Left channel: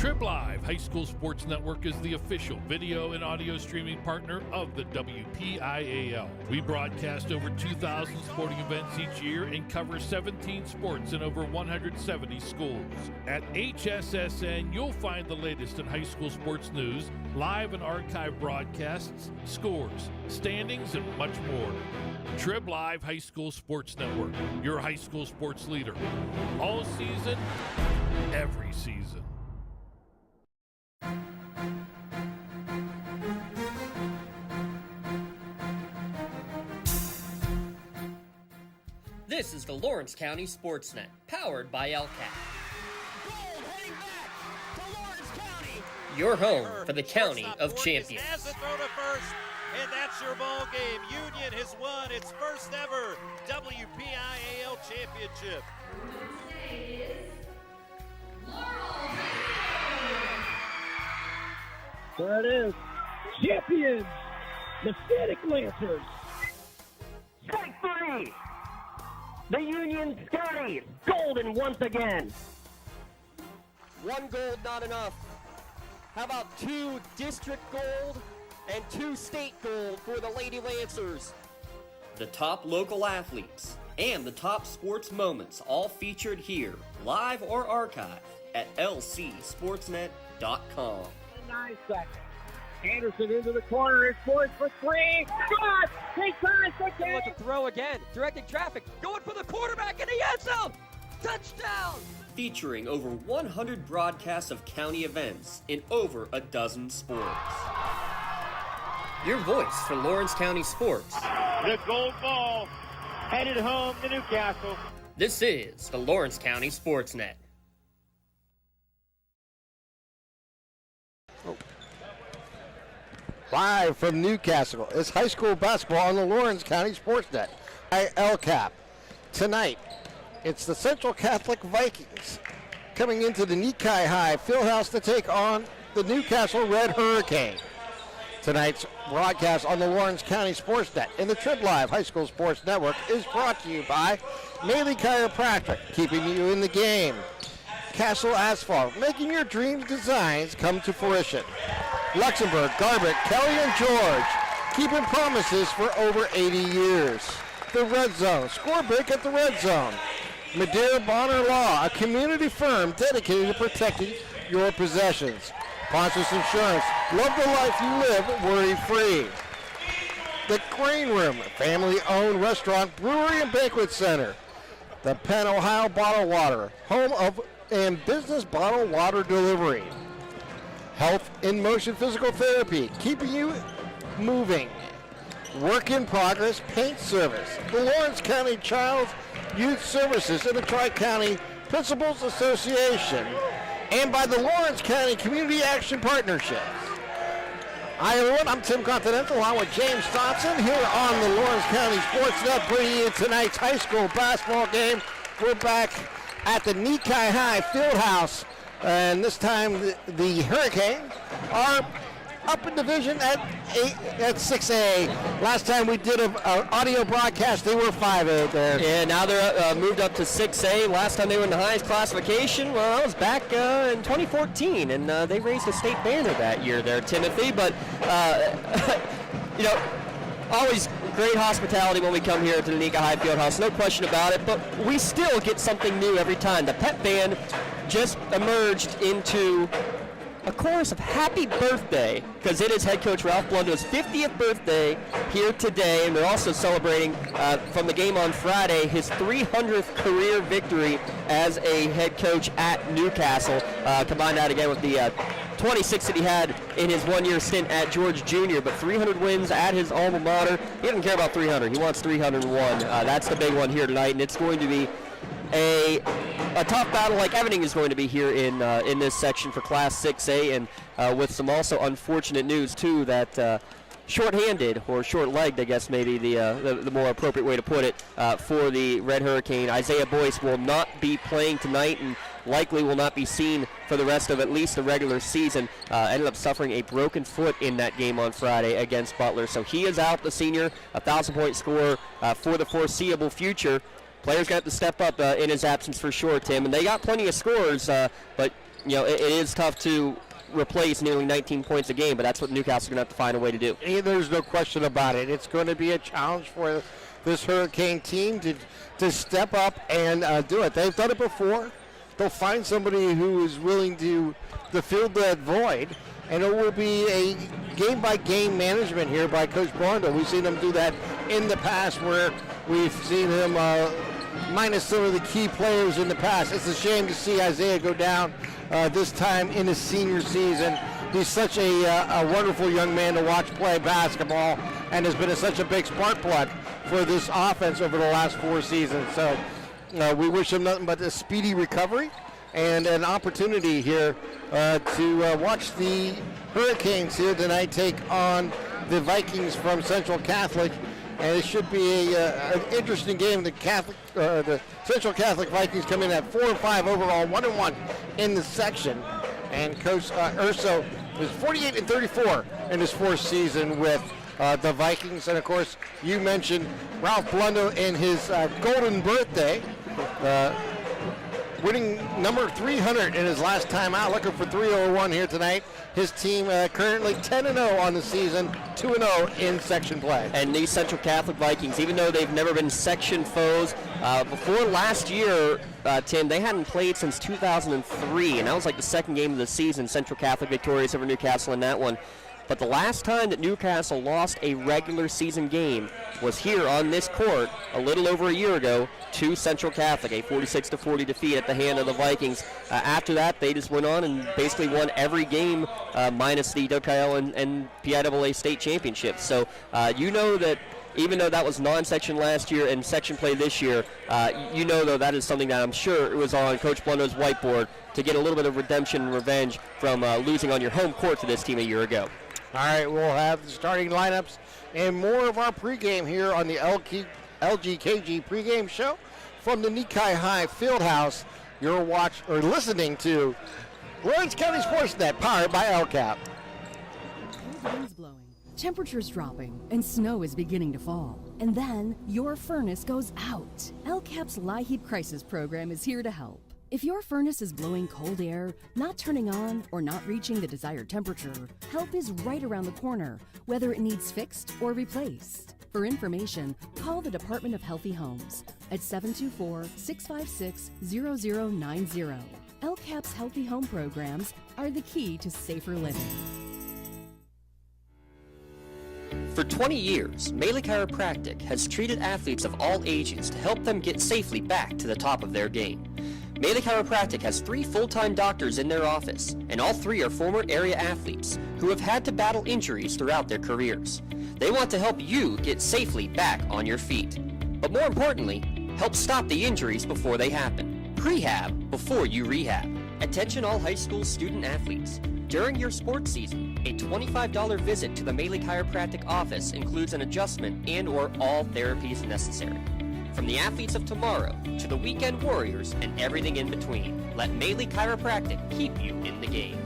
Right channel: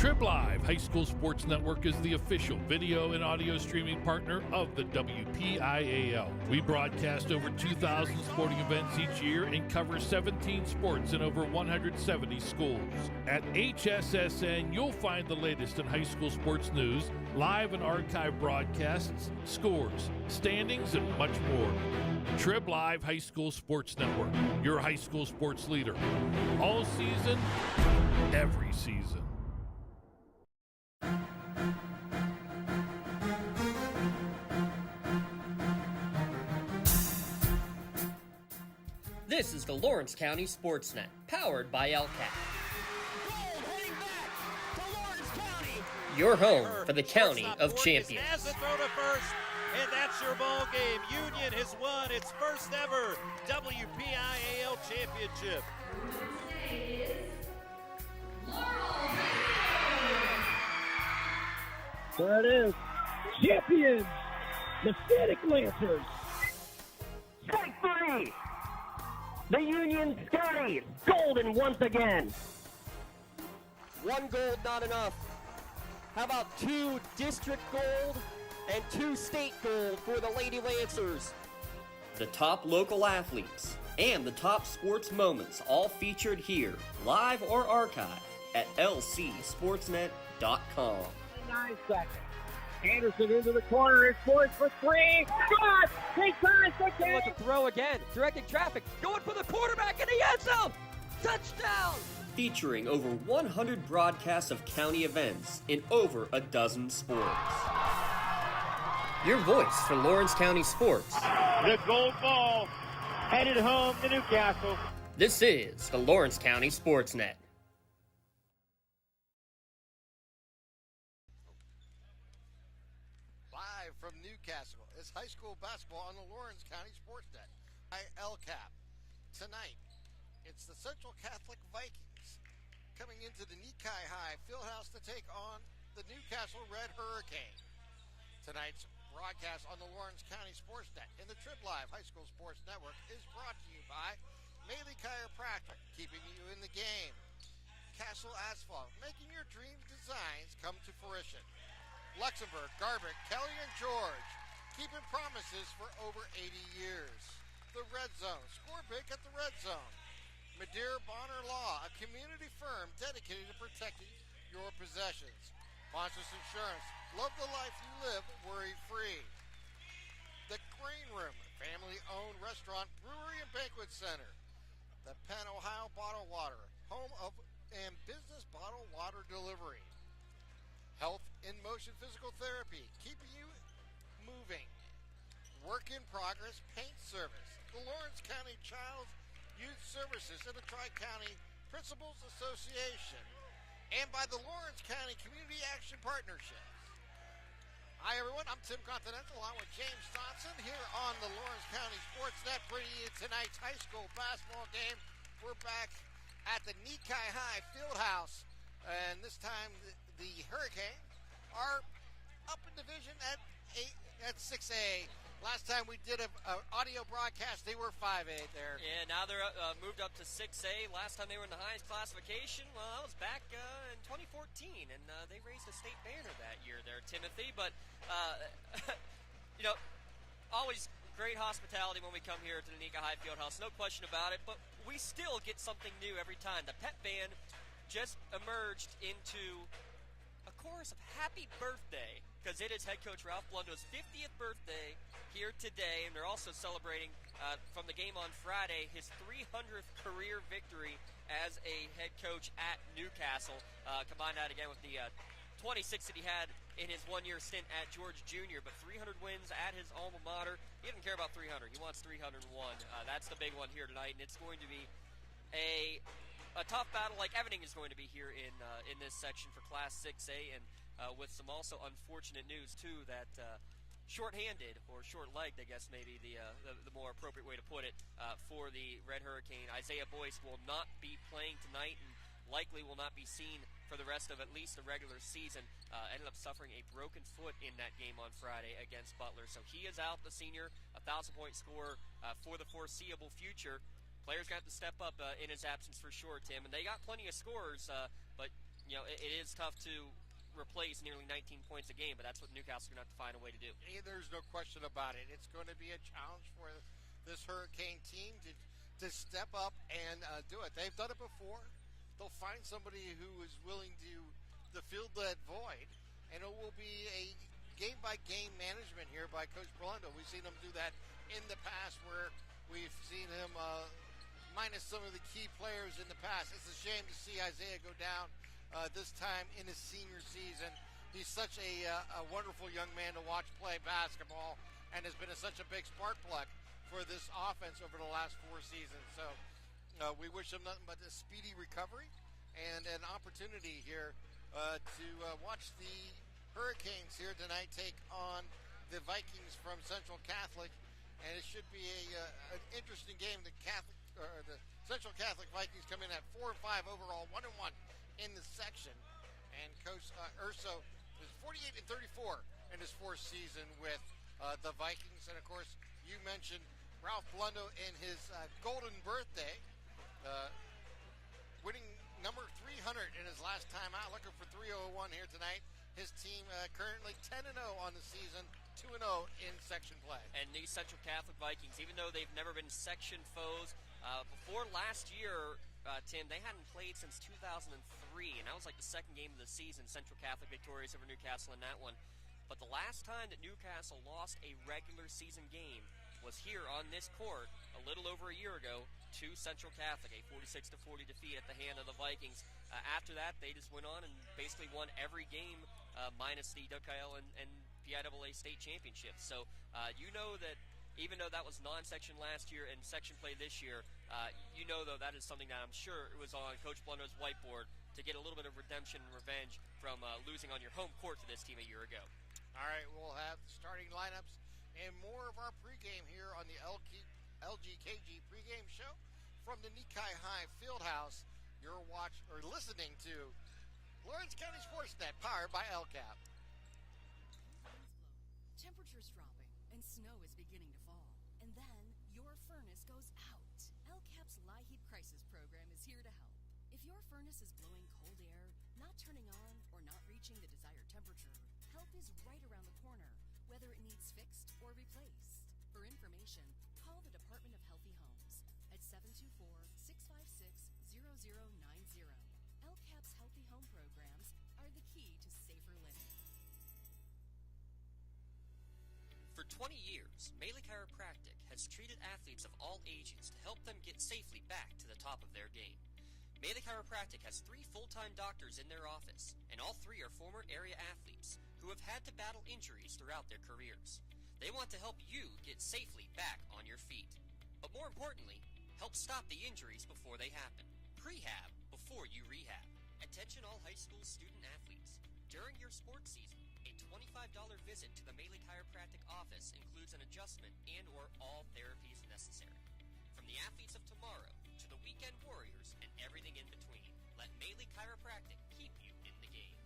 Trib Live High School Sports Network is the official video and audio streaming partner of the WPIAL. We broadcast over 2,000 sporting events each year and cover 17 sports in over 170 schools. At HSSN, you'll find the latest in high school sports news, live and archive broadcasts, scores, standings, and much more. Trib Live High School Sports Network, your high school sports leader. All season, every season. This is the Lawrence County SportsNet, powered by LCAP. Gold heading back to Lawrence County. Your home for the County of Champions. Has the throw to first, and that's your ball game. Union has won its first ever WPIAL championship. There it is. Champions, the Static Lancers. Strike three. The Union Scotty, golden once again. One gold, not enough. How about 2 district gold and 2 state gold for the Lady Lancers? The top local athletes and the top sports moments all featured here, live or archived at lcsportsnet.com. 9 seconds. Anderson into the corner. It's poised for 3. Shot! Take time. Wants to throw again, directing traffic, going for the quarterback in the end zone. Touchdown! Featuring over 100 broadcasts of county events in over a dozen sports. Your voice for Lawrence County sports. The gold ball headed home to Newcastle. This is the Lawrence County SportsNet. Live from Newcastle, it's high school basketball on the Lawrence County SportsNet. LCAP. Tonight, it's the Central Catholic Vikings coming into the Nikai High Fieldhouse to take on the Newcastle Red Hurricane. Tonight's broadcast on the Lawrence County SportsNet and the Trib Live High School Sports Network is brought to you by Maley Chiropractic, keeping you in the game. Castle Asphalt, making your dreams designs come to fruition. Luxembourg, Garbutt, Kelly, and George, keeping promises for over 80 years. The Red Zone, score big at the Red Zone. Madeira Bonner Law, a community firm dedicated to protecting your possessions. Pontus Insurance, love the life you live worry-free. The Grain Room, family-owned restaurant, brewery, and banquet center. The Penn Ohio Bottled Water, home of and business bottled water delivery. Health in Motion Physical Therapy, keeping you moving. Work in Progress Paint Service, the Lawrence County Child Youth Services and the Tri-County Principals Association, and by the Lawrence County Community Action Partnership. Hi everyone, I'm Tim Continental along with James Thompson here on the Lawrence County SportsNet, bringing you tonight's high school basketball game. We're back at the Nikai High Fieldhouse, and this time the Hurricanes are up in division at 6A. Last time we did an audio broadcast, they were 5A there. Yeah, now they're moved up to 6A. Last time they were in the highest classification, well, that was back in 2014, and they raised a state banner that year there, Timothy. But, you know, always great hospitality when we come here to the Nikai High Fieldhouse, no question about it, but we still get something new every time. The pep band just emerged into a chorus of happy birthday, because it is head coach Ralph Blundo's 50th birthday here today, and they're also celebrating from the game on Friday his 300th career victory as a head coach at Newcastle. Combine that again with the 26 that he had in his one-year stint at George Jr., but 300 wins at his alma mater. He doesn't care about 300. He wants 301. That's the big one here tonight, and it's going to be a tough battle like everything is going to be here in this section for Class 6A, and with some also unfortunate news, too, that short-handed, or short-legged, I guess maybe the more appropriate way to put it, for the Red Hurricane. Isaiah Boyce will not be playing tonight and likely will not be seen for the rest of at least the regular season. Ended up suffering a broken foot in that game on Friday against Butler. So he is out, the senior, 1,000-point scorer for the foreseeable future. Players got to step up in his absence for sure, Tim, and they got plenty of scores, but it is tough to replace nearly 19 points a game, but that's what Newcastle's going to have to find a way to do. There's no question about it. It's going to be a challenge for this Hurricane team to step up and do it. They've done it before. They'll find somebody who is willing to fill that void, and it will be a game-by-game management here by Coach Blondo. We've seen him do that in the past, where we've seen him minus some of the key players in the past. It's a shame to see Isaiah go down this time in his senior season. He's such a wonderful young man to watch play basketball, and has been such a big spark plug for this offense over the last 4 seasons. So we wish him nothing but a speedy recovery and an opportunity here to watch the Hurricanes here tonight take on the Vikings from Central Catholic. And it should be an interesting game. The Central Catholic Vikings come in at 4-5 overall, 1-1 in the section. And Coach Urso is 48-34 in his 4th season with the Vikings. And of course, you mentioned Ralph Blondo in his golden birthday, winning number 300 in his last time out, looking for 301 here tonight. His team currently 10-0 on the season, 2-0 in section play. And these Central Catholic Vikings, even though they've never been section foes, before last year, Tim, they hadn't played since 2003, and that was like the 2nd game of the season. Central Catholic victorious over Newcastle in that one. But the last time that Newcastle lost a regular season game was here on this court a little over a year ago to Central Catholic, a 46-40 defeat at the hand of the Vikings. After that, they just went on and basically won every game minus the WPIAL and PIAA state championships. So you know that even though that was non-section last year and section play this year, you know, though, that is something that I'm sure it was on Coach Blundo's whiteboard to get a little bit of redemption and revenge from losing on your home court to this team a year ago. All right, we'll have the starting lineups and more of our pregame here on the LGKG pregame show from the Nikai High Fieldhouse. You're listening to Lawrence County SportsNet, powered by LCAP. Cold winds blowing, temperatures dropping, and snow is beginning to fall. And then your furnace goes out. LCAP's LIHEAT Crisis Program is here to help. If your furnace is blowing cold air, not turning on, or not reaching the desired temperature, help is right around the corner, whether it needs fixed or replaced. For information, call the Department of Healthy Homes at 724-656-0090. LCAP's Healthy Home programs are the key to safer living. For 20 years, Melee Chiropractic has treated athletes of all ages to help them get safely back to the top of their game. Melee Chiropractic has 3 full-time doctors in their office, and all 3 are former area athletes who have had to battle injuries throughout their careers. They want to help you get safely back on your feet. But more importantly, help stop the injuries before they happen. Prehab before you rehab. Attention all high school student athletes. During your sports season, a $25 visit to the Melee Chiropractic office includes an adjustment and/or all therapies necessary. From the athletes of tomorrow to the weekend warriors and everything in between, let Melee Chiropractic keep you in the game.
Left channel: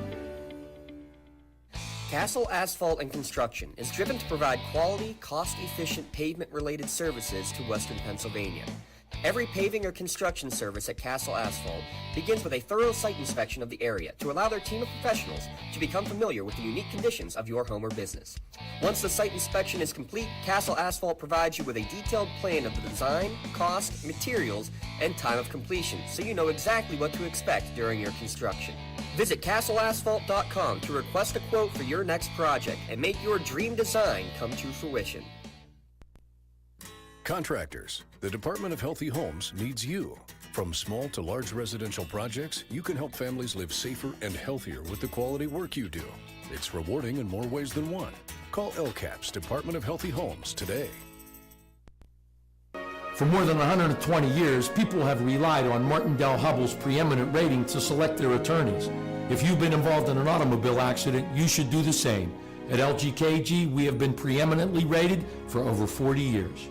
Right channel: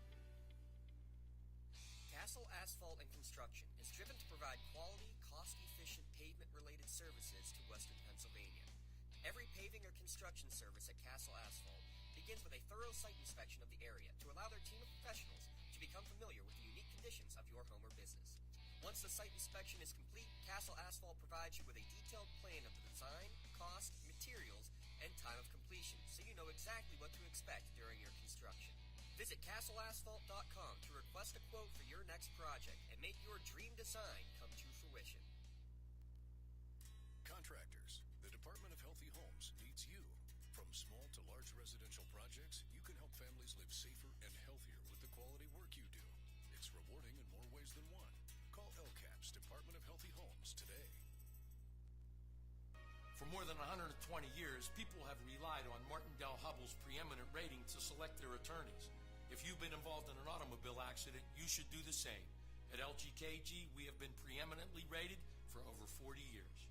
Castle Asphalt and Construction is driven to provide quality, cost-efficient pavement-related services to Western Pennsylvania. Every paving or construction service at Castle Asphalt begins with a thorough site inspection of the area to allow their team of professionals to become familiar with the unique conditions of your home or business. Once the site inspection is complete, Castle Asphalt provides you with a detailed plan of the design, cost, materials, and time of completion, so you know exactly what to expect during your construction. Visit castleasphalt.com to request a quote for your next project and make your dream design come to fruition. Contractors, the Department of Healthy Homes needs you. From small to large residential projects, you can help families live safer and healthier with the quality work you do. It's rewarding in more ways than one. Call LCAP's Department of Healthy Homes today. For more than 120 years, people have relied on Martindale Hubbell's preeminent rating to select their attorneys. If you've been involved in an automobile accident, you should do the same. At LGKG, we have been preeminently rated for over 40 years.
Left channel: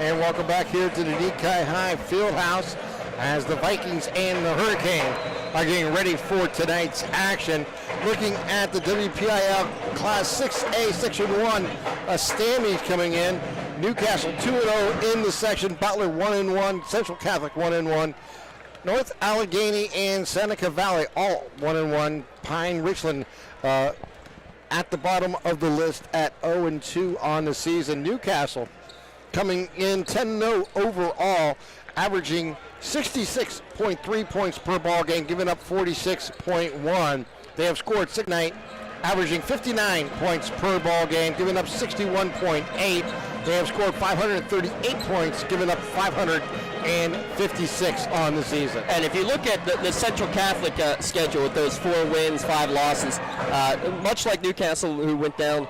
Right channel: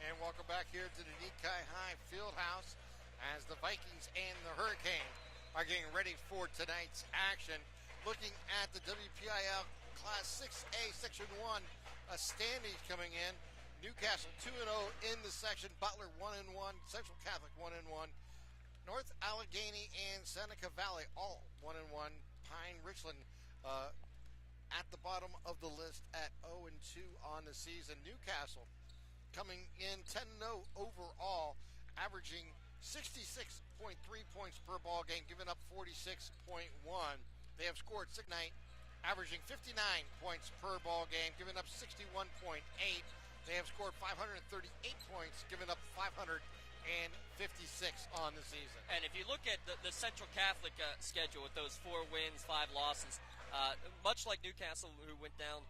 And welcome back here to the Nikai High Fieldhouse as the Vikings and the Hurricane are getting ready for tonight's action. Looking at the WPIAL Class 6A Section 1 standings coming in. Newcastle 2-0 in the section. Butler 1-1. Central Catholic 1-1. North Allegheny and Seneca Valley all 1-1. Pine Richland at the bottom of the list at 0-2 on the season. Newcastle coming in 10-0 overall, averaging 66.3 points per ball game, giving up 46.1. They have scored 6 night, averaging 59 points per ball game, giving up 61.8. They have scored 538 points, giving up 556 on the season. And if you look at the Central Catholic schedule with those 4 wins, 5 losses, much like Newcastle, who went down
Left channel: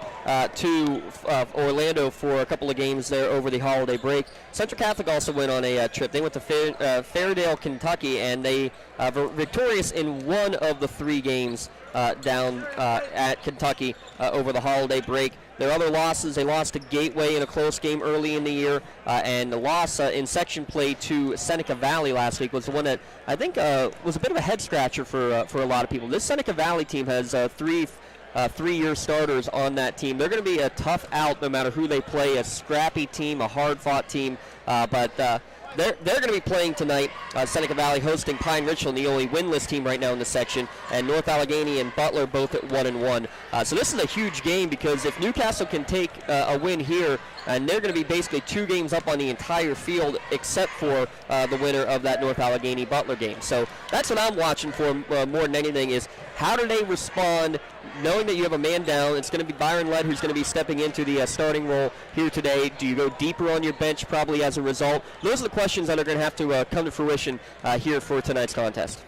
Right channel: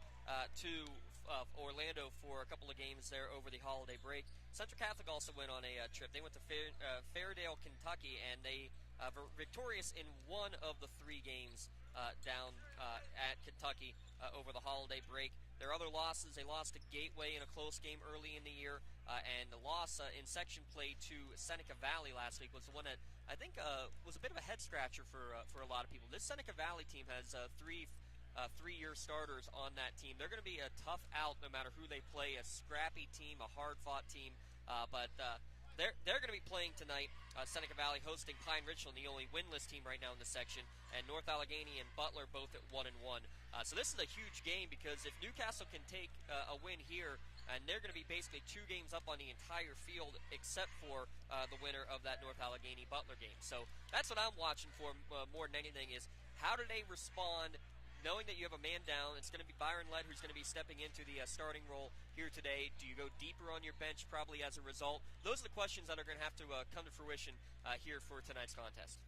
to Orlando for a couple of games there over the holiday break, Central Catholic also went on a trip. They went to Fairdale, Kentucky, and they were victorious in 1 of the 3 games down at Kentucky over the holiday break. Their other losses, they lost to Gateway in a close game early in the year, and the loss in section play to Seneca Valley last week was the one that I think was a bit of a head-scratcher for a lot of people. This Seneca Valley team has 3 3-year starters on that team. They're going to be a tough out no matter who they play, a scrappy team, a hard-fought team, but they're going to be playing tonight. Seneca Valley hosting Pine Richland, the only winless team right now in the section, and North Allegheny and Butler both at 1-1. So this is a huge game because if Newcastle can take a win here, and they're going to be basically 2 games up on the entire field except for the winner of that North Allegheny Butler game. So that's what I'm watching for more than anything is how do they respond knowing that you have a man down. It's going to be Byron Ledd who's going to be stepping into the starting role here today. Do you go deeper on your bench probably as a result? Those are the questions that are going to have to come to fruition here for tonight's contest.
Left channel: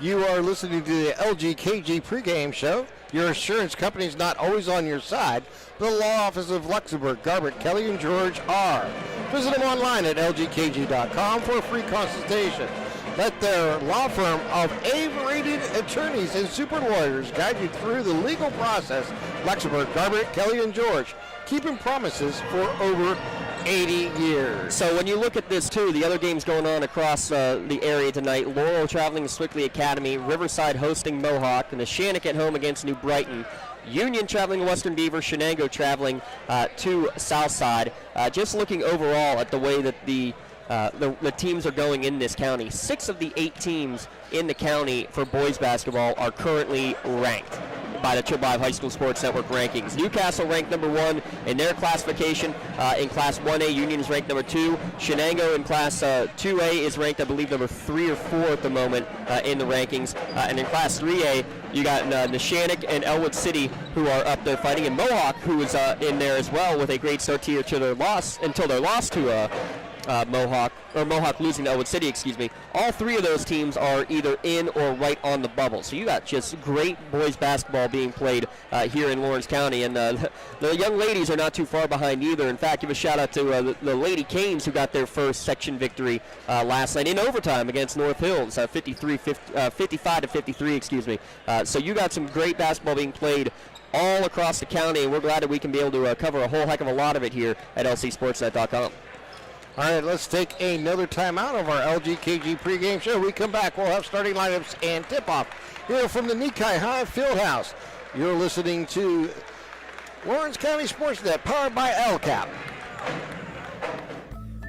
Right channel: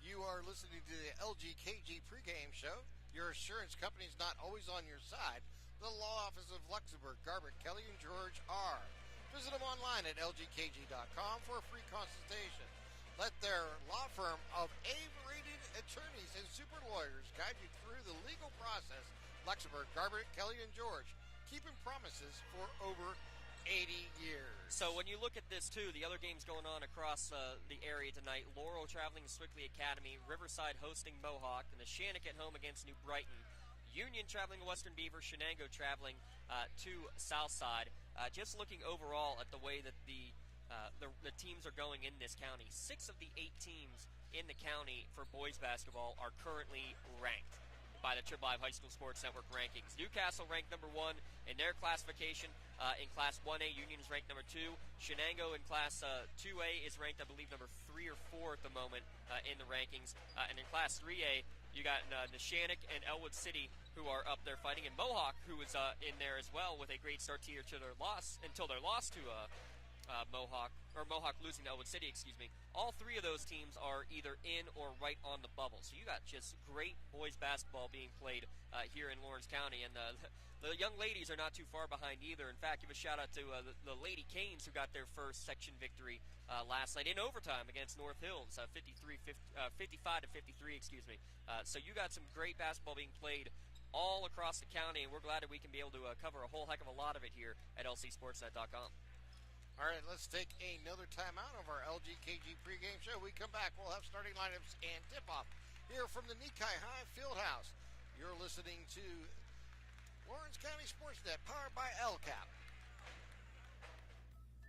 You are listening to the LGKG pregame show. Your insurance company is not always on your side. The law office of Luxembourg, Garbett, Kelly, and George are. Visit them online at lgkg.com for a free consultation. Let their law firm of A-rated attorneys and super lawyers guide you through the legal process. Luxembourg, Garbett, Kelly, and George, keeping promises for over 80 years. So when you look at this, too, the other games going on across the area tonight, Laurel traveling to Swickley Academy, Riverside hosting Mohawk, and the Shannock at home against New Brighton. Union traveling to Western Beaver, Shenango traveling to Southside. Just looking overall at the way that the teams are going in this county, 6 of the 8 teams in the county for boys basketball are currently ranked by the Triple I High School Sports Network rankings. Newcastle ranked number 1 in their classification. In Class 1A, Union is ranked number 2. Shenango in Class 2A is ranked, I believe, number 3 or 4 at the moment in the rankings. And in Class 3A, you got Neshannock and Elwood City who are up there fighting, and Mohawk who is in there as well with a great start here to their loss until their loss to Mohawk losing to Elwood City, excuse me. All 3 of those teams are either in or right on the bubble. So you got just great boys basketball being played here in Lawrence County, and the young ladies are not too far behind either. In fact, give a shout out to the Lady Canes who got their first section victory last night in overtime against North Hills, 55-53, excuse me. So you got some great basketball being played all across the county, and we're glad that we can be able to cover a whole heck of a lot of it here at lcsportsnet.com. All right, let's take another time out of our LGKG pregame show. We come back, we'll have starting lineups and tip-off here from the Nikai High Fieldhouse. You're listening to Lawrence County SportsNet, powered by LCAP.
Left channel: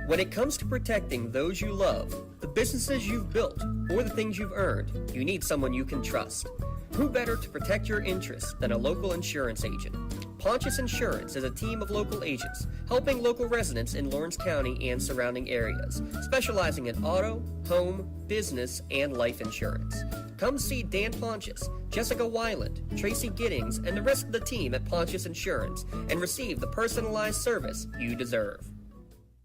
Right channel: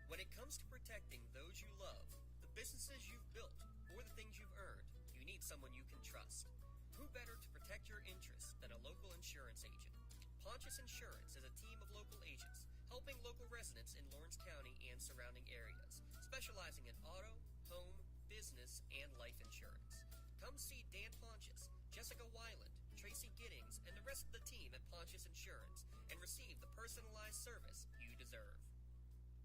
When it comes to protecting those you love, the businesses you've built, or the things you've earned, you need someone you can trust. Who better to protect your interests than a local insurance agent? Pontius Insurance is a team of local agents helping local residents in Lawrence County and surrounding areas, specializing in auto, home, business, and life insurance. Come see Dan Pontius, Jessica Weiland, Tracy Giddings, and the rest of the team at Pontius Insurance and receive the personalized service you deserve.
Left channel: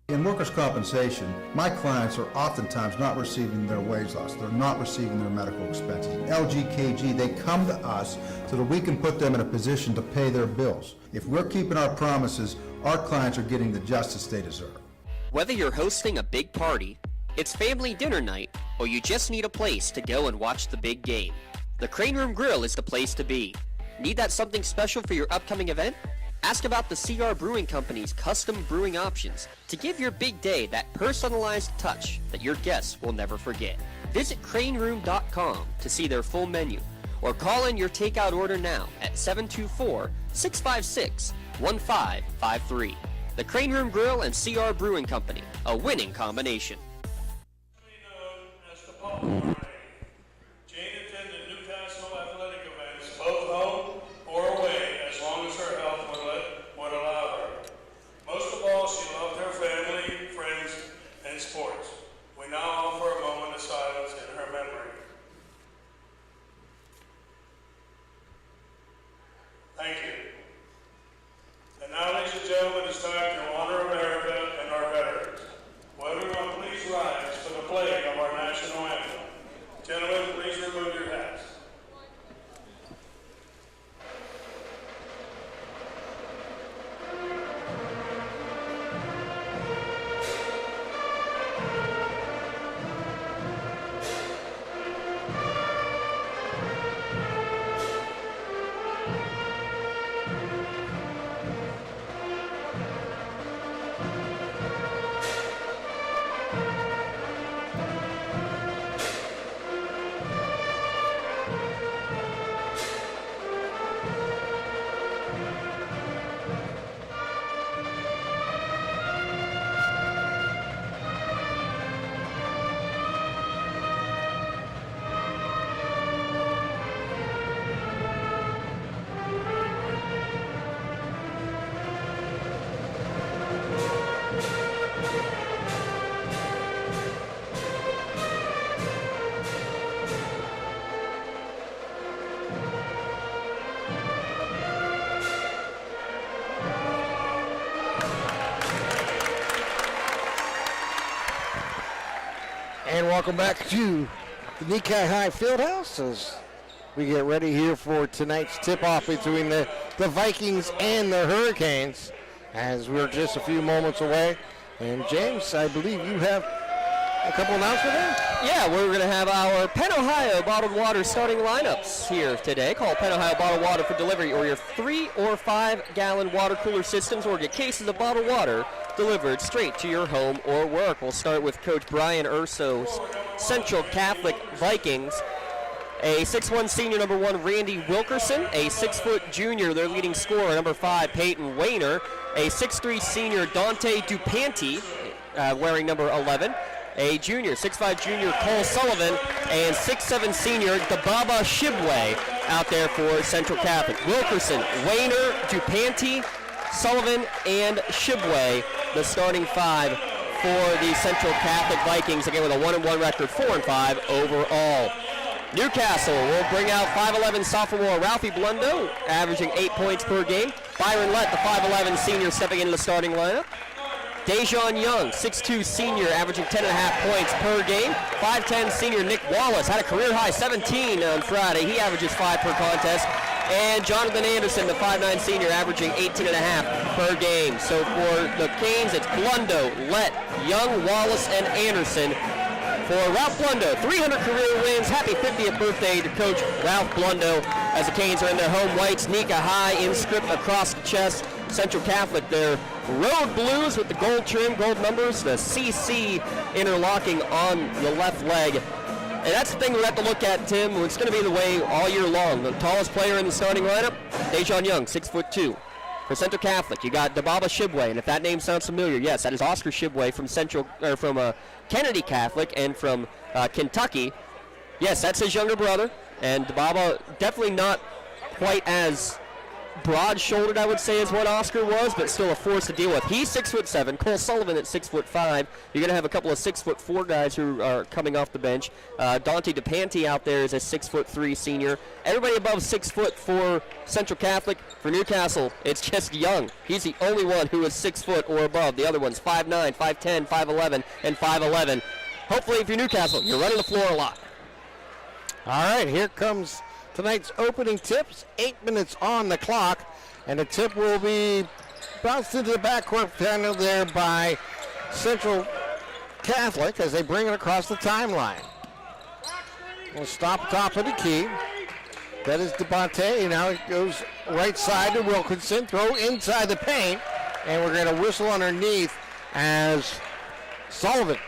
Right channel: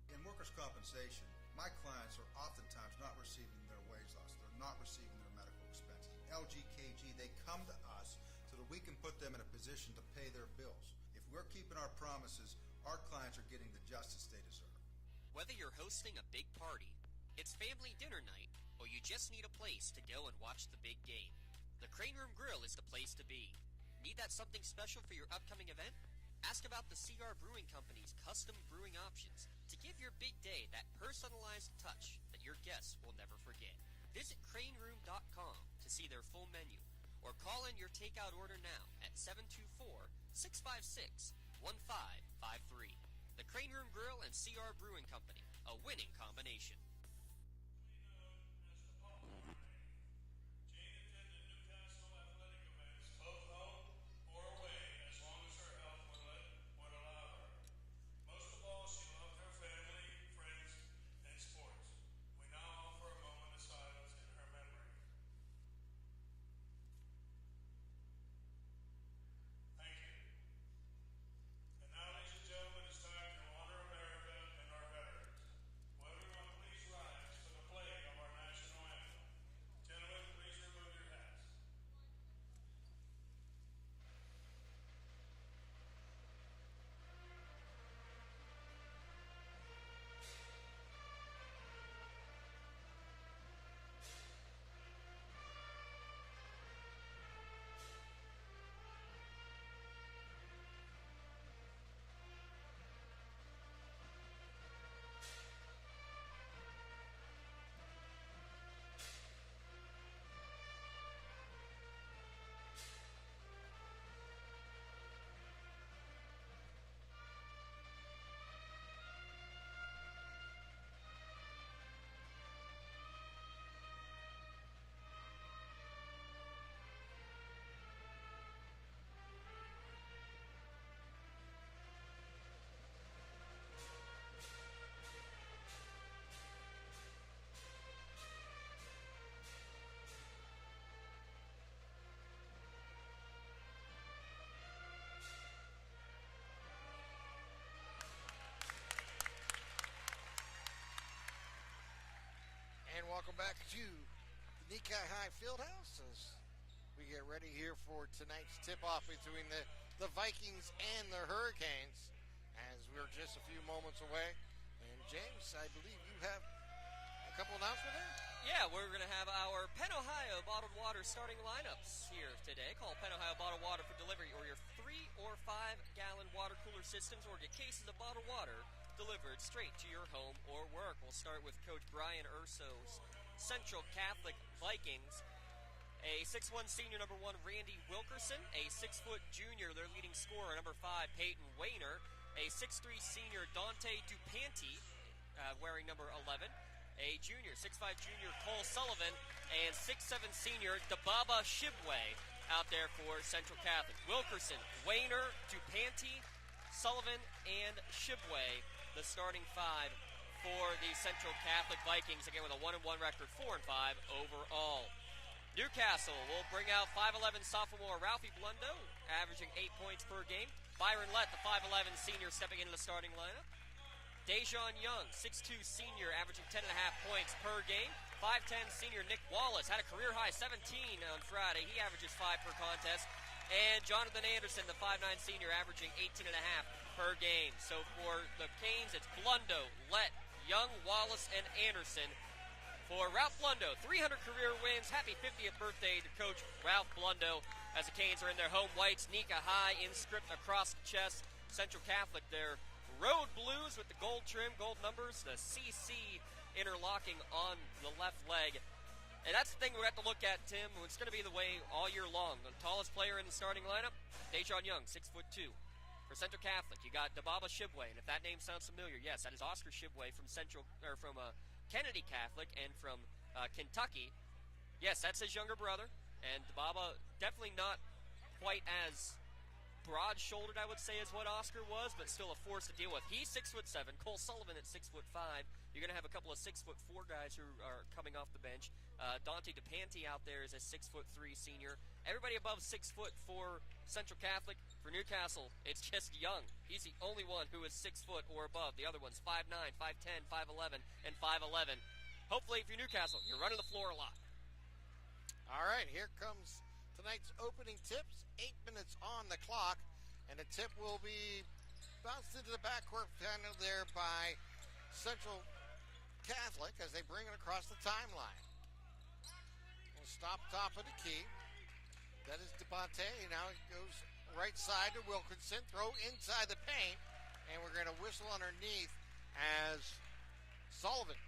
In workers' compensation, my clients are oftentimes not receiving their wage loss. They're not receiving their medical expenses. LGKG, they come to us so that we can put them in a position to pay their bills. If we're keeping our promises, our clients are getting the justice they deserve. Whether you're hosting a big party, it's family dinner night, or you just need a place to go and watch the big game, the Crane Room Grill is the place to be. Need that something special for your upcoming event? Ask about the CR Brewing Company's custom brewing options to give your big day that personalized touch that your guests will never forget. Visit craneroom.com to see their full menu, or call in your takeout order now at 724-656-1553. the Crane Room Grill, and CR Brewing Company, a winning combination. Jane attended Newcastle athletic events, both home or away, as long as her health would allow her. Most of all, she loved her family, friends, and sports. We now offer a moment of silence in her memory. Thank you. And now, ladies and gentlemen, it's time to honor America and our veterans. Will everyone please rise for the playing of our national anthem. Gentlemen, please remove your hats. And welcome back to the Nikkei High Fieldhouse as we get ready here for tonight's tip-off between the Vikings and the Hurricanes, as we're just a few moments away. And James, I believe you have a couple announcements there? Yeah, we're going to have our Penn Ohio bottled water starting lineups here today. Call Penn Ohio Bottled Water for delivery, or your 3 or 5 gallon water cooler systems, or get cases of bottled water delivered straight to your home or work. We'll start with Coach Brian Urso's Central Catholic Vikings. A 6'1" senior, number 1, Randy Wilkerson. A 6' junior, their leading scorer, number 5, Peyton Wayner. A 6'3" senior, Dante Duplanti, wearing number 11. A junior, 6'5" junior, Cole Sullivan. And 6'7" senior, Dababa Shibwe, out there for Central Catholic. Wilkerson, Wayner, Duplanti, Sullivan, and Shibwe, the starting 5 for the Central Catholic Vikings, again with a 1-1 record, 4-5 overall. Newcastle will bring out 5'11" sophomore Ralphie Blundo, averaging 8 points per game. Byron Lett, the 5'11" senior, stepping into the starting lineup. Dejon Young, 6'2" senior, averaging 10.5 points per game. 5'10" senior Nick Wallace had a career-high 17 on Friday. He averages 5 per contest. And Jonathan Anderson, the 5'9" senior, averaging 18.5 per game. So for the Canes, it's Blundo, Lett, Young, Wallace, and Anderson. For Ralph Blundo, 300 career wins. Happy 50th birthday to Coach Ralph Blundo, as the Canes are in their home whites. Nika High inscript across the chest. Central Catholic, their road blues with the gold trim, gold numbers, the CC interlocking on the left leg. And that's the thing we have to look at, Tim. It's going to be the way all year long. The tallest player in the starting lineup, Dejon Young, 6'2". For Central Catholic, you got Dababa Shibwe, and if that name sounds familiar, yes, that is Oscar Shibwe from Kennedy Catholic and from Kentucky. Yes, that's his younger brother, and Dababa definitely not quite as broad-shouldered, I would say, as what Oscar was, but still a force to deal with. He's 6'7". Cole Sullivan at 6'5". You're going to have a couple of 6'4" guys who are coming off the bench. Dante Duplanti out there is a 6'3" senior. Everybody above 6 foot for Central Catholic. For Newcastle, it's just Young. He's the only one who is 6 foot or above. The other ones 5'9", 5'10", 5'11", and 5'11". Hopefully, if you're Newcastle, you're running the floor a lot. All right, here comes tonight's opening tips, 8 minutes on the clock, and the tip will be bounced into the backcourt panel there by Central Catholic as they bring it across the timeline. We'll stop top of the key. That is DeBonte. Now it goes right side to Wilkinson, throw inside the paint, and we're going to whistle underneath as Sullivan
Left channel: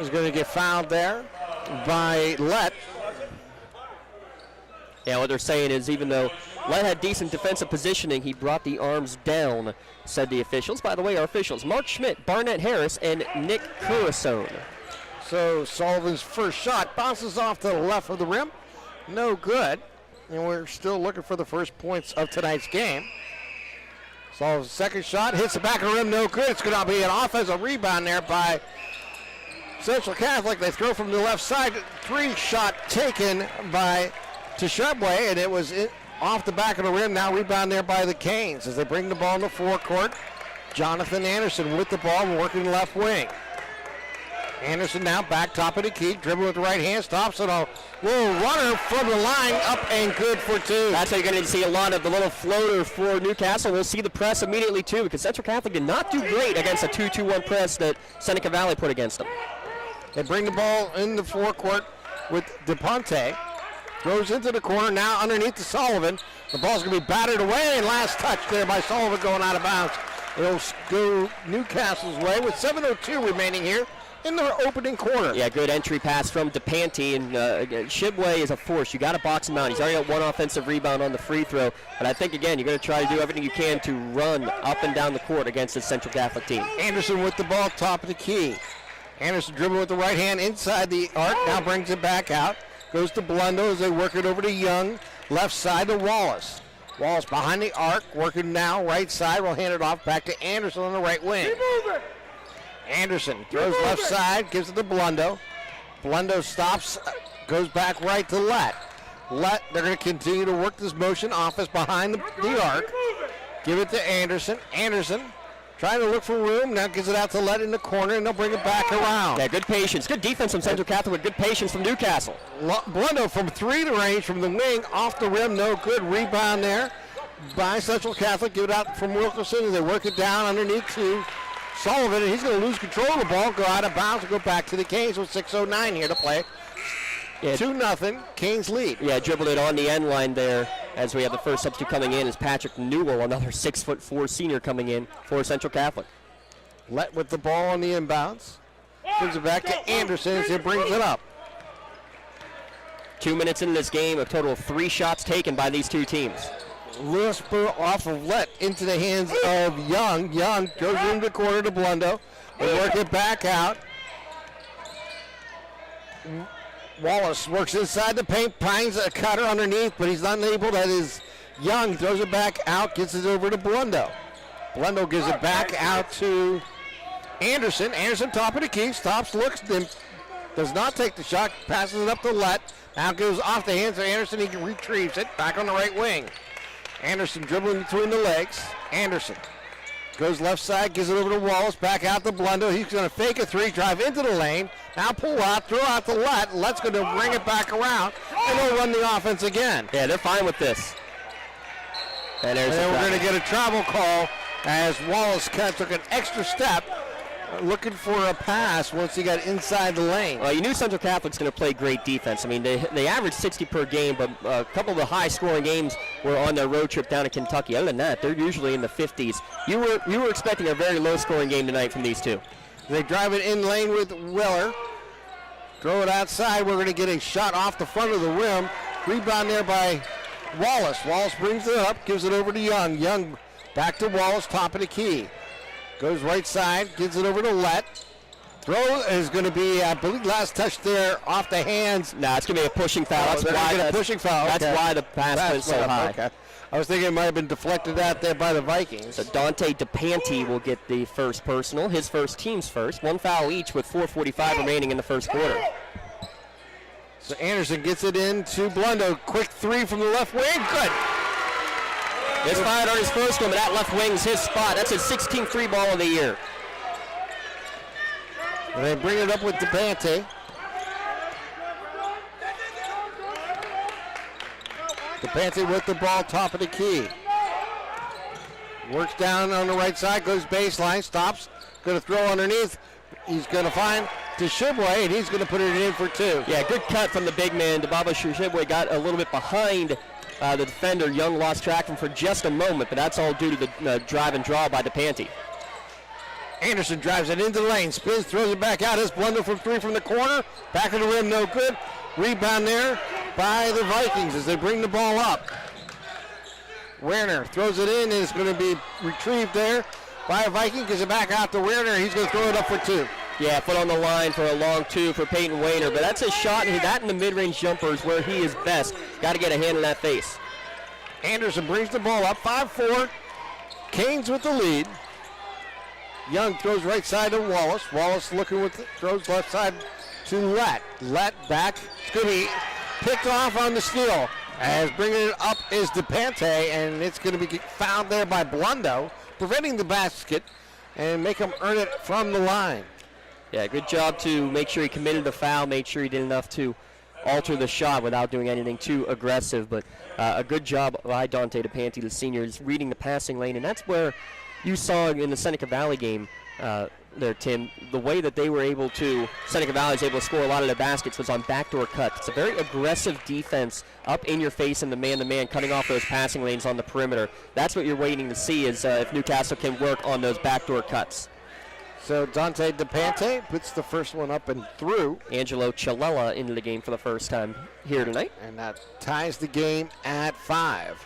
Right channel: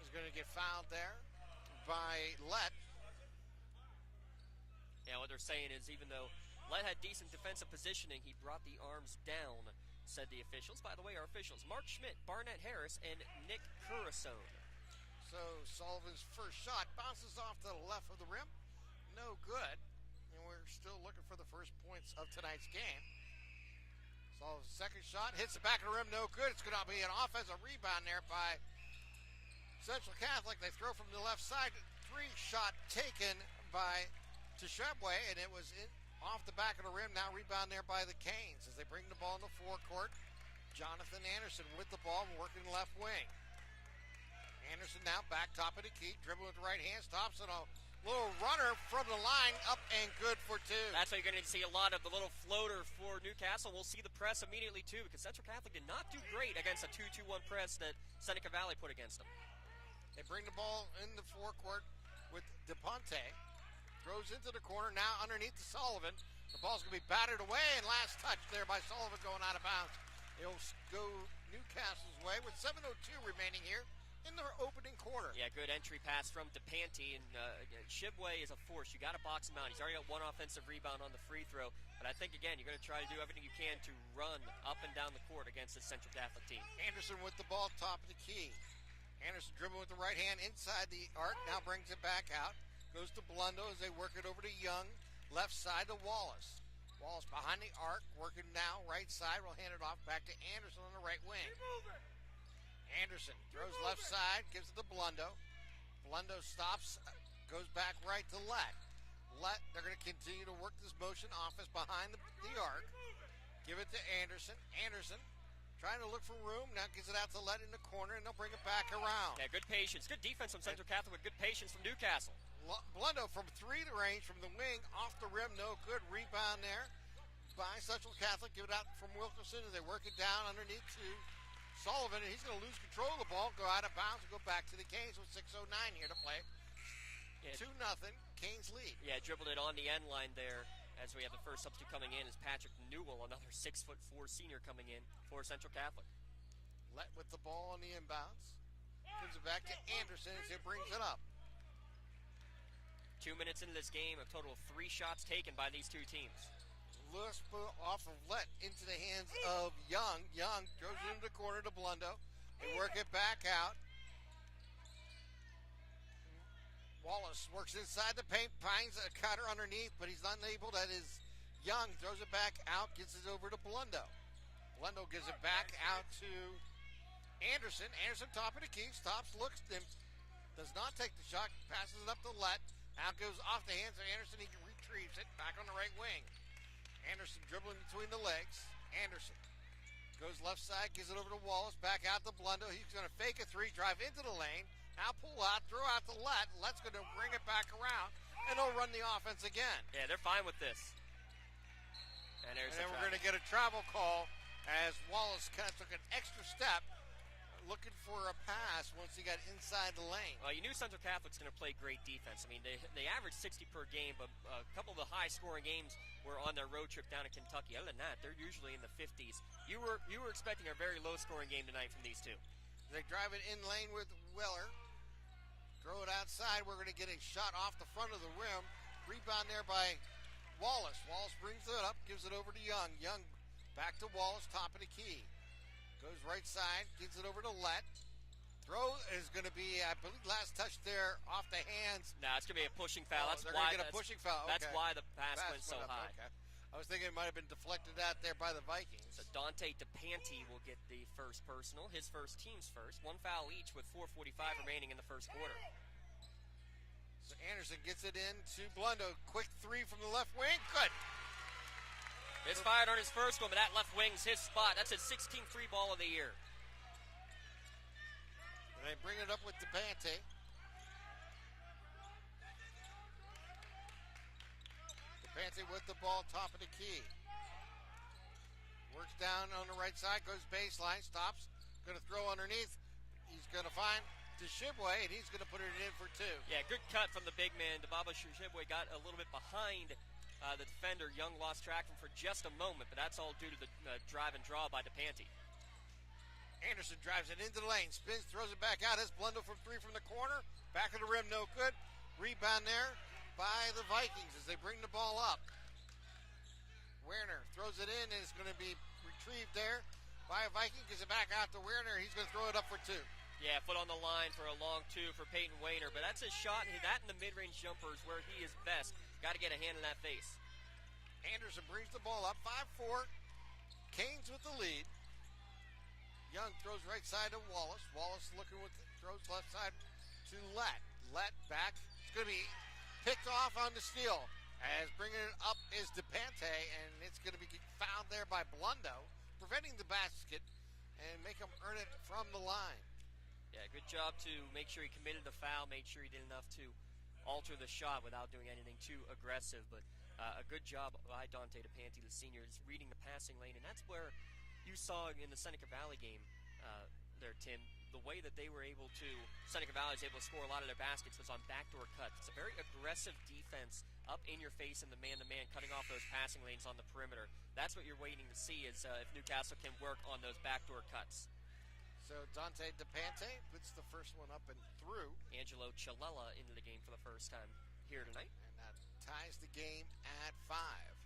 is going to get fouled there by Lett. Yeah, what they're saying is even though Lett had decent defensive positioning, he brought the arms down, said the officials. By the way, our officials, Mark Schmidt, Barnett Harris, and Nick Curasone. So Sullivan's first shot bounces off to the left of the rim. No good. And we're still looking for the first points of tonight's game. Sullivan's second shot hits the back of the rim. No good. It's going to be an offensive rebound there by Central Catholic. They throw from the left side. 3-shot taken by Teshebwe, and it was off the back of the rim. Now rebound there by the Canes as they bring the ball in the forecourt. Jonathan Anderson with the ball, working left wing. Anderson now back top of the key, dribbling with the right hand, stops it. A little runner from the line, up and good for 2. That's how you're going to see a lot of the little floater for Newcastle. We'll see the press immediately too, because Central Catholic did not do great against a 2-2-1 press that Seneca Valley put against them. They bring the ball in the forecourt with DePonte. Throws into the corner, now underneath to Sullivan. The ball's going to be battered away, and last touch there by Sullivan going out of bounds. It'll go Newcastle's way with 7:02 remaining here in the opening quarter. Yeah, good entry pass from DePanti, and Shibway is a force. You got to box him out. He's already got one offensive rebound on the free throw, but I think, again, you're going to try to do everything you can to run up and down the court against this Central Catholic team. Anderson with the ball, top of the key. Anderson dribbling with the right hand inside the arc, now brings it back out. Goes to Blundo as they work it over to Young, left side to Wallace. Wallace behind the arc, working now right side. We'll hand it off back to Anderson on the right wing. Anderson throws left side, gives it to Blundo. Blundo stops, goes back right to Lett. Lett, they're going to continue to work this motion offense behind the arc. Give it to Anderson. Anderson trying to look for room, now gives it out to Lett in the corner, and they'll bring it back around. Yeah, good patience. Good defense from Central Catholic with good patience from Newcastle. Blundo from 3 to range from the wing, off the rim, no good. Rebound there by Central Catholic. Give it out from Wilkerson as they work it down underneath to Sullivan, and he's going to lose control of the ball, go out of bounds, and go back to the Canes with 6:09 here to play. Yeah. 2-0, Canes lead. Yeah, dribbled it on the end line there as we have the first substitute coming in is Patrick Newell, another 6'4" senior coming in for Central Catholic. Lett with the ball on the inbounds. Gives it back to Anderson as he brings it up. 2 minutes into this game, a total of 3 shots taken by these two teams. Whisper off of Lett into the hands of Young. Young goes into the corner to Blundo. They work it back out. Wallace works inside the paint, finds a cutter underneath, but he's unable. That is Young, throws it back out, gets it over to Blundo. Blundo gives it back out to Anderson. Anderson top of the key, stops, looks, then does not take the shot, passes it up to Lett. Now goes off the hands of Anderson, he retrieves it, back on the right wing. Anderson dribbling between the legs. Anderson goes left side, gives it over to Wallace, back out to Blundo. He's going to fake a 3, drive into the lane. Now pull out, throw out to Lett. Lett's going to bring it back around, and they'll run the offense again. Yeah, they're fine with this. And then we're going to get a travel call as Wallace kind of took an extra step, looking for a pass once he got inside the lane. Well, you knew Central Catholic's going to play great defense. I mean, they averaged 60 per game, but a couple of the high-scoring games were on their road trip down to Kentucky. Other than that, they're usually in the 50s. You were expecting a very low-scoring game tonight from these two. They drive it in lane with Weller. Throw it outside. We're going to get a shot off the front of the rim. Rebound there by Wallace. Wallace brings it up, gives it over to Young. Young back to Wallace, top of the key. Goes right side, gives it over to Lett. Throw is going to be, I believe, last touch there off the hands. No, it's going to be a pushing foul. That's why the pass went so high. Okay. I was thinking it might have been deflected out there by the Vikings. So Dante DePanti will get the first personal, his first, team's first. 1 foul each with 4:45 remaining in the first quarter. So Anderson gets it in to Blundo. Quick 3 from the left wing. Good. He's fired on his first one, but that left wing's his spot. That's his 16th 3 ball of the year. And they bring it up with DePante. DePante with the ball, top of the key. Works down on the right side, goes baseline, stops, going to throw underneath. He's going to find Teshebwe, and he's going to put it in for 2. Yeah, good cut from the big man. Debaba Teshebwe got a little bit behind the defender. Young lost track of him for just a moment, but that's all due to the drive and draw by DePanti. Anderson drives it into the lane, spins, throws it back out. His Blundo from 3 from the corner. Back of the rim, no good. Rebound there by the Vikings as they bring the ball up. Werner throws it in, and it's going to be retrieved there by a Viking. Gives it back out to Werner. He's going to throw it up for two. Yeah, foot on the line for a long two for Peyton Wayner, but that's a shot, and that in the mid-range jumper is where he is best. Got to get a hand in that face. Anderson brings the ball up, 5-4. Canes with the lead. Young throws right side to Wallace. Wallace looking with throws left side to Lett. Lett back. It's going to be picked off on the steal. As bringing it up is DePante, and it's going to be fouled there by Blundo, preventing the basket and make him earn it from the line. Yeah, good job to make sure he committed the foul, made sure he did enough to alter the shot without doing anything too aggressive. But a good job by Dante DePante, the senior, is reading the passing lane, and that's where you saw in the Seneca Valley game there, Tim, the way that they were able to, Seneca Valley was able to score a lot of their baskets was on backdoor cuts. It's a very aggressive defense up in your face in the man-to-man, cutting off those passing lanes on the perimeter. That's what you're waiting to see is if Newcastle can work on those backdoor cuts. So Dante DePante puts the first one up and through. Angelo Chalella into the game for the first time here tonight. And that ties the game at 5.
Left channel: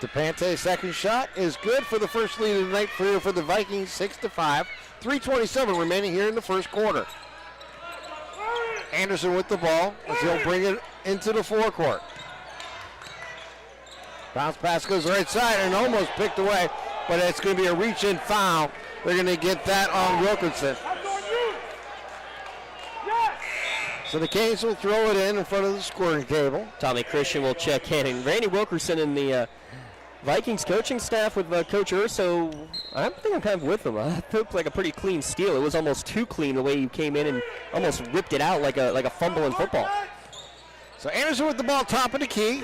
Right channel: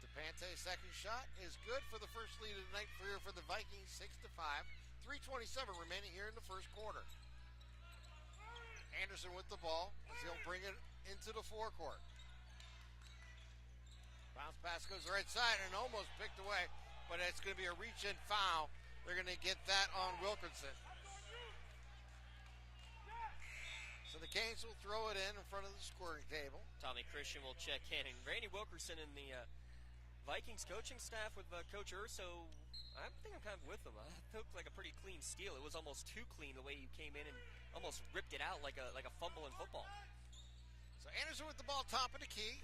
DePante's second shot is good for the first lead of the night for the Vikings, 6-5. 3:27 remaining here in the first quarter. Anderson with the ball as he'll bring it into the forecourt. Bounce pass goes right side and almost picked away, but it's going to be a reach-in foul. They're going to get that on Wilkinson. So the Canes will throw it in front of the scoring table. Tommy Christian will check in, and Randy Wilkerson and the Vikings coaching staff with Coach Urso, I think I'm kind of with him. It looked like a pretty clean steal. It was almost too clean the way he came in and almost ripped it out like a fumble in football. So Anderson with the ball, top of the key.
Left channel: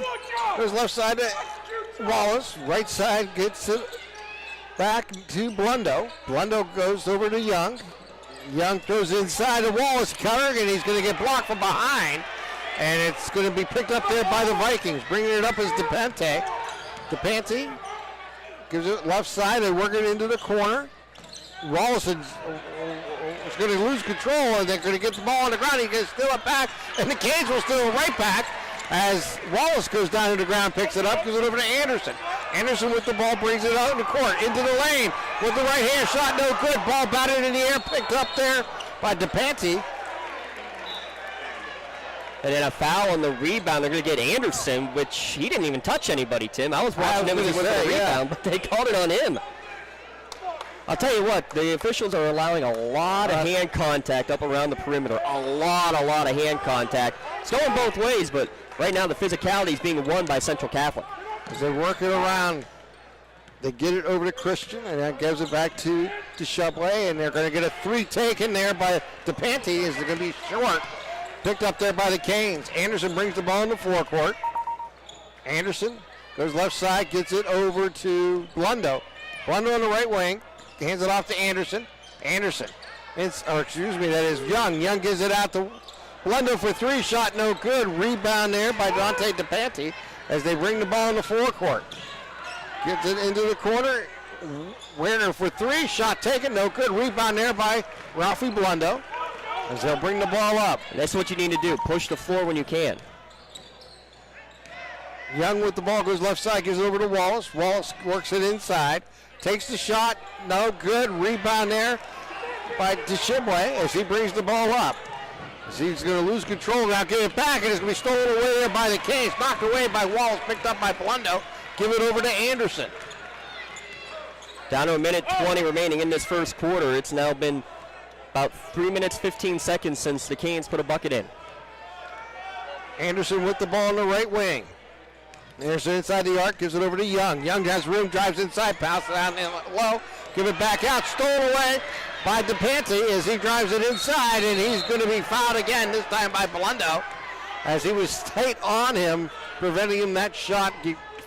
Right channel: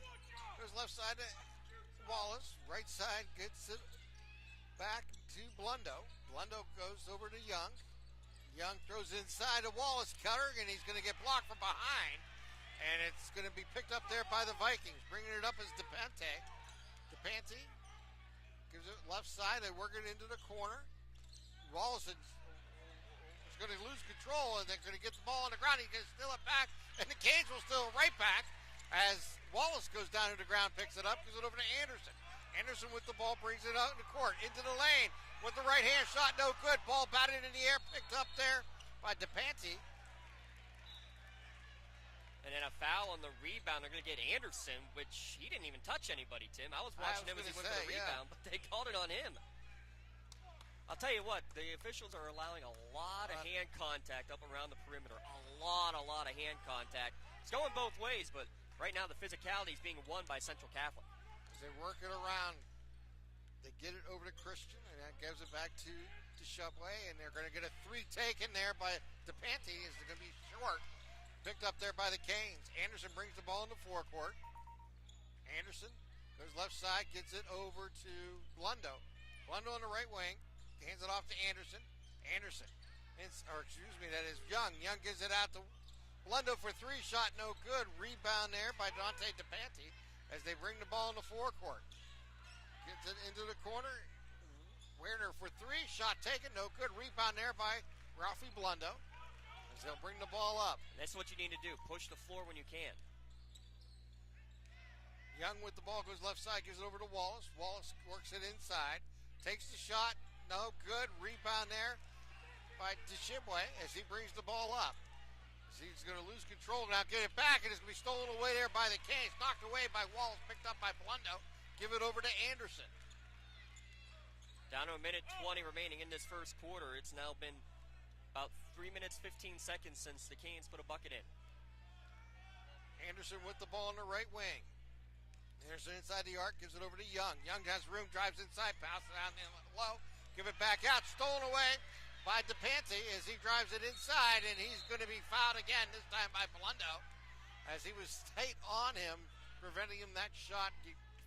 Goes left side to Wallace. Right side gets it back to Blundo. Blundo goes over to Young. Young throws inside to Wallace, cutter, and he's going to get blocked from behind. And it's going to be picked up there by the Vikings. Bringing it up is DePante. DePante gives it left side. They work it into the corner. Wallace is going to lose control, and they're going to get the ball on the ground. He's going to steal it back, and the Canes will steal it right back as Wallace goes down to the ground, picks it up, gives it over to Anderson. Anderson with the ball brings it out in the court, into the lane with the right hand shot, no good. Ball batted in the air, picked up there by DePante. And then a foul on the rebound. They're going to get Anderson, which he didn't even touch anybody, Tim. I was watching him as he went for the rebound, but they called it on him. I'll tell you what, the officials are allowing a lot of hand contact up around the perimeter. A lot of hand contact. It's going both ways, but right now the physicality is being won by Central Catholic. As they work it around, they get it over to Christian, and that gives it back to Chablais, and they're going to get a three taken there by DePante as they're going to be short. Picked up there by the Canes. Anderson brings the ball in the forecourt. Anderson goes left side, gets it over to Blundo. Blundo on the right wing, hands it off to Anderson. Anderson, that is Young. Young gives it out to Blundo for three, shot no good. Rebound there by Dante DePante as they bring the ball in the forecourt. Gets it into the corner. Werner for three, shot taken, no good. Rebound there by Ralphie Blundo as they'll bring the ball up. That's what you need to do. Push the floor when you can. Young with the ball goes left side, gives it over to Wallace. Wallace works it inside. Takes the shot, no good. Rebound there by Deshibwe as he brings the ball up. As he's going to lose control now, give it back, and it's going to be stolen away there by the Canes. Knocked away by Wallace, picked up by Blundo. Give it over to Anderson. Down to a minute 20 remaining in this first quarter. It's now been about 3 minutes, 15 seconds since the Canes put a bucket in. Anderson with the ball on the right wing. Anderson inside the arc, gives it over to Young. Young has room, drives inside, passes down low, give it back out, stolen away by DePante as he drives it inside, and he's going to be fouled again, this time by Blundo, as he was tight on him, preventing him that shot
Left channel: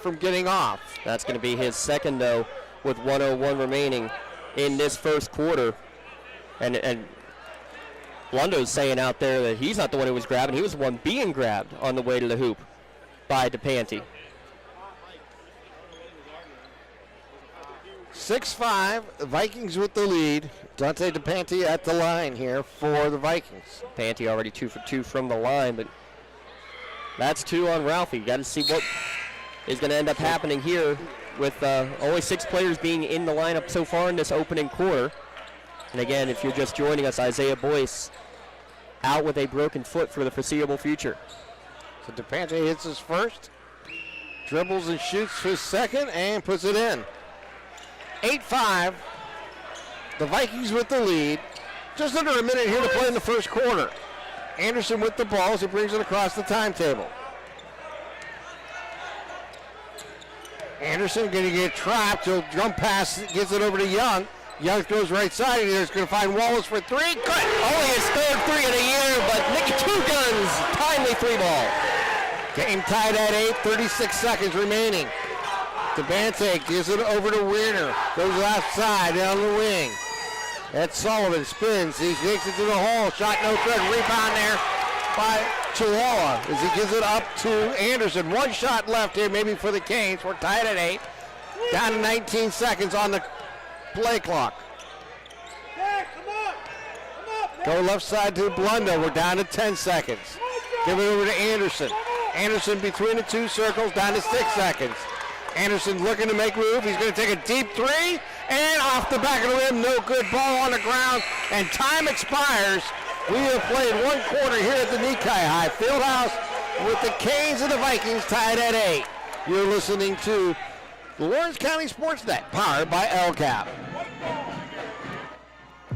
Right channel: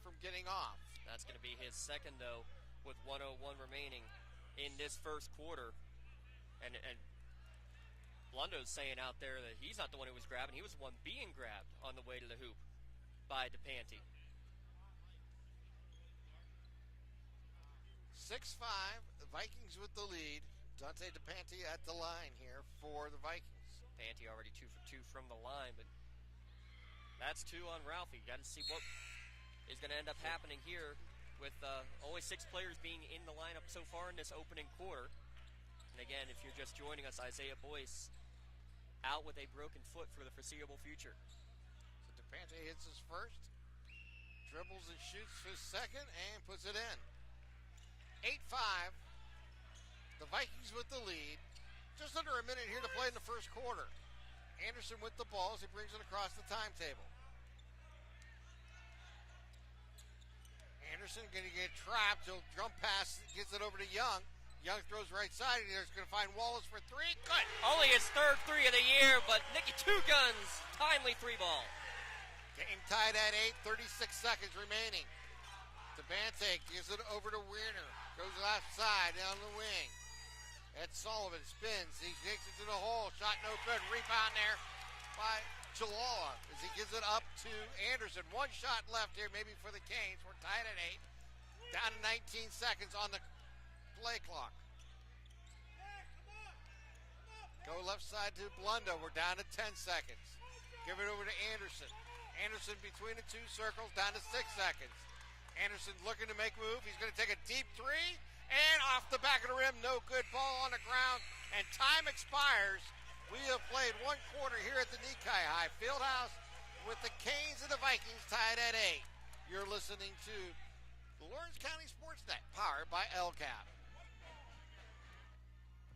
from getting off. That's going to be his second, though, with 1:01 remaining in this first quarter. And Blundo's saying out there that he's not the one who was grabbing. He was the one being grabbed on the way to the hoop by DePante. 6-5, the Vikings with the lead Dante DePanti at the line here for the Vikings. Panty already 2 for 2 from the line, but that's 2 on Ralphie. Got to see what is going to end up happening here with only 6 players being in the lineup so far in this opening quarter. And again, if you're just joining us, Isaiah Boyce out with a broken foot for the foreseeable future. So DePanti hits his first, dribbles and shoots his second, and puts it in. 8-5. The Vikings with the lead. Just under a minute here to play in the first quarter. Anderson with the ball as he brings it across the timetable. Anderson going to get trapped. He'll jump pass, gets it over to Young. Young goes right side, and he's going to find Wallace for 3. Good! Only his third 3 of the year, but Nicky Two Guns, timely 3 ball. Game tied at 8, 36 seconds remaining. DeBante gives it over to Weirner. Goes left side down the wing. Ed Sullivan spins. He takes it to the hole. Shot no good. Rebound there by Chihuahua as he gives it up to Anderson. 1 shot left here maybe for the Canes. We're tied at 8. Down to 19 seconds on the play clock. Go left side to Blundo. We're down to 10 seconds. Give it over to Anderson. Anderson between the 2 circles, down to 6 seconds. Anderson looking to make move. He's going to take a deep 3, and off the back of the rim, no good. Ball on the ground, and time expires. We have played 1 quarter here at the Nikai High Fieldhouse with the Canes and the Vikings tied at 8. You're listening to the Lawrence County SportsNet, powered by LCAP.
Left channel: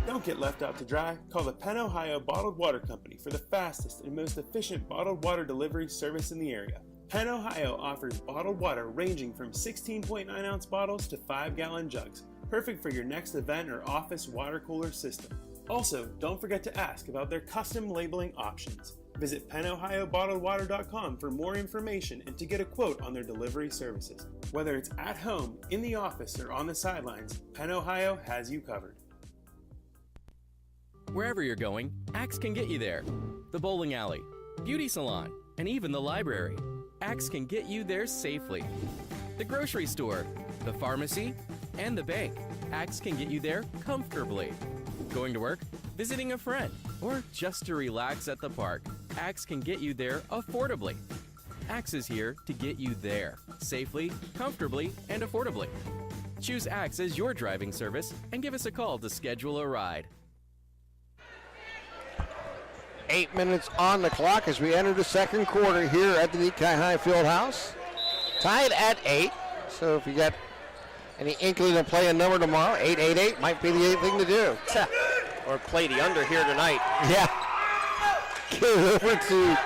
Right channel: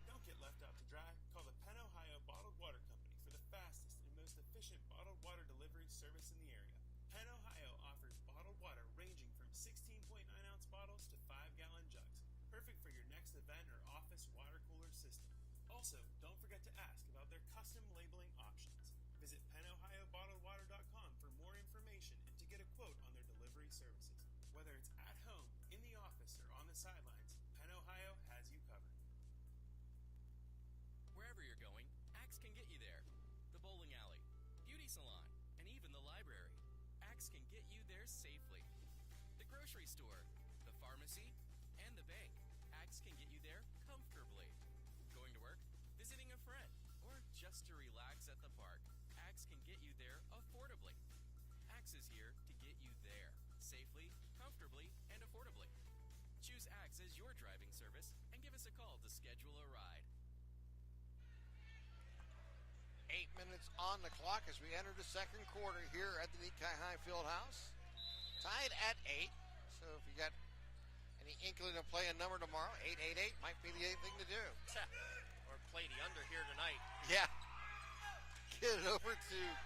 Don't get left out to dry. Call the Penn Ohio Bottled Water Company for the fastest and most efficient bottled water delivery service in the area. Penn Ohio offers bottled water ranging from 16.9-ounce bottles to 5-gallon jugs, perfect for your next event or office water cooler system. Also, don't forget to ask about their custom labeling options. Visit PennOhioBottledWater.com for more information and to get a quote on their delivery services. Whether it's at home, in the office, or on the sidelines, Penn Ohio has you covered. Wherever you're going, Axe can get you there. The bowling alley, beauty salon, and even the library. Axe can get you there safely. The grocery store, the pharmacy, and the bank. Axe can get you there comfortably. Going to work, visiting a friend, or just to relax at the park. Axe can get you there affordably. Axe is here to get you there safely, comfortably, and affordably. Choose Axe as your driving service and give us a call to schedule a ride. 8 minutes on the clock as we enter the second quarter here at the Nikai High Fieldhouse. Tied at 8, so if you got any inkling to play a number tomorrow, 888 might be the thing to do. Or play the under here tonight. Yeah. Give it over to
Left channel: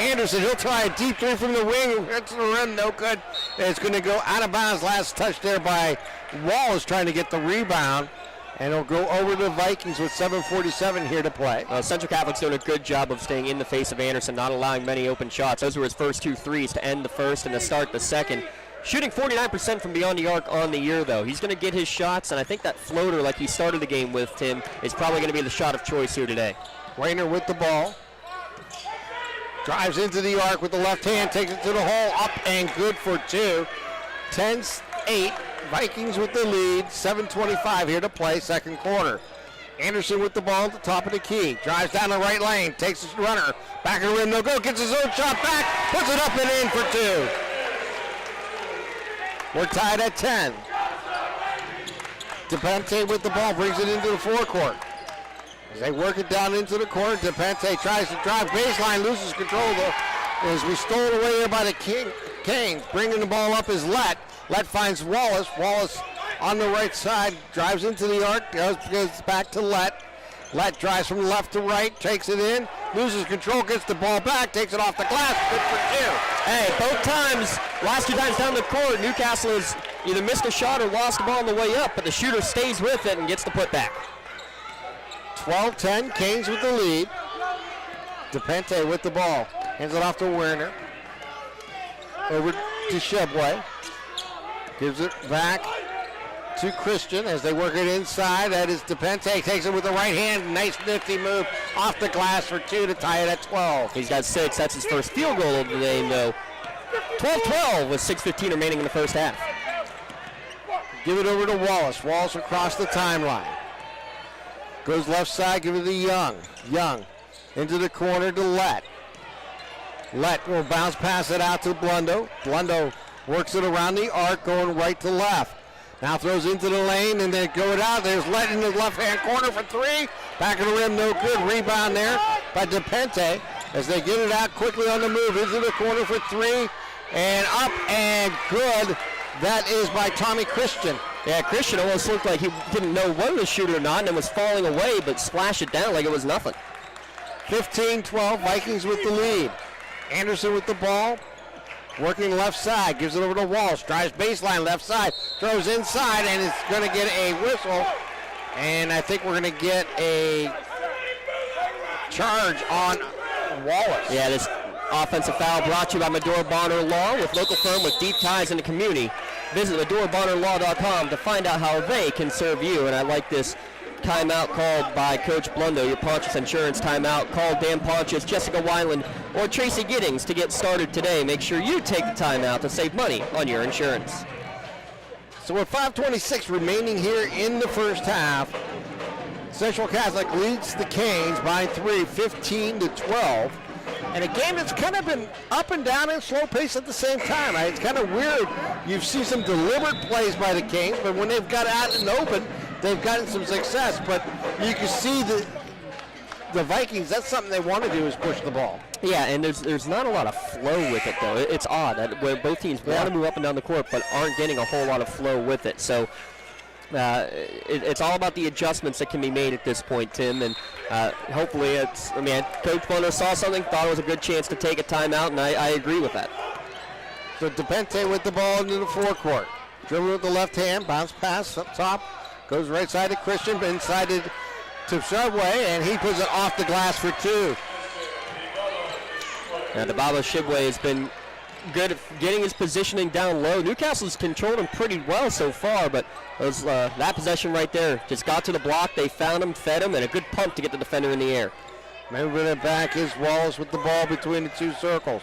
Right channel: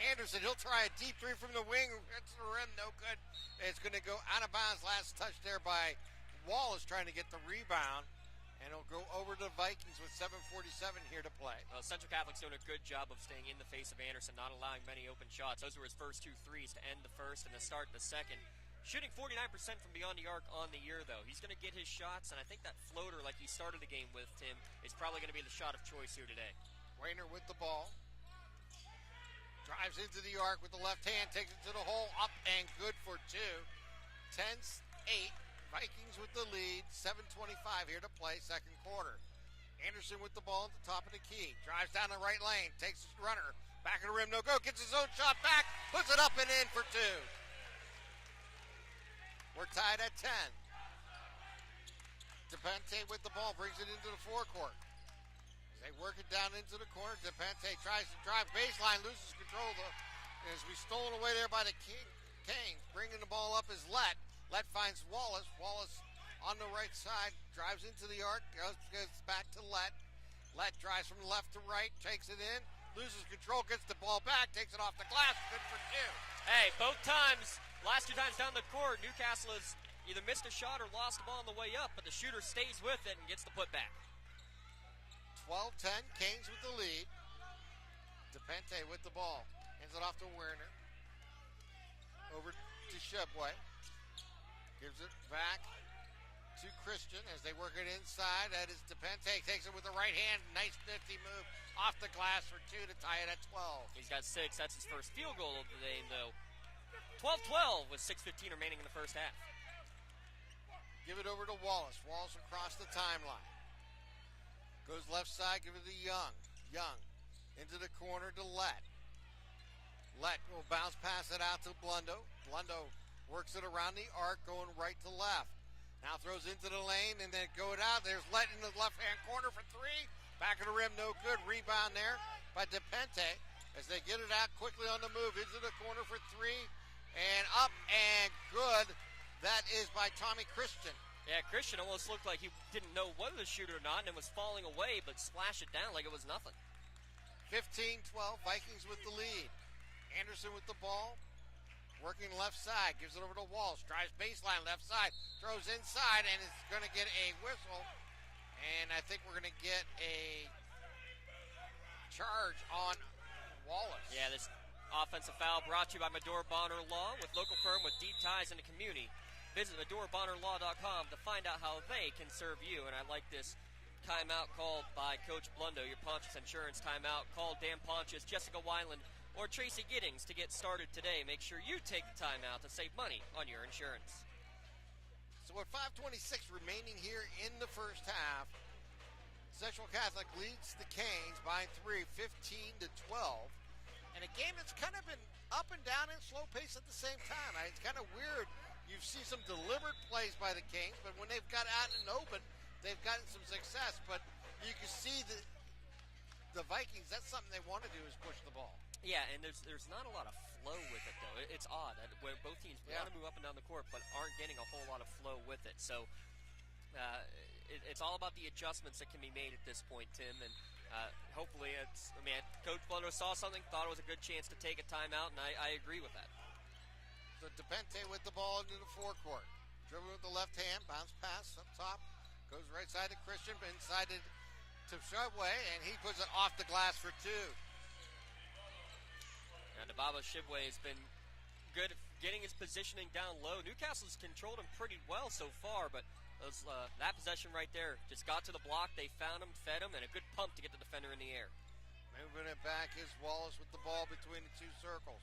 Anderson. He'll try a deep 3 from the wing. Hits the rim, no good. And it's going to go out of bounds. Last touch there by Wallace trying to get the rebound. And it'll go over to the Vikings with 7:47 here to play. Central Catholic's doing a good job of staying in the face of Anderson, not allowing many open shots. Those were his first 2 threes to end the first and to start the second. Shooting 49% from beyond the arc on the year, though. He's going to get his shots, and I think that floater, like he started the game with, Tim, is probably going to be the shot of choice here today. Rayner with the ball. Drives into the arc with the left hand, takes it to the hole, up and good for 2. 10-8. Vikings with the lead, 7:25 here to play, second quarter. Anderson with the ball at the top of the key. Drives down the right lane, takes his runner. Back of the rim, no go, gets his own shot back, puts it up and in for 2. We're tied at 10. DePante with the ball, brings it into the forecourt. As they work it down into the corner, DePante tries to drive baseline, loses control though. As we stole it away there by the Canes. Bringing the ball up is Lett. Lett finds Wallace. Wallace on the right side, drives into the arc, goes back to Lett. Lett drives from left to right, takes it in, loses control, gets the ball back, takes it off the glass, good for 2. Hey, both times, last 2 times down the court, Newcastle has either missed a shot or lost the ball on the way up, but the shooter stays with it and gets the putback. 12-10, Canes with the lead. DePente with the ball, hands it off to Werner. Over to Shebway. Gives it back to Christian as they work it inside. That is DePente, takes it with the right hand. Nice nifty move off the glass for 2 to tie it at 12. He's got 6. That's his first field goal of the game, though. 12-12 with 6:15 remaining in the first half. Give it over to Wallace. Wallace across the timeline. Goes left side, give it to Young. Young into the corner to Lett. Lett will bounce pass it out to Blundo. Blundo works it around the arc, going right to left. Now throws into the lane and then go it out. There's Lett in the left-hand corner for three. Back of the rim, no good. Rebound there by DePente as they get it out quickly on the move. Into the corner for three. And up and good. That is by Tommy Christian. Yeah, Christian almost looked like he didn't know whether to shoot or not and was falling away, but splashed it down like it was nothing. 15-12, Vikings with the lead. Anderson with the ball, working left side, gives it over to Walsh, drives baseline left side, throws inside, and it's going to get a whistle. And I think we're going to get a charge on Wallace. Yeah, this offensive foul brought to you by Medora Bonner Law, with local firm with deep ties in the community. Visit MedoraBonnerLaw.com to find out how they can serve you. And I like this timeout called by Coach Blundo, your Pontius Insurance timeout. Call Dan Pontius, Jessica Weiland, or Tracy Giddings to get started today. Make sure you take the timeout to save money on your insurance. So with 5:26 remaining here in the first half, Central Catholic leads the Canes by 3, 15-12. And a game that's kind of been up and down and slow pace at the same time. It's kind of weird. You see some deliberate plays by the Canes, but when they've got out in the open, they've gotten some success. But you can see the Vikings, that's something they want to do, is push the ball. Yeah, and there's not a lot of flow with it, though. It's odd that where both teams want to move up and down the court, but aren't getting a whole lot of flow with it. So it's all about the adjustments that can be made at this point, Tim, and hopefully Coach Bonner saw something, thought it was a good chance to take a timeout, and I agree with that. So DePente with the ball into the forecourt. Dribble with the left hand, bounce pass up top, goes right side to Christian, inside to Subway, and he puts it off the glass for two. Now, DeBaba Shibway has been good at getting his positioning down low. Newcastle's controlled him pretty well so far, but that possession right there just got to the block. They found him, fed him, and a good pump to get the defender in the air. Moving it back is Wallace with the ball between the two circles.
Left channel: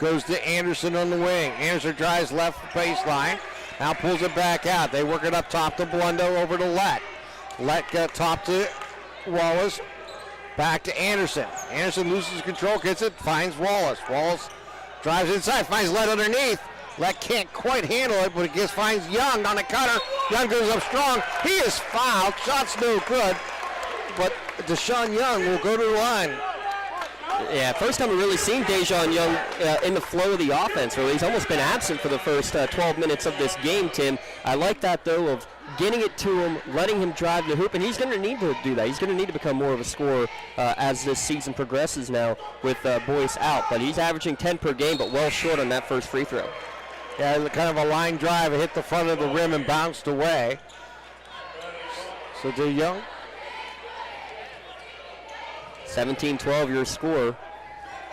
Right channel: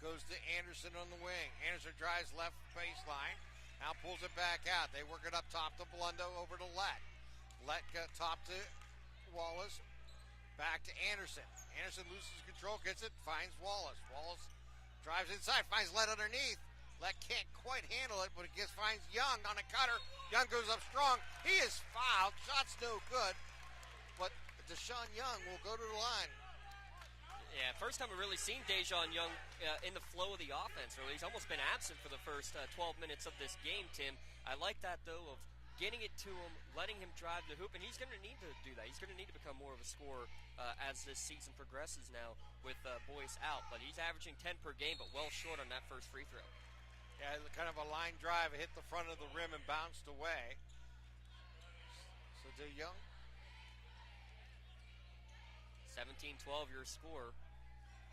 Goes to Anderson on the wing. Anderson drives left baseline. Now pulls it back out. They work it up top to Blundo, over to Lett. Lett got top to Wallace. Back to Anderson. Anderson loses control, gets it, finds Wallace. Wallace drives inside, finds Lett underneath. Lett can't quite handle it, but it finds Young on the cutter. Young goes up strong. He is fouled. Shot's no good. But Deshaun Young will go to the line. Yeah, first time we've really seen Dejan Young in the flow of the offense. Really, he's almost been absent for the first 12 minutes of this game, Tim. I like that, though, of getting it to him, letting him drive the hoop, and he's going to need to do that. He's going to need to become more of a scorer as this season progresses now with Boyce out. But he's averaging 10 per game, but well short on that first free throw. Yeah, kind of a line drive. It hit the front of the rim and bounced away. So to Young. 17-12 your score.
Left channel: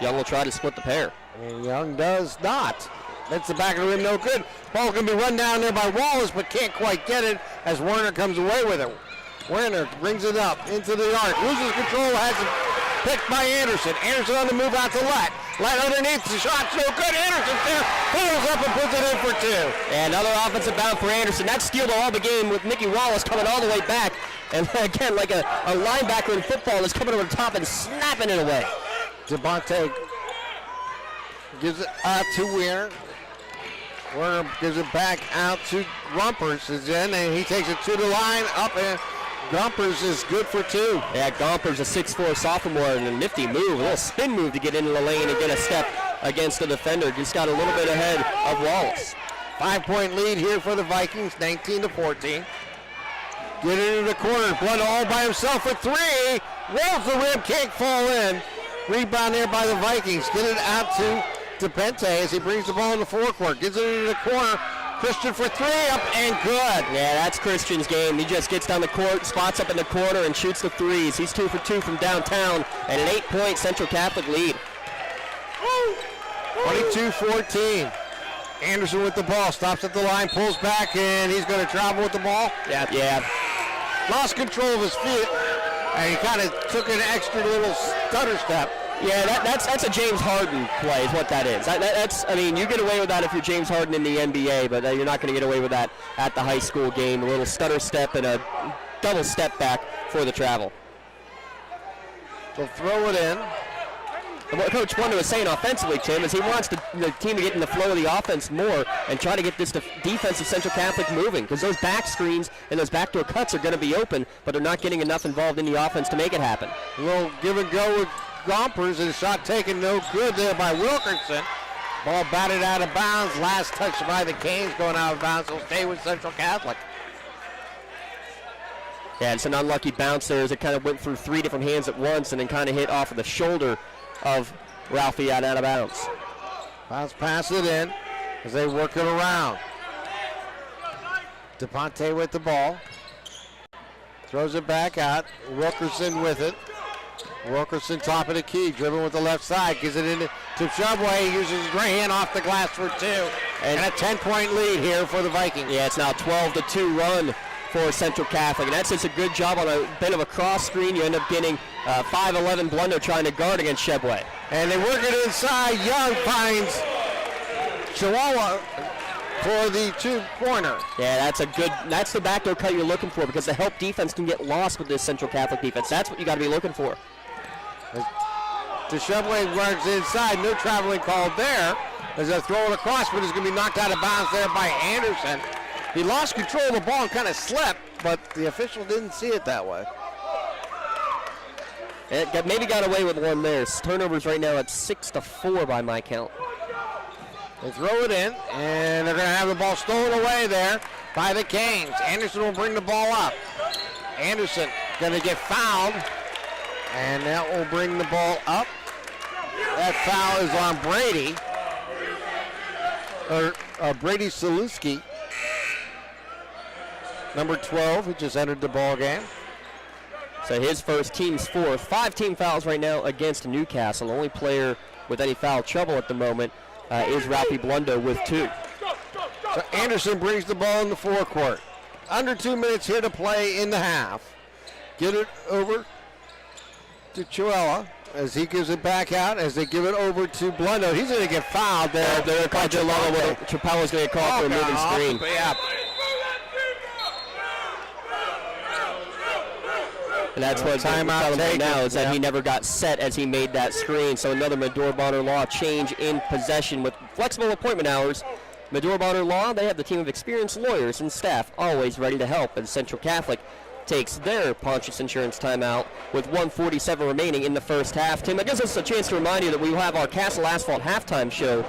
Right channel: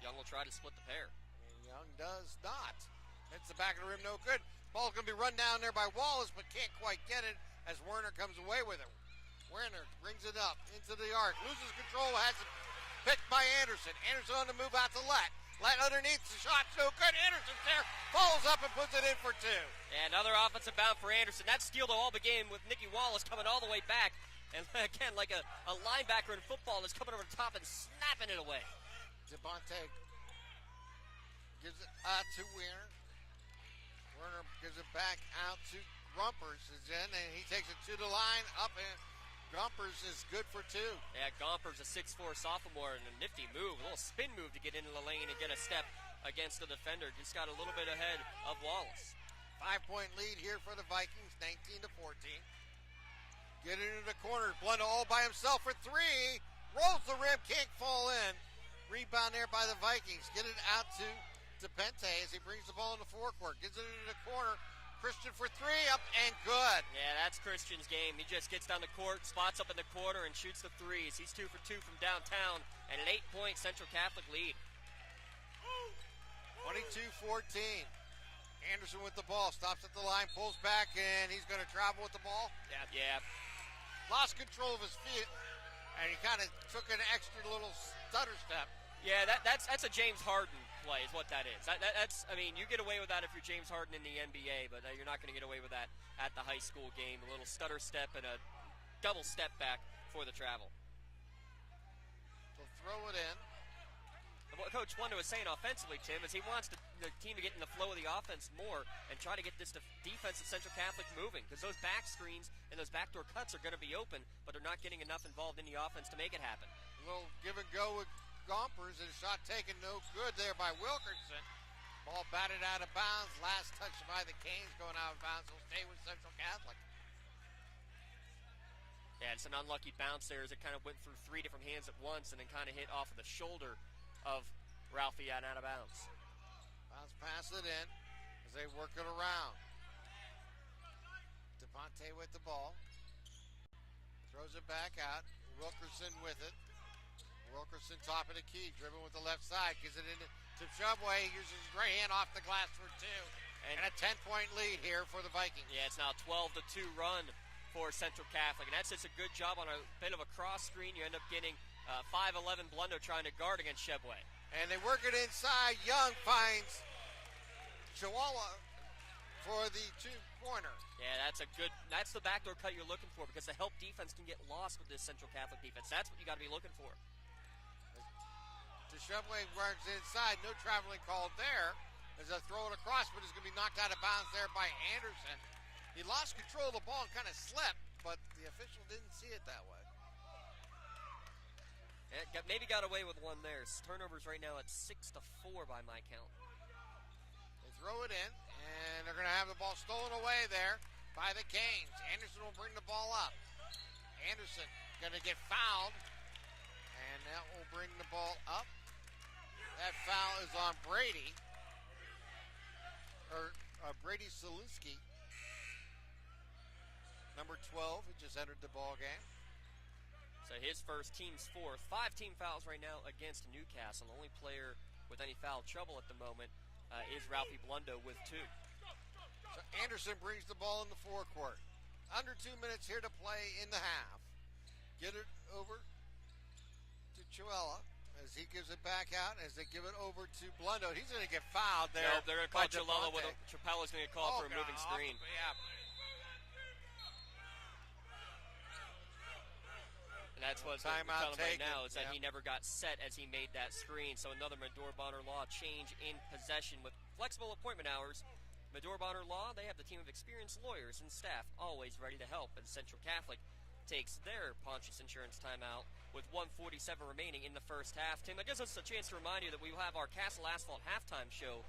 Young will try to split the pair. And Young does not. That's the back of the rim, no good. Ball can be run down there by Wallace, but can't quite get it as Werner comes away with it. Werner brings it up into the arc, loses control, has it picked by Anderson. Anderson on the move out to Lett. Lett underneath, the shot's no good. Anderson's there, pulls up and puts it in for two. And another offensive bound for Anderson. That steal to all the game with Mickey Wallace coming all the way back. And again, like a linebacker in football is coming over the top and snapping it away. Devontae gives it out to Werner. Werner gives it back out to Gumpers is in, and he takes it to the line, up, and Gumpers is good for two. Yeah, Gumpers, a 6'4 sophomore, and a nifty move, a little spin move to get into the lane and get a step against the defender. Just got a little bit ahead of Wallace. 5-point lead here for the Vikings, 19-14. Get into the corner, Blood all by himself for three. Rolls the rim, can't fall in. Rebound there by the Vikings. Get it out to DePente as he brings the ball in the forecourt. Gets it into the corner. Christian for three, up and good. Yeah, that's Christian's game. He just gets down the court, spots up in the corner, and shoots the threes. He's 2 for 2 from downtown, and an 8-point Central Catholic lead. 22-14. Anderson with the ball, stops at the line, pulls back, and he's going to travel with the ball. Yeah. Lost control of his feet, and he kind of took an extra little stutter step. Yeah, that's a James Harden play is what that is. I mean, you get away with that if you're James Harden in the NBA, but you're not going to get away with that at the high school game. A little stutter step and a double step back for the travel. So throw it in. And what Coach Wonder was saying offensively, Tim, is he wants the team to get in the flow of the offense more and try to get this defensive Central Catholic moving, because those back screens and those backdoor cuts are going to be open, but they're not getting enough involved in the offense to make it happen. A little give and go with Gompers, and shot taken no good there by Wilkerson. Ball batted out of bounds. Last touch by the Canes, going out of bounds. Will stay with Central Catholic. Yeah, it's an unlucky bounce there as it kind of went through 3 different hands at once and then kind of hit off of the shoulder of Ralphie out of bounds. Bounce pass it in as they work it around. DePonte with the ball. Throws it back out. Wilkerson with it. Wilkerson top of the key, dribbling with the left side, gives it into Subway, uses his right hand off the glass for 2. And a 10-point lead here for the Vikings. Yeah, it's now 12-2 run for Central Catholic, and that's just a good job on a bit of a cross screen. You end up getting 5'11" Blundo trying to guard against Shebway. And they work it inside. Young finds Chihuahua for the 2-pointer. Yeah, that's the backdoor cut you're looking for, because the help defense can get lost with this Central Catholic defense. That's what you got to be looking for. Shebway works inside. No traveling called there. As they throw it across, but it's going to be knocked out of bounds there by Anderson. He lost control of the ball and kind of slipped, but the official didn't see it that way. It maybe got away with one there. Turnovers right now at 6-4 by my count. They throw it in, and they're going to have the ball stolen away there by the Canes. Anderson will bring the ball up. Anderson going to get fouled, and that will bring the ball up. That foul is on Brady, or Brady Saluski, number 12, who just entered the ball game. So his first, team's fourth. 5 team fouls right now against Newcastle. The only player with any foul trouble at the moment is Ralphie Blundo with 2. So Anderson brings the ball in the forecourt. Under 2 minutes here to play in the half. Get it over to Chuella as he gives it back out, as they give it over to Blundo. He's going to get fouled there. They're going to call Chapella's going to call for a moving screen. Yeah. And that's what timeout right now is that he never got set as he made that screen. So another Medora Bonner Law change in possession with flexible appointment hours. Medora Bonner Law, they have the team of experienced lawyers and staff always ready to help as Central Catholic takes their Pontius Insurance timeout with 1:47 remaining in the first half. Tim, that gives us a chance to remind you that we will have our Castle Asphalt halftime show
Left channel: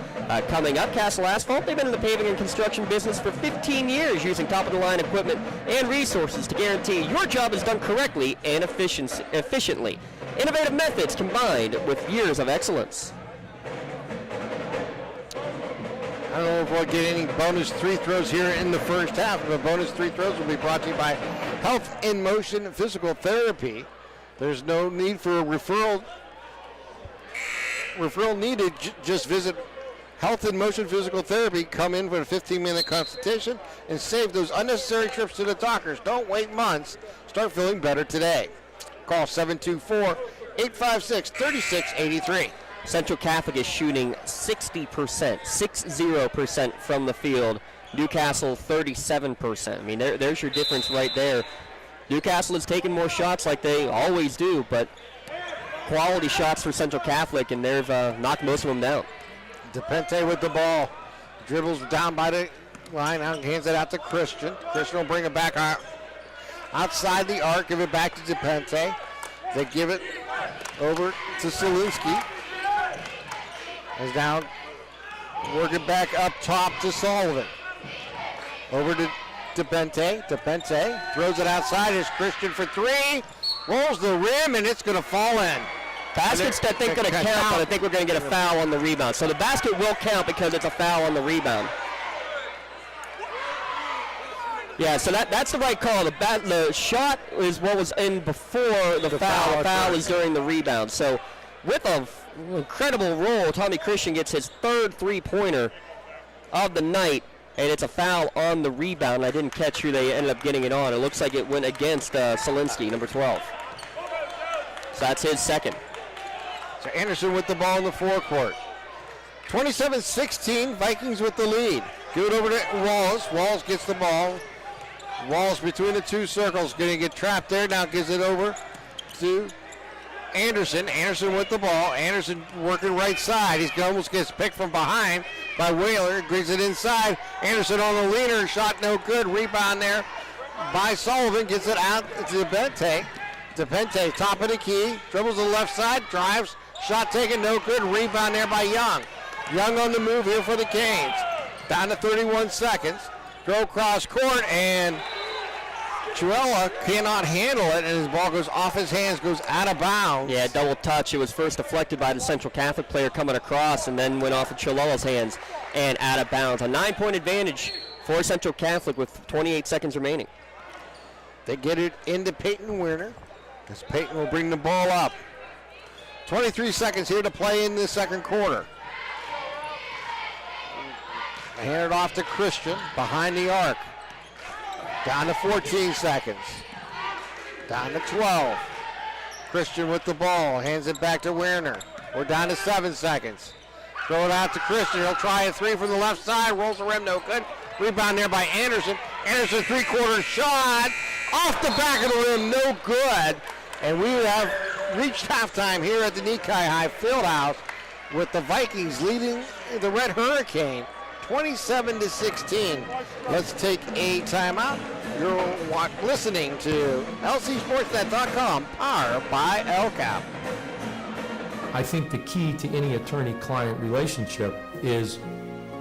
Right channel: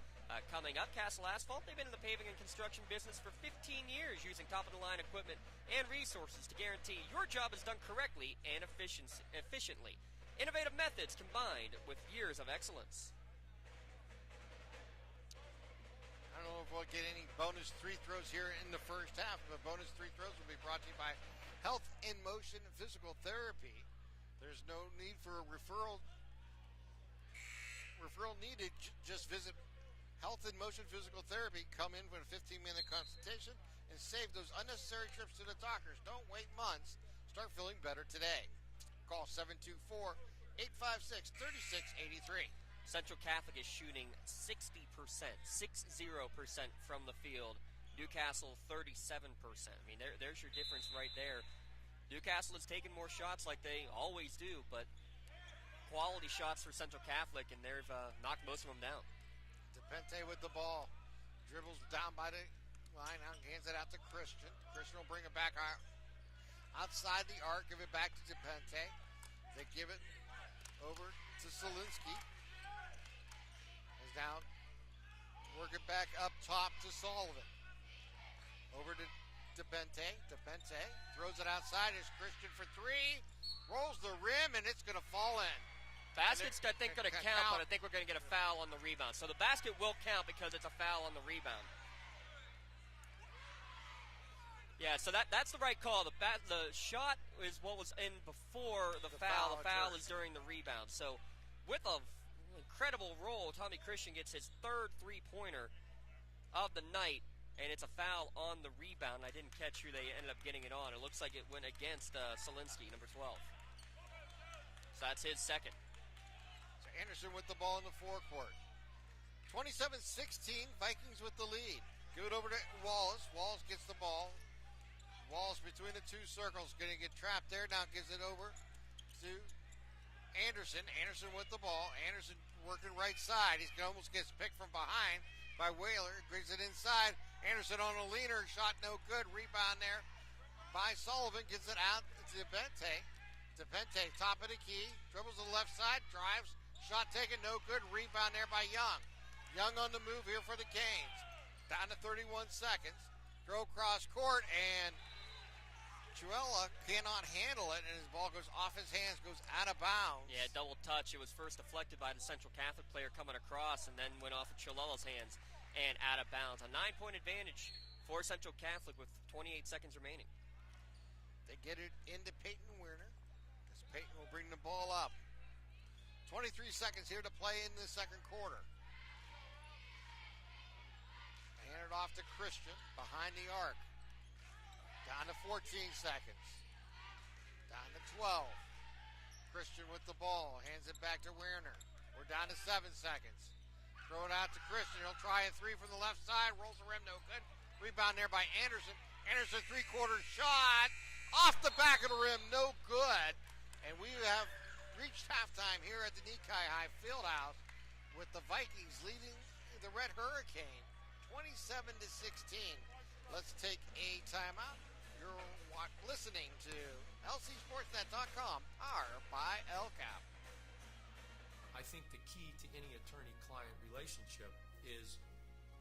coming up. Castle Asphalt, they've been in the paving and construction business for 15 years, using top-of-the-line equipment and resources to guarantee your job is done correctly and efficiently. Innovative methods combined with years of excellence. I don't know if we'll get any bonus 3 throws here in the first half, but bonus 3 throws will be brought to you by Health in Motion Physical Therapy. There's no need for a referral needed. Just visit Health in Motion Physical Therapy. Come in for a 15-minute consultation and save those unnecessary trips to the doctors. Don't wait months. Start feeling better today. Call 724-856-3683. Central Catholic is shooting 60% from the field. Newcastle 37%. I mean, there's your difference right there. Newcastle is taking more shots like they always do, but quality shots for Central Catholic, and they've knocked most of them down. DePente with the ball. Dribbles down by the line, hands it out to Christian. Christian will bring it back outside the arc, give it back to DePente. They give it over to Saluski. As now working back up top to Sullivan. Over to DePente. DePente throws it outside. It's Christian for 3. Rolls the rim, and it's going to fall in. Basket's, I think, going to count, but I think we're going to get a foul on the rebound. So the basket will count because it's a foul on the rebound. Yeah, so that's the right call. The shot is what was in before the foul. The foul is during the rebound. So with an incredible roll, Tommy Christian gets his 3rd 3-pointer of the night, and it's a foul on the rebound. I didn't catch who they ended up getting it on. It looks like it went against Selinski, number 12. So that's his 2nd. So Anderson with the ball in the forecourt. 27-16, Vikings with the lead. Give it over to Wallace. Wallace gets the ball. Walls between the two circles. Going to get trapped there. Now gives it over to Anderson. Anderson with the ball. Anderson working right side. He almost gets picked from behind by Whaler. Brings it inside. Anderson on the leaner. Shot no good. Rebound there by Sullivan. Gets it out to Bente. DePente, top of the key. Dribbles to the left side. Drives. Shot taken. No good. Rebound there by Young. Young on the move here for the Canes. Down to 31 seconds. Throw cross court, and Chuella cannot handle it, and his ball goes off his hands, goes out of bounds. Yeah, double touch. It was first deflected by the Central Catholic player coming across, and then went off of Chuella's hands and out of bounds. A 9-point advantage for Central Catholic with 28 seconds remaining. They get it into Peyton Werner, because Peyton will bring the ball up. 23 seconds here to play in the second quarter. Hand it off to Christian behind the arc. Down to 14 seconds. Down to 12. Christian with the ball. Hands it back to Werner. We're down to 7 seconds. Throw it out to Christian. He'll try a three from the left side. Rolls the rim, no good. Rebound there by Anderson. Anderson three-quarter shot. Off the back of the rim, no good. And we have reached halftime here at the Nikai High Fieldhouse with the Vikings leading the Red Hurricane 27-16. Let's take a timeout. You're listening to LCSportsNet.com, powered by LCAP. I think the key to any attorney-client relationship is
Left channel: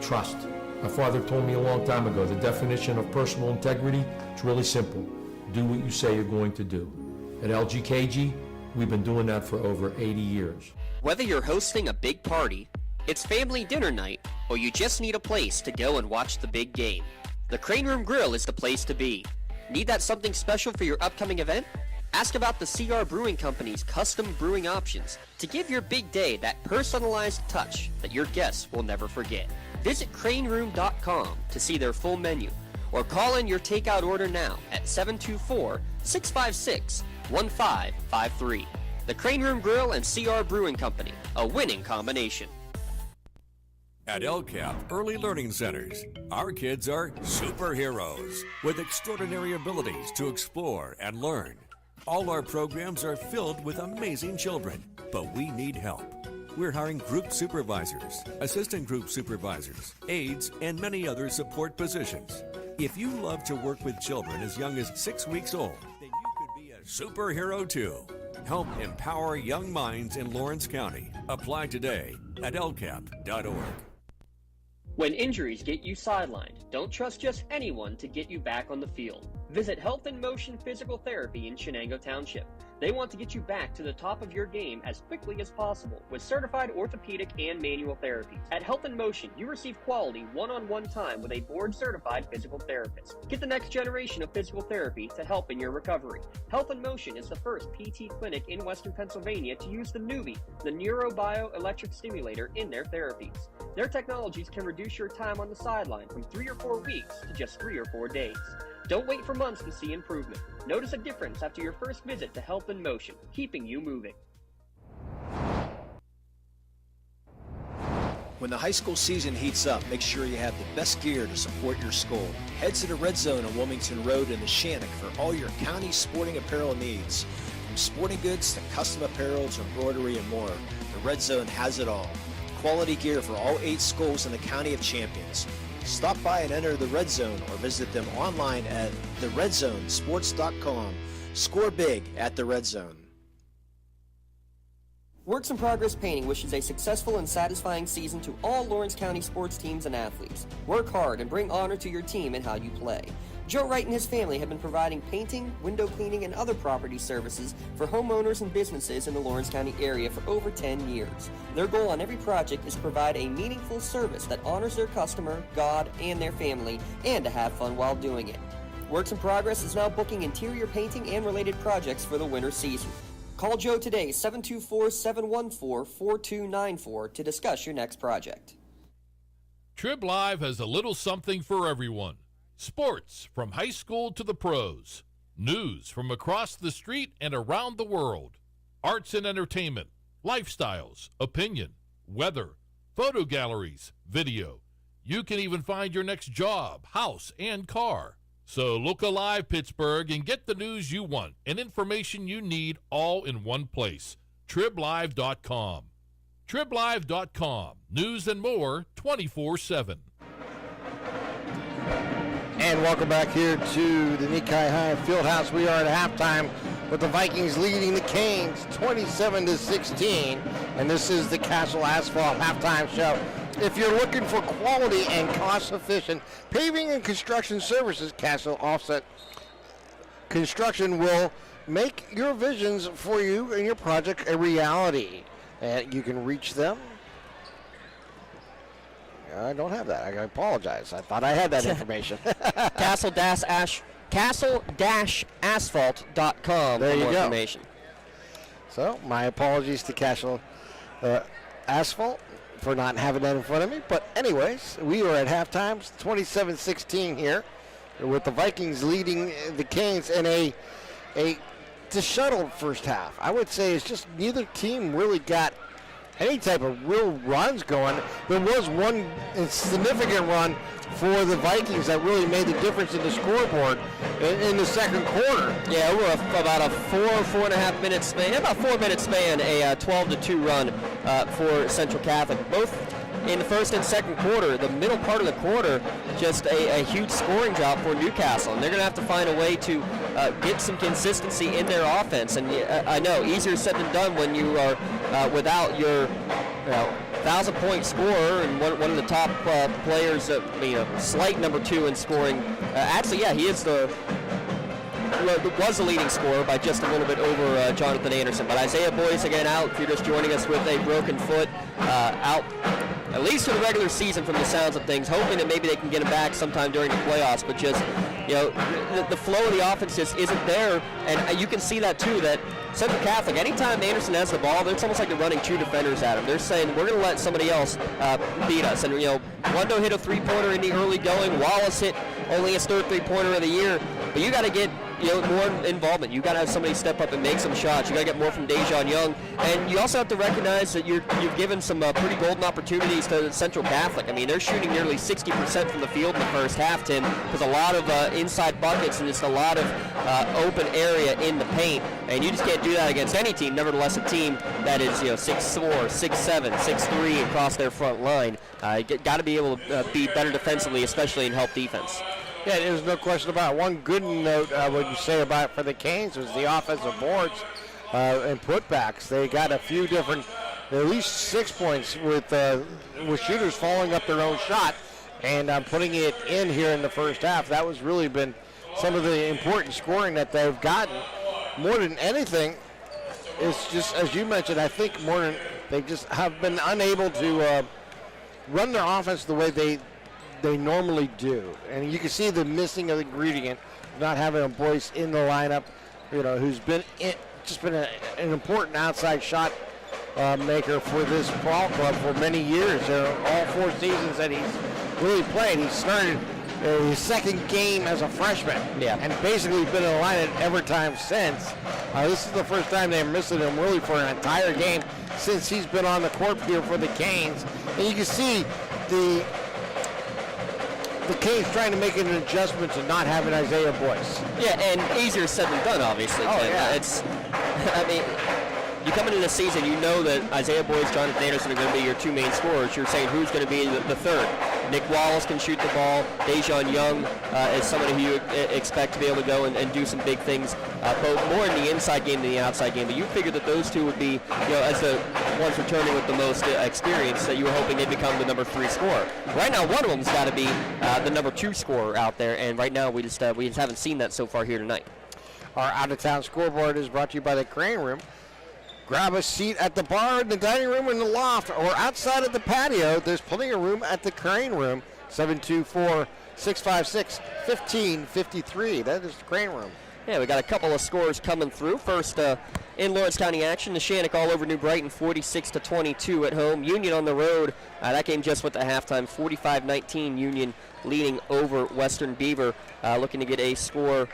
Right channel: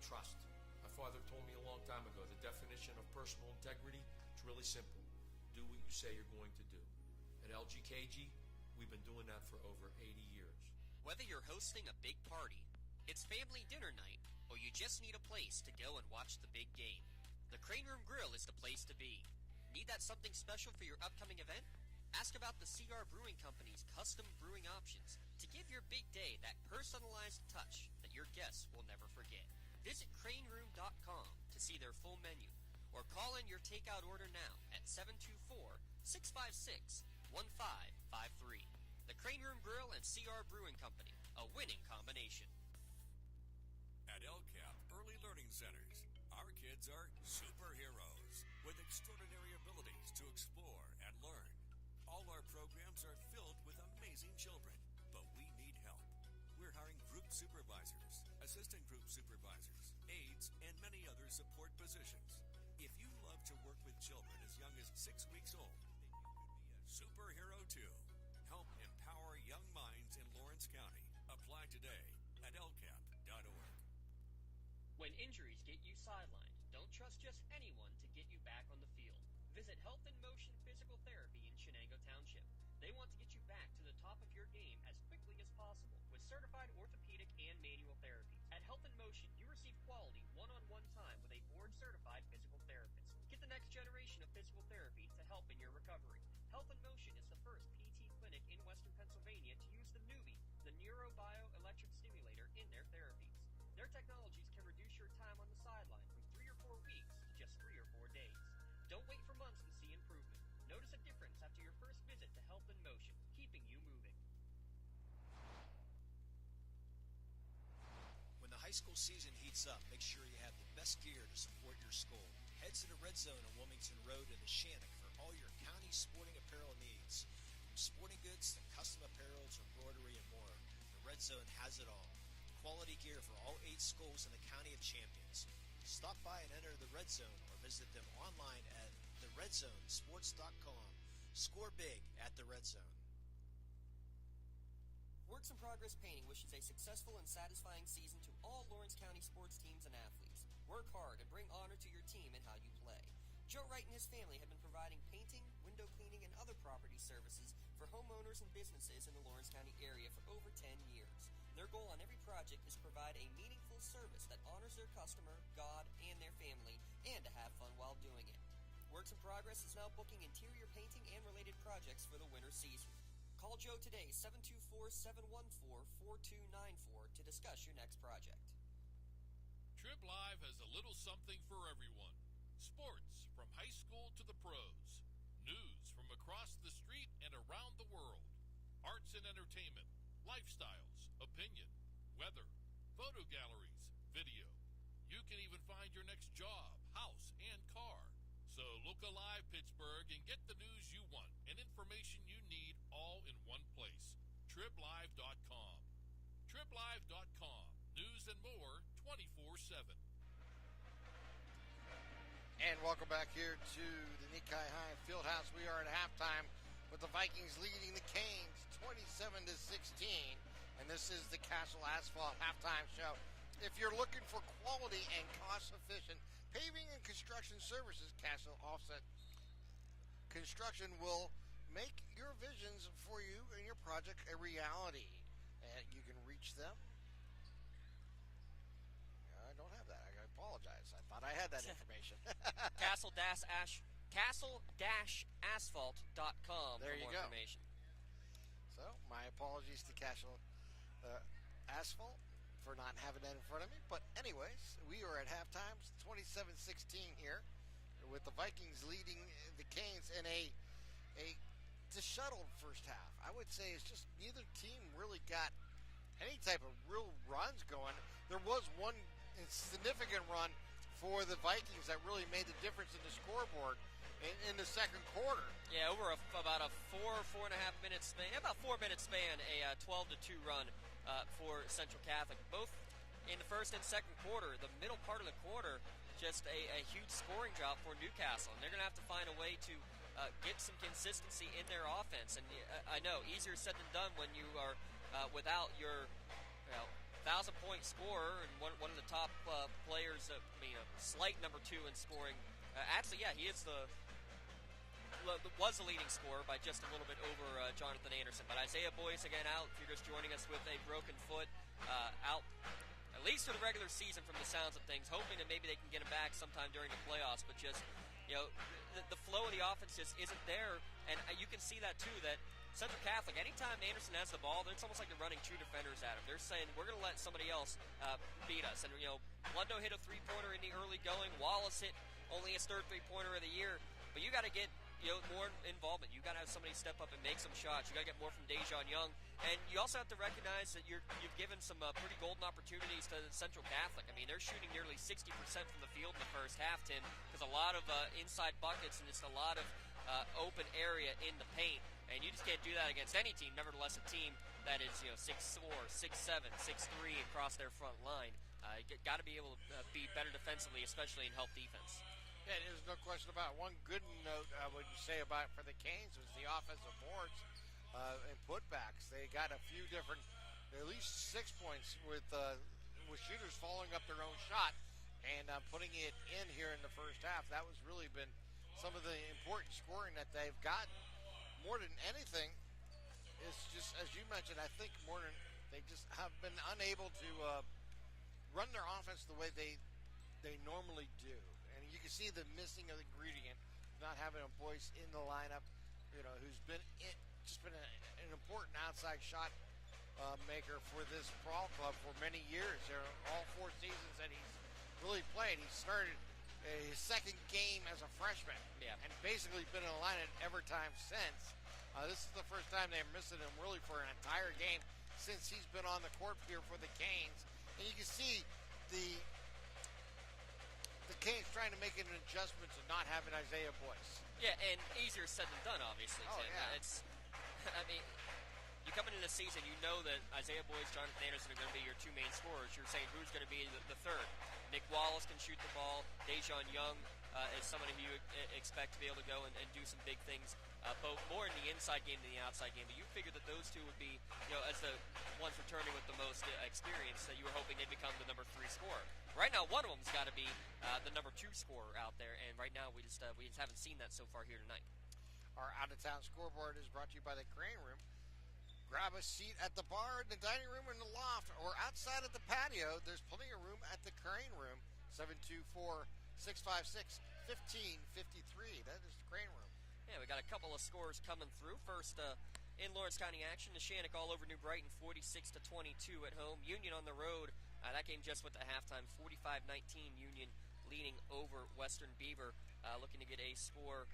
trust. My father told me a long time ago, the definition of personal integrity is really simple. Do what you say you're going to do. At LGKG, we've been doing that for over 80 years. Whether you're hosting a big party, it's family dinner night, or you just need a place to go and watch the big game, the Crane Room Grill is the place to be. Need that something special for your upcoming event? Ask about the CR Brewing Company's custom brewing options to give your big day that personalized touch that your guests will never forget. Visit craneroom.com to see their full menu, or call in your takeout order now at 724-656-1553. The Crane Room Grill and CR Brewing Company, a winning combination. At LCAP Early Learning Centers, our kids are superheroes with extraordinary abilities to explore and learn. All our programs are filled with amazing children, but we need help. We're hiring group supervisors, assistant group supervisors, aides, and many other support positions. If you love to work with children as young as 6 weeks old, then you could be a superhero too. Help empower young minds in Lawrence County. Apply today at lcap.org. When injuries get you sidelined, don't trust just anyone to get you back on the field. Visit Health in Motion Physical Therapy in Shenango Township. They want to get you back to the top of your game as quickly as possible with certified orthopedic and manual therapies. At Health in Motion, you receive quality one-on-one time with a board-certified physical therapist. Get the next generation of physical therapy to help in your recovery. Health in Motion is the first PT clinic in Western Pennsylvania to use the Nuvie, the neurobioelectric stimulator, in their therapies. Their technologies can reduce your time on the sideline from 3 or 4 weeks to just 3 or 4 days. Don't wait for months to see improvement. Notice a difference after your first visit to Health in Motion, keeping you moving. When the high school season heats up, make sure you have the best gear to support your school. Head to the Red Zone on Wilmington Road in Neshannock for all your county sporting apparel needs. From sporting goods to custom apparel to embroidery and more, the Red Zone has it all. Quality gear for all 8 schools in the County of Champions. Stop by and enter the Red Zone or visit them online at theredzonesports.com. Score big at the Red Zone. Works in Progress Painting wishes a successful and satisfying season to all Lawrence County sports teams and athletes. Work hard and bring honor to your team and how you play. Joe Wright and his family have been providing painting, window cleaning, and other property services for homeowners and businesses in the Lawrence County area for over 10 years. Their goal on every project is to provide a meaningful service that honors their customer, God, and their family, and to have fun while doing it. Works in Progress is now booking interior painting and related projects for the winter season. Call Joe today, 724-714-4294, to discuss your next project. Trib Live has a little something for everyone. Sports from high school to the pros. News from across the street and around the world. Arts and entertainment. Lifestyles, opinion, weather, photo galleries, video. You can even find your next job, house, and car. So look alive, Pittsburgh, and get the news you want and information you need all in one place. TribLive.com. TribLive.com. News and more 24/7. And welcome back here to the Nikkei High Fieldhouse. We are at halftime with the Vikings leading the Canes 27-16. And this is the Castle Asphalt halftime show. If you're looking for quality and cost-efficient paving and construction services, Castle Offset Construction will make your visions for you and your project a reality. And you can reach them. I don't have that. I apologize. I thought I had that information. Castle-asphalt.com there for you more go. information. So my apologies to Castle Asphalt for not having that in front of me. But anyways, we are at halftime, 27-16 here, with the Vikings leading the Canes in a disheveled first half. I would say it's just neither team really got any type of real runs going. There was one significant run for the Vikings that really made the difference in the scoreboard in the second quarter. Yeah, we're about a 4.5 minute span, about 4 minute span, a 12-2 run for Central Catholic. Both in the first and second quarter, the middle part of the quarter, just a huge scoring job for Newcastle. And they're going to have to find a way to get some consistency in their offense. And I know, easier said than done when you are without your 1,000-point scorer and one of the top players, slight number 2 in scoring. Actually, yeah, he is was the leading scorer by just a little bit over Jonathan Anderson. But Isaiah Boyce again out. If you're just joining us with a broken foot, out at least for the regular season from the sounds of things, hoping that maybe they can get him back sometime during the playoffs. But just, the flow of the offense just isn't there. And you can see that too, that Central Catholic, anytime Anderson has the ball, it's almost like they're running 2 defenders at him. They're saying, we're going to let somebody else beat us. And, Wando hit a three-pointer in the early going. Wallace hit only his third three-pointer of the year. But you got to get more involvement. You got to have somebody step up and make some shots. You got to get more from Dejan Young, and you also have to recognize that you've given some pretty golden opportunities to Central Catholic. I mean, they're shooting nearly 60% from the field in the first half, Tim. There's a lot of inside buckets and just a lot of open area in the paint, and you just can't do that against any team. Nevertheless, a team that is 6'4", 6'7", 6'3" across their front line. Got to be able to be better defensively, especially in help defense. Yeah, there's no question about it. One good note I would say about for the Canes was the offensive boards and putbacks. They got a few different, at least 6 points with shooters following up their own shot and putting it in here in the first half. That was really been some of the important scoring that they've gotten. More than anything, it's just, as you mentioned, I think more than they just have been unable to run their offense the way they normally do. And you can see the missing of the ingredient, not having a Boyce in the lineup, who's been an important outside shot maker for this ball club for many years. All 4 seasons that he's really played. He started his second game as a freshman, and basically been in the lineup every time since. This is the first time they're missing him really for an entire game since he's been on the court here for the Canes. And you can see the Canes trying to make an adjustment to not having Isaiah Boyce. Yeah, and easier said than done, obviously. Oh, Tim. yeah. You come into the season, you know that Isaiah Boyce, Jonathan Anderson are going to be your 2 main scorers. You're saying who's going to be the third. Nick Wallace can shoot the ball. Dejan Young is somebody who you expect to be able to go and do some big things, both more in the inside game than the outside game. But you figured that those 2 would be, as the ones returning with the most experience, that you were hoping they'd become the number 3 scorer. Right now, one of them's got to be the number 2 scorer out there, and right now we just haven't seen that so far here tonight. Our out-of-town scoreboard is brought to you by the Crane Room. Grab a seat at the bar, in the dining room, in the loft, or outside of the patio. There's plenty of room at the Crane Room. 724-656-1553. That is the Crane Room. Yeah, we got a couple of scores coming through. First, in Lawrence County action, the Shannock all over New Brighton, 46-22 at home. Union on the road. That game just went to halftime, 45-19. Union leading over Western Beaver, looking to get a score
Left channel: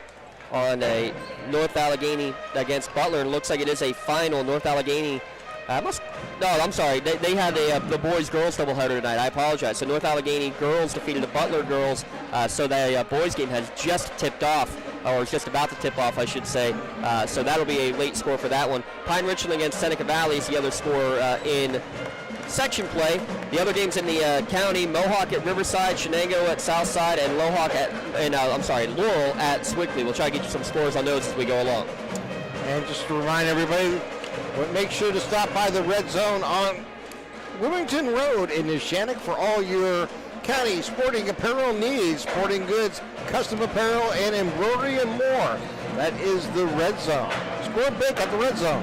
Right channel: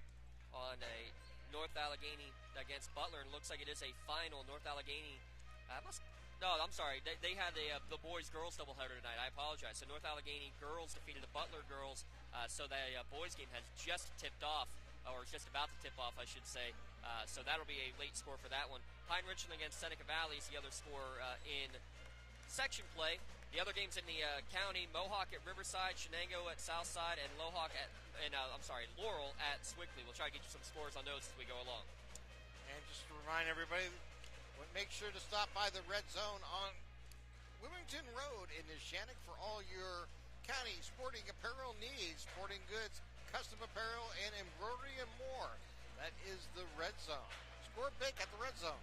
on a North Allegheny against Butler. And looks like it is a final. North Allegheny No, I'm sorry. They had the boys-girls doubleheader tonight. I apologize. So North Allegheny girls defeated the Butler girls. So the boys game has just tipped off, or is just about to tip off, I should say. So that'll be a late score for that one. Pine Richland against Seneca Valley is the other score in section play. The other games in the county: Mohawk at Riverside, Shenango at Southside, and Laurel at Sewickley. We'll try to get you some scores on those as we go along. And just to remind everybody, make sure to stop by the Red Zone on Wilmington Road in Neshannock for all your county sporting apparel needs, sporting goods, custom apparel, and embroidery and more. That is the Red Zone. Score big at the Red Zone.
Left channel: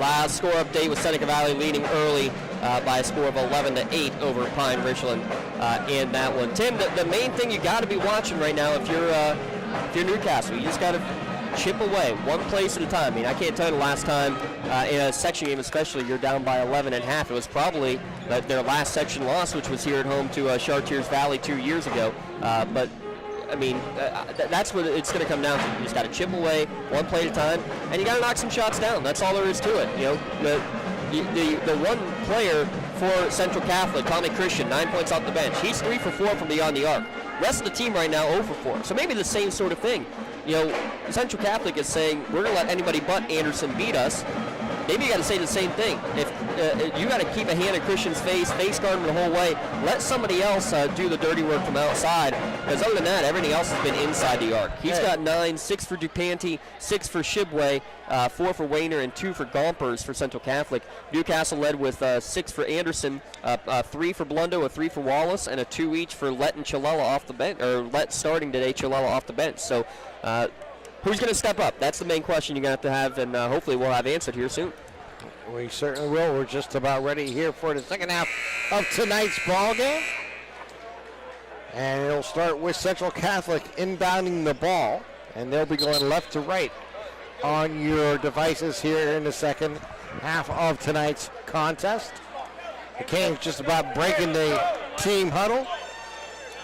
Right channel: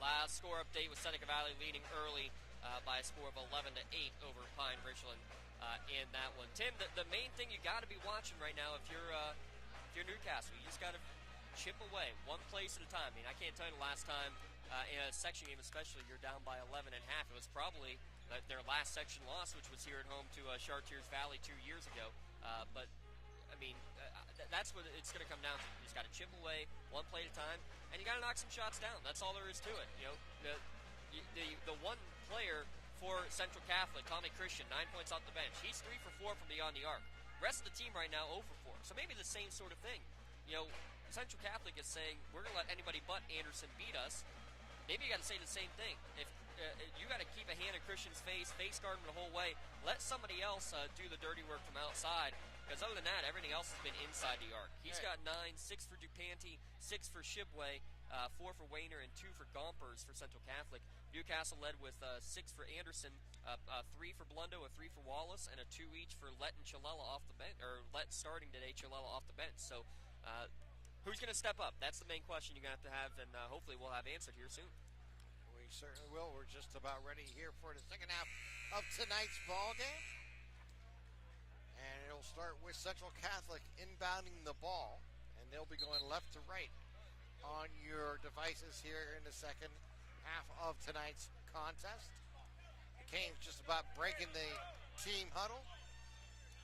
Last score update with Seneca Valley leading early by a score of 11-8 over Pine Richland in that one. Tim, the main thing you got to be watching right now if you're Newcastle, you just got to chip away, one place at a time. I mean, I can't tell you the last time in a section game especially you're down by 11.5. It was probably their last section loss, which was here at home to Chartiers Valley 2 years ago. But, I mean, that's what it's going to come down to. You just got to chip away, one play at a time, and you got to knock some shots down. That's all there is to it. The one player for Central Catholic, Tommy Christian, 9 points off the bench. He's 3 for 4 from beyond the arc. Rest of the team right now 0 for 4. So maybe the same sort of thing. Central Catholic is saying, we're going to let anybody but Anderson beat us. Maybe you got to say the same thing. If you got to keep a hand in Christian's face guard him the whole way, let somebody else do the dirty work from outside. Because other than that, everything else has been inside the arc. He's got 9, 6 for DuPante, 6 for Shibway, 4 for Wayner, and 2 for Gompers for Central Catholic. Newcastle led with 6 for Anderson, 3 for Blundo, a 3 for Wallace, and a 2 each for Lett and Chilella off the bench, or Lett starting today, Chilella off the bench. So who's going to step up? That's the main question you're going to have, and hopefully we'll have answered here soon. We certainly will. We're just about ready here for the second half of tonight's ball game. And it'll start with Central Catholic inbounding the ball, and they'll be going left to right on your devices here in the second half of tonight's contest. The Canes just about breaking the team huddle,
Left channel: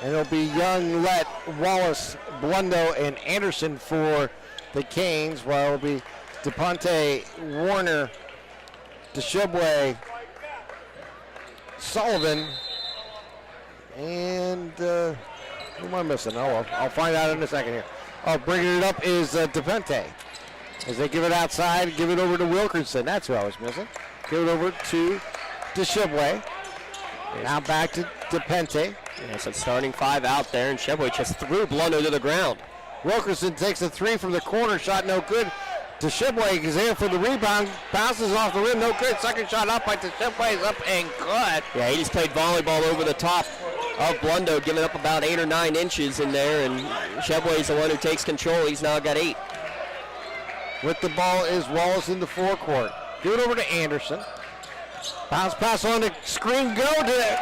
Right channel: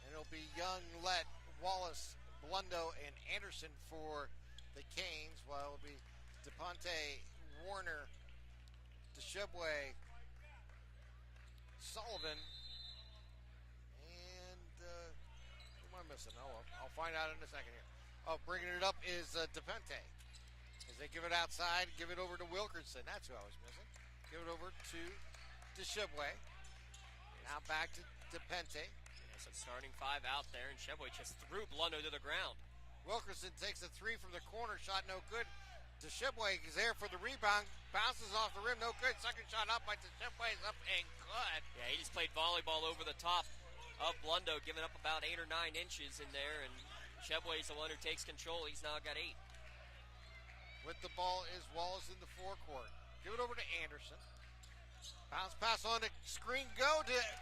and it'll be Young, Lett, Wallace, Blundo, and Anderson for the Canes, while it'll be DePonte, Warner, DeShibway, Sullivan, and who am I missing? Oh, well, I'll find out in a second here. Bringing it up is DePonte. As they give it outside, give it over to Wilkerson. That's who I was missing. Give it over to DeShibway. Now back to DePonte. So starting 5 out there, and Shibway just threw Blundo to the ground. Wilkerson takes a 3 from the corner, shot no good. DeShibway is there for the rebound, bounces off the rim, no good. Second shot up by DeShibway is up and good. Yeah, he just played volleyball over the top of Blundo, giving up about 8 or 9 inches in there, and Shibway's the one who takes control. He's now got 8. With the ball is Wallace in the forecourt. Give it over to Anderson. Bounce pass on the screen, go to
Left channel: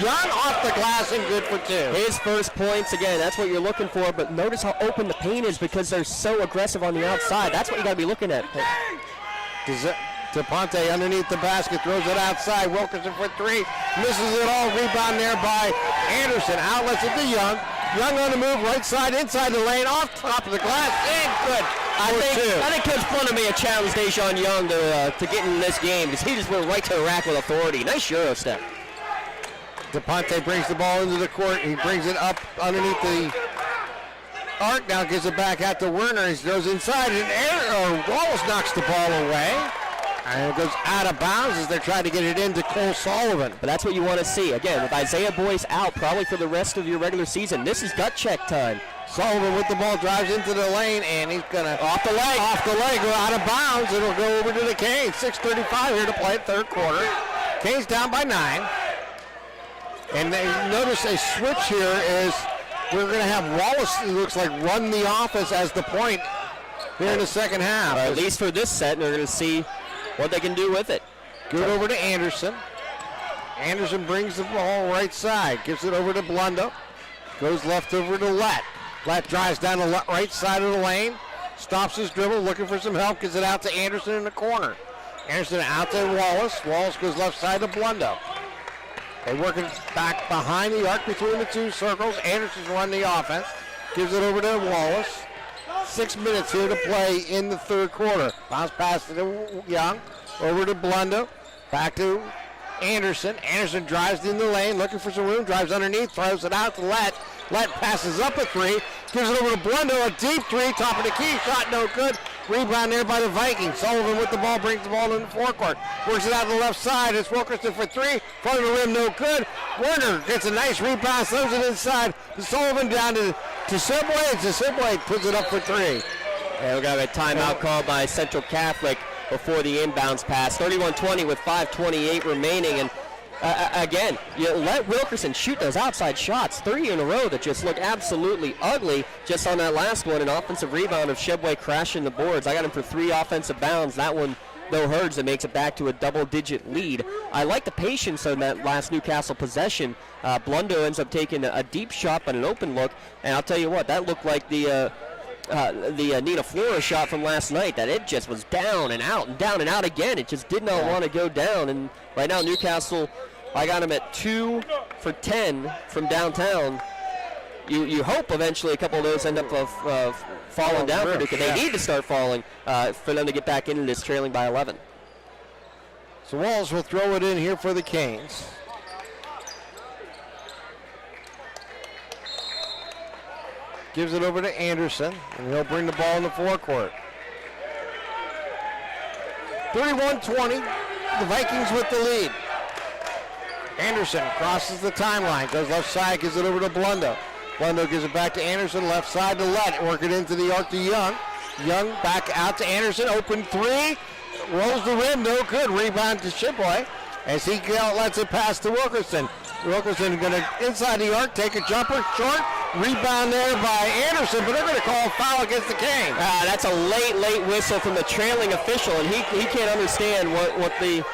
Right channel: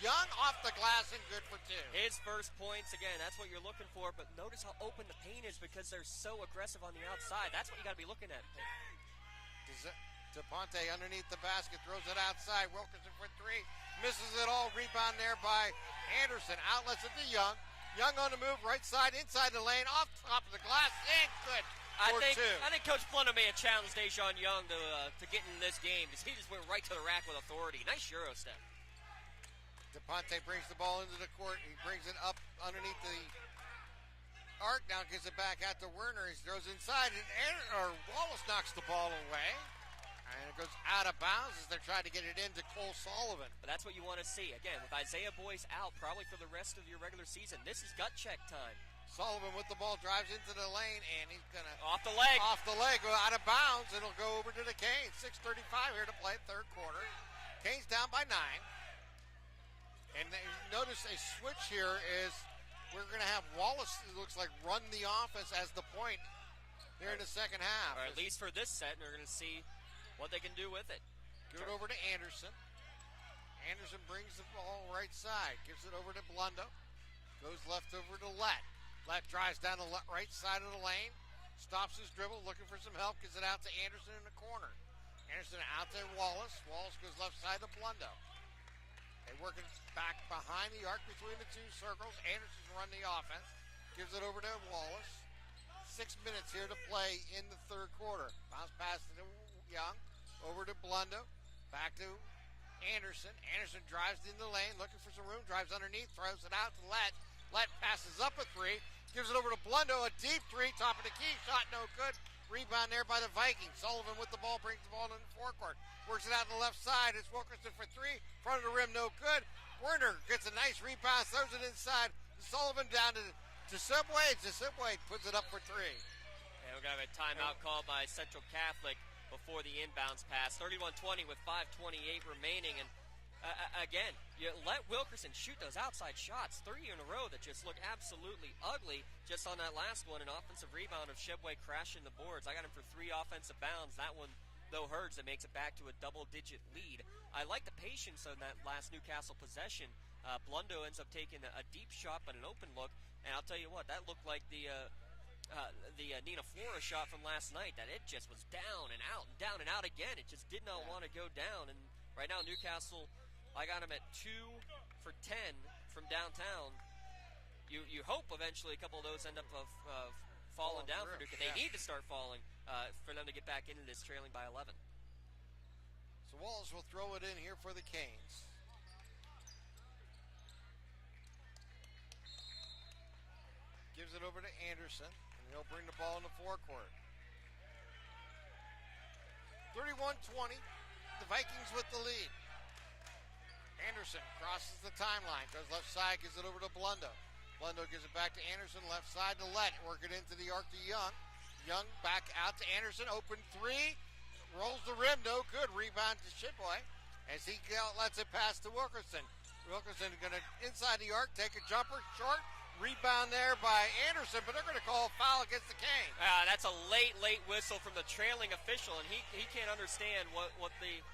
Young off the glass and good for 2. His first points, again, that's what you're looking for, but notice how open the paint is because they're so aggressive on the outside. That's what you got to be looking at. DePonte underneath the basket, throws it outside. Wilkerson for 3, misses it all. Rebound there by Anderson. Outlets it to Young. Young on the move, right side, inside the lane, off top of the glass, and good. I think Coach Blundo may have challenged Dejon Young to get in this game because he just went right to the rack with authority. Nice Euro step. DePonte brings the ball into the court. He brings it up underneath the arc. Now gives it back out to Werner. He goes inside, and Wallace knocks the ball away. And it goes out of bounds as they're trying to get it into Cole Sullivan. But that's what you want to see. Again, with Isaiah Boyce out probably for the rest of your regular season, this is gut check time. Sullivan with the ball, drives into the lane, and he's going to off the leg, go out of bounds. It'll go over to the Canes. 6:35 here to play third quarter. Canes down by 9. And notice a switch here is we're going to have Wallace, it looks like, run the offense as the point here in the second half. Or at least for this set, they're going to see what they can do with it. Give it over to Anderson. Anderson brings the ball right side, gives it over to Blundo. Goes left over to Lett. Lett drives down the right side of the lane, stops his dribble, looking for some help, gives it out to Anderson in the corner. Anderson out to Wallace. Wallace goes left side to Blundo. They work it back behind the arc between the two circles. Anderson's running the offense. Gives it over to Wallace. 6 minutes here to play in the third quarter. Bounce pass to Young. over to Blundo, back to Anderson. Anderson drives in the lane, looking for some room, drives underneath, throws it out to Lett. Lett passes up a three, gives it over to Blundo, a deep three, top of the key, shot no good. Rebound there by the Vikings. Sullivan with the ball, brings the ball in the forecourt. Works it out to the left side. It's Wilkerson for three. Front of the rim, no good. Werner gets a nice rebound, throws it inside. To Sullivan down to Sibway. Sibway puts it up for three. Yeah, we got a timeout called by Central Catholic before the inbounds pass. 31-20 with 5:28 remaining. And again, you let Wilkerson shoot those outside shots, 3 in a row that just look absolutely ugly. Just on that last one, an offensive rebound of Shebway crashing the boards. I got him for 3 offensive bounds. That one, though, hurts and makes it back to a double-digit lead. I like the patience on that last Newcastle possession. Blundo ends up taking a deep shot but an open look, and I'll tell you what, that looked like the Nina Flora shot from last night, that it just was down and out again. It just did not want to go down. And right now Newcastle, I got him at 2 for 10 from downtown. You hope eventually a couple of those end up falling down for Duke. They need to start falling for them to get back into this, trailing by 11. So Wallace will throw it in here for the Canes. Gives it over to Anderson, and he'll bring the ball in the forecourt. 31-20, the Vikings with the lead. Anderson crosses the timeline, goes left side, gives it over to Blundo. Blundo gives it back to Anderson, left side to Lett, work it into the arc to Young. Young back out to Anderson, open three, rolls the rim, no good. Rebound to Shibway as he lets it pass to Wilkerson. Wilkerson going to inside the arc, take a jumper, short. Rebound there by Anderson, but they're going to call a foul against the Canes. That's a late whistle from the trailing official, and he can't understand what the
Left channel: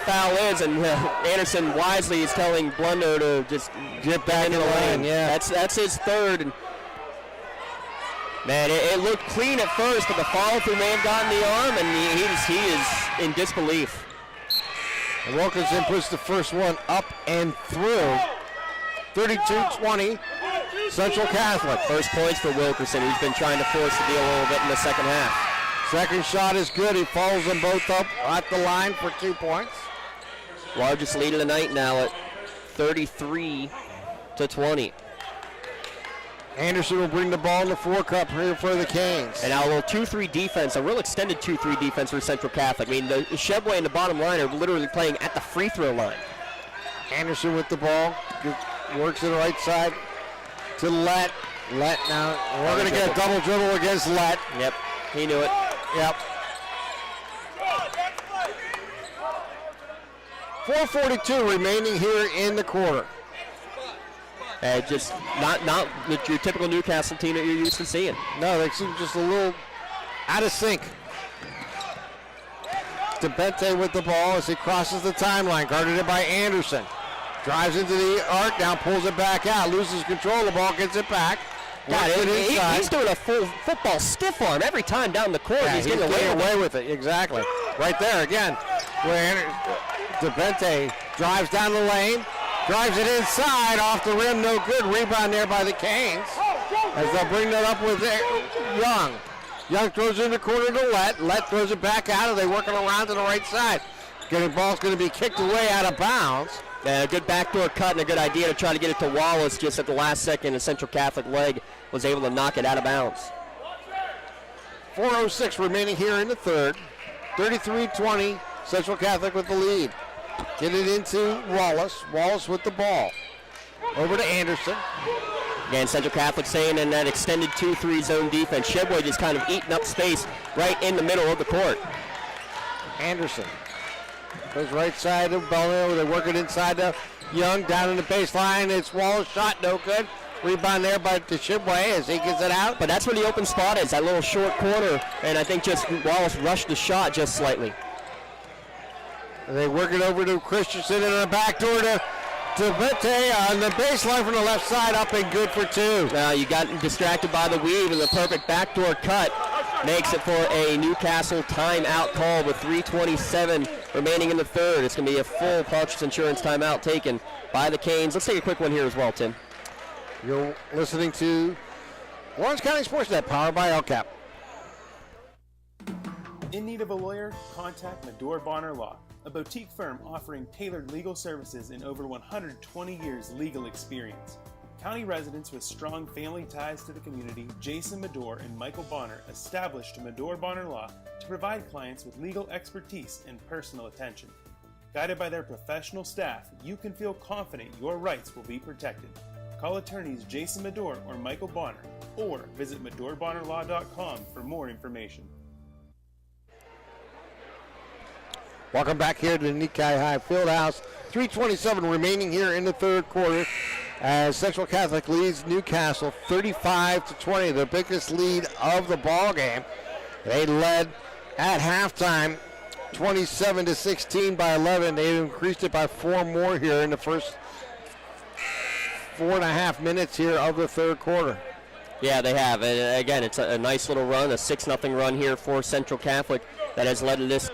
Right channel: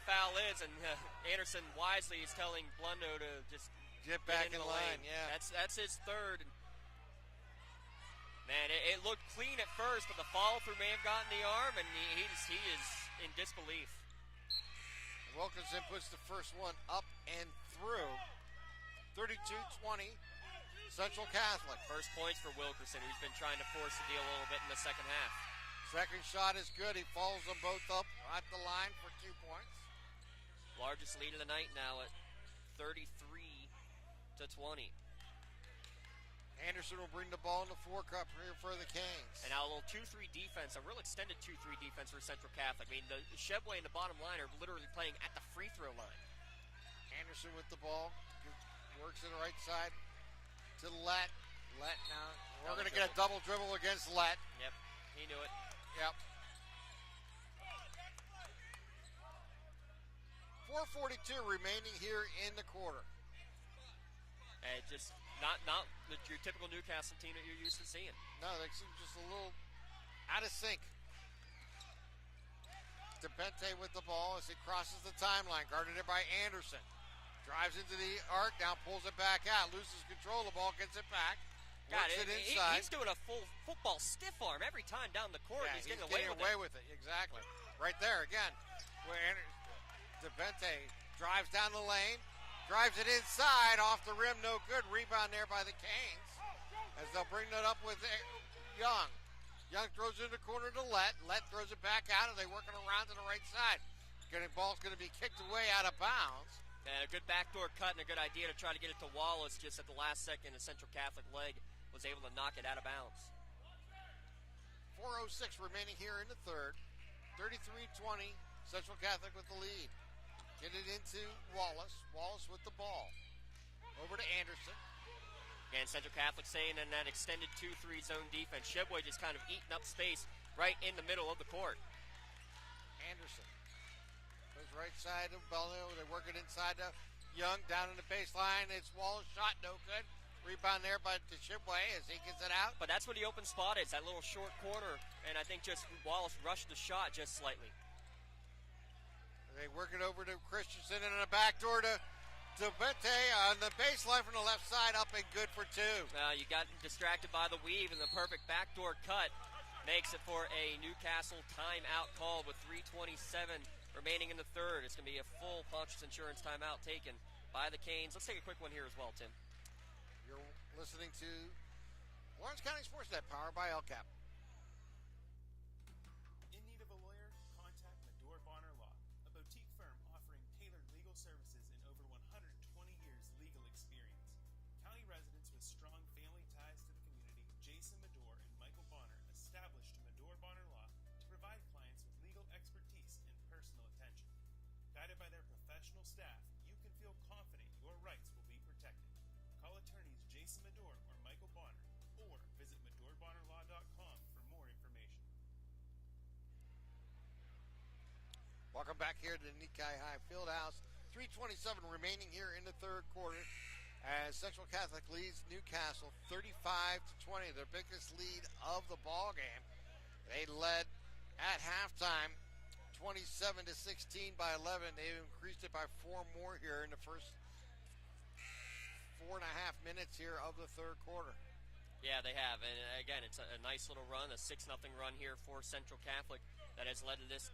foul is, and Anderson wisely is telling Blundo to just get back in the lane. Yeah, that's his third. And man, it looked clean at first, but the follow-through may have gotten the arm, and he is in disbelief. And Wilkinson puts the first one up and through. 32-20, Central Catholic. First points for Wilkerson. He's been trying to force the deal a little bit in the second half. Second shot is good. He follows them both up at the line for 2 points. Largest lead of the night now at 33-20. Anderson will bring the ball in the forecourt here for the Canes. And now a little 2-3 defense, a real extended 2-3 defense for Central Catholic. I mean, the Shebway and the bottom line are literally playing at the free throw line. Anderson with the ball, works to the right side to Lett. Lett now, we're going to get a double dribble against Lett. Yep, he knew it. Yep. 4:42 remaining here in the quarter. Just not your typical Newcastle team that you're used to seeing. No, they seem just a little out of sync. DeBente with the ball as he crosses the timeline, guarded it by Anderson. Drives into the arc, now pulls it back out, loses control of the ball, gets it back. God, he's doing a full football stiff arm every time down the court. Yeah, he's getting away with it. Exactly. Right there again, where DeBente drives down the lane, drives it inside, off the rim, no good. Rebound there by the Canes as they'll bring that up with Young. Young throws it in the corner to Lett. Lett throws it back out, and they working around to the right side. Ball's going to be kicked away out of bounds. A good backdoor cut and a good idea to try to get it to Wallace just at the last second. The Central Catholic leg was able to knock it out of bounds. 4:06 remaining here in the third. 33-20, Central Catholic with the lead. Get it into Wallace. Wallace with the ball. Over to Anderson. Again, Central Catholic saying in that extended 2-3 zone defense. Shebway just kind of eating up space right in the middle of the court. Anderson goes right side of Belleville. They work it inside to Young. Down in the baseline. It's Wallace. Shot no good. Rebound there by Shibway as he gets it out. But that's where the open spot is, that little short corner. And I think just Wallace rushed the shot just slightly. And they work it over to Christensen and a backdoor to Bette on the baseline from the left side, up and good for two. Now you got distracted by the weave, and the perfect backdoor cut makes it for a Newcastle timeout call with 3:27 remaining in the third. It's going to be a full Pulch's Insurance timeout taken by the Canes. Let's take a quick one here as well, Tim. You're listening to Lawrence County SportsNet, powered by LCAP. In need of a lawyer? Contact Medore Bonner Law, a boutique firm offering tailored legal services in over 120 years legal experience. County residents with strong family ties to the community, Jason Medore and Michael Bonner, established Medore Bonner Law to provide clients with legal expertise and personal attention. Guided by their professional staff, you can feel confident your rights will be protected. Call attorneys Jason Medore or Michael Bonner, or visit MedoreBonnerLaw.com for more information. Welcome back here to the Nikkei High Fieldhouse. 3:27 remaining here in the third quarter as Central Catholic leads Newcastle 35-20, the biggest lead of the ball game. They led at halftime 27-16 by 11. They increased it by 4 more here in the first 4.5 minutes here of the third quarter. Yeah, they have. And again, it's a nice little run, a 6-0 run here for Central Catholic that has led to this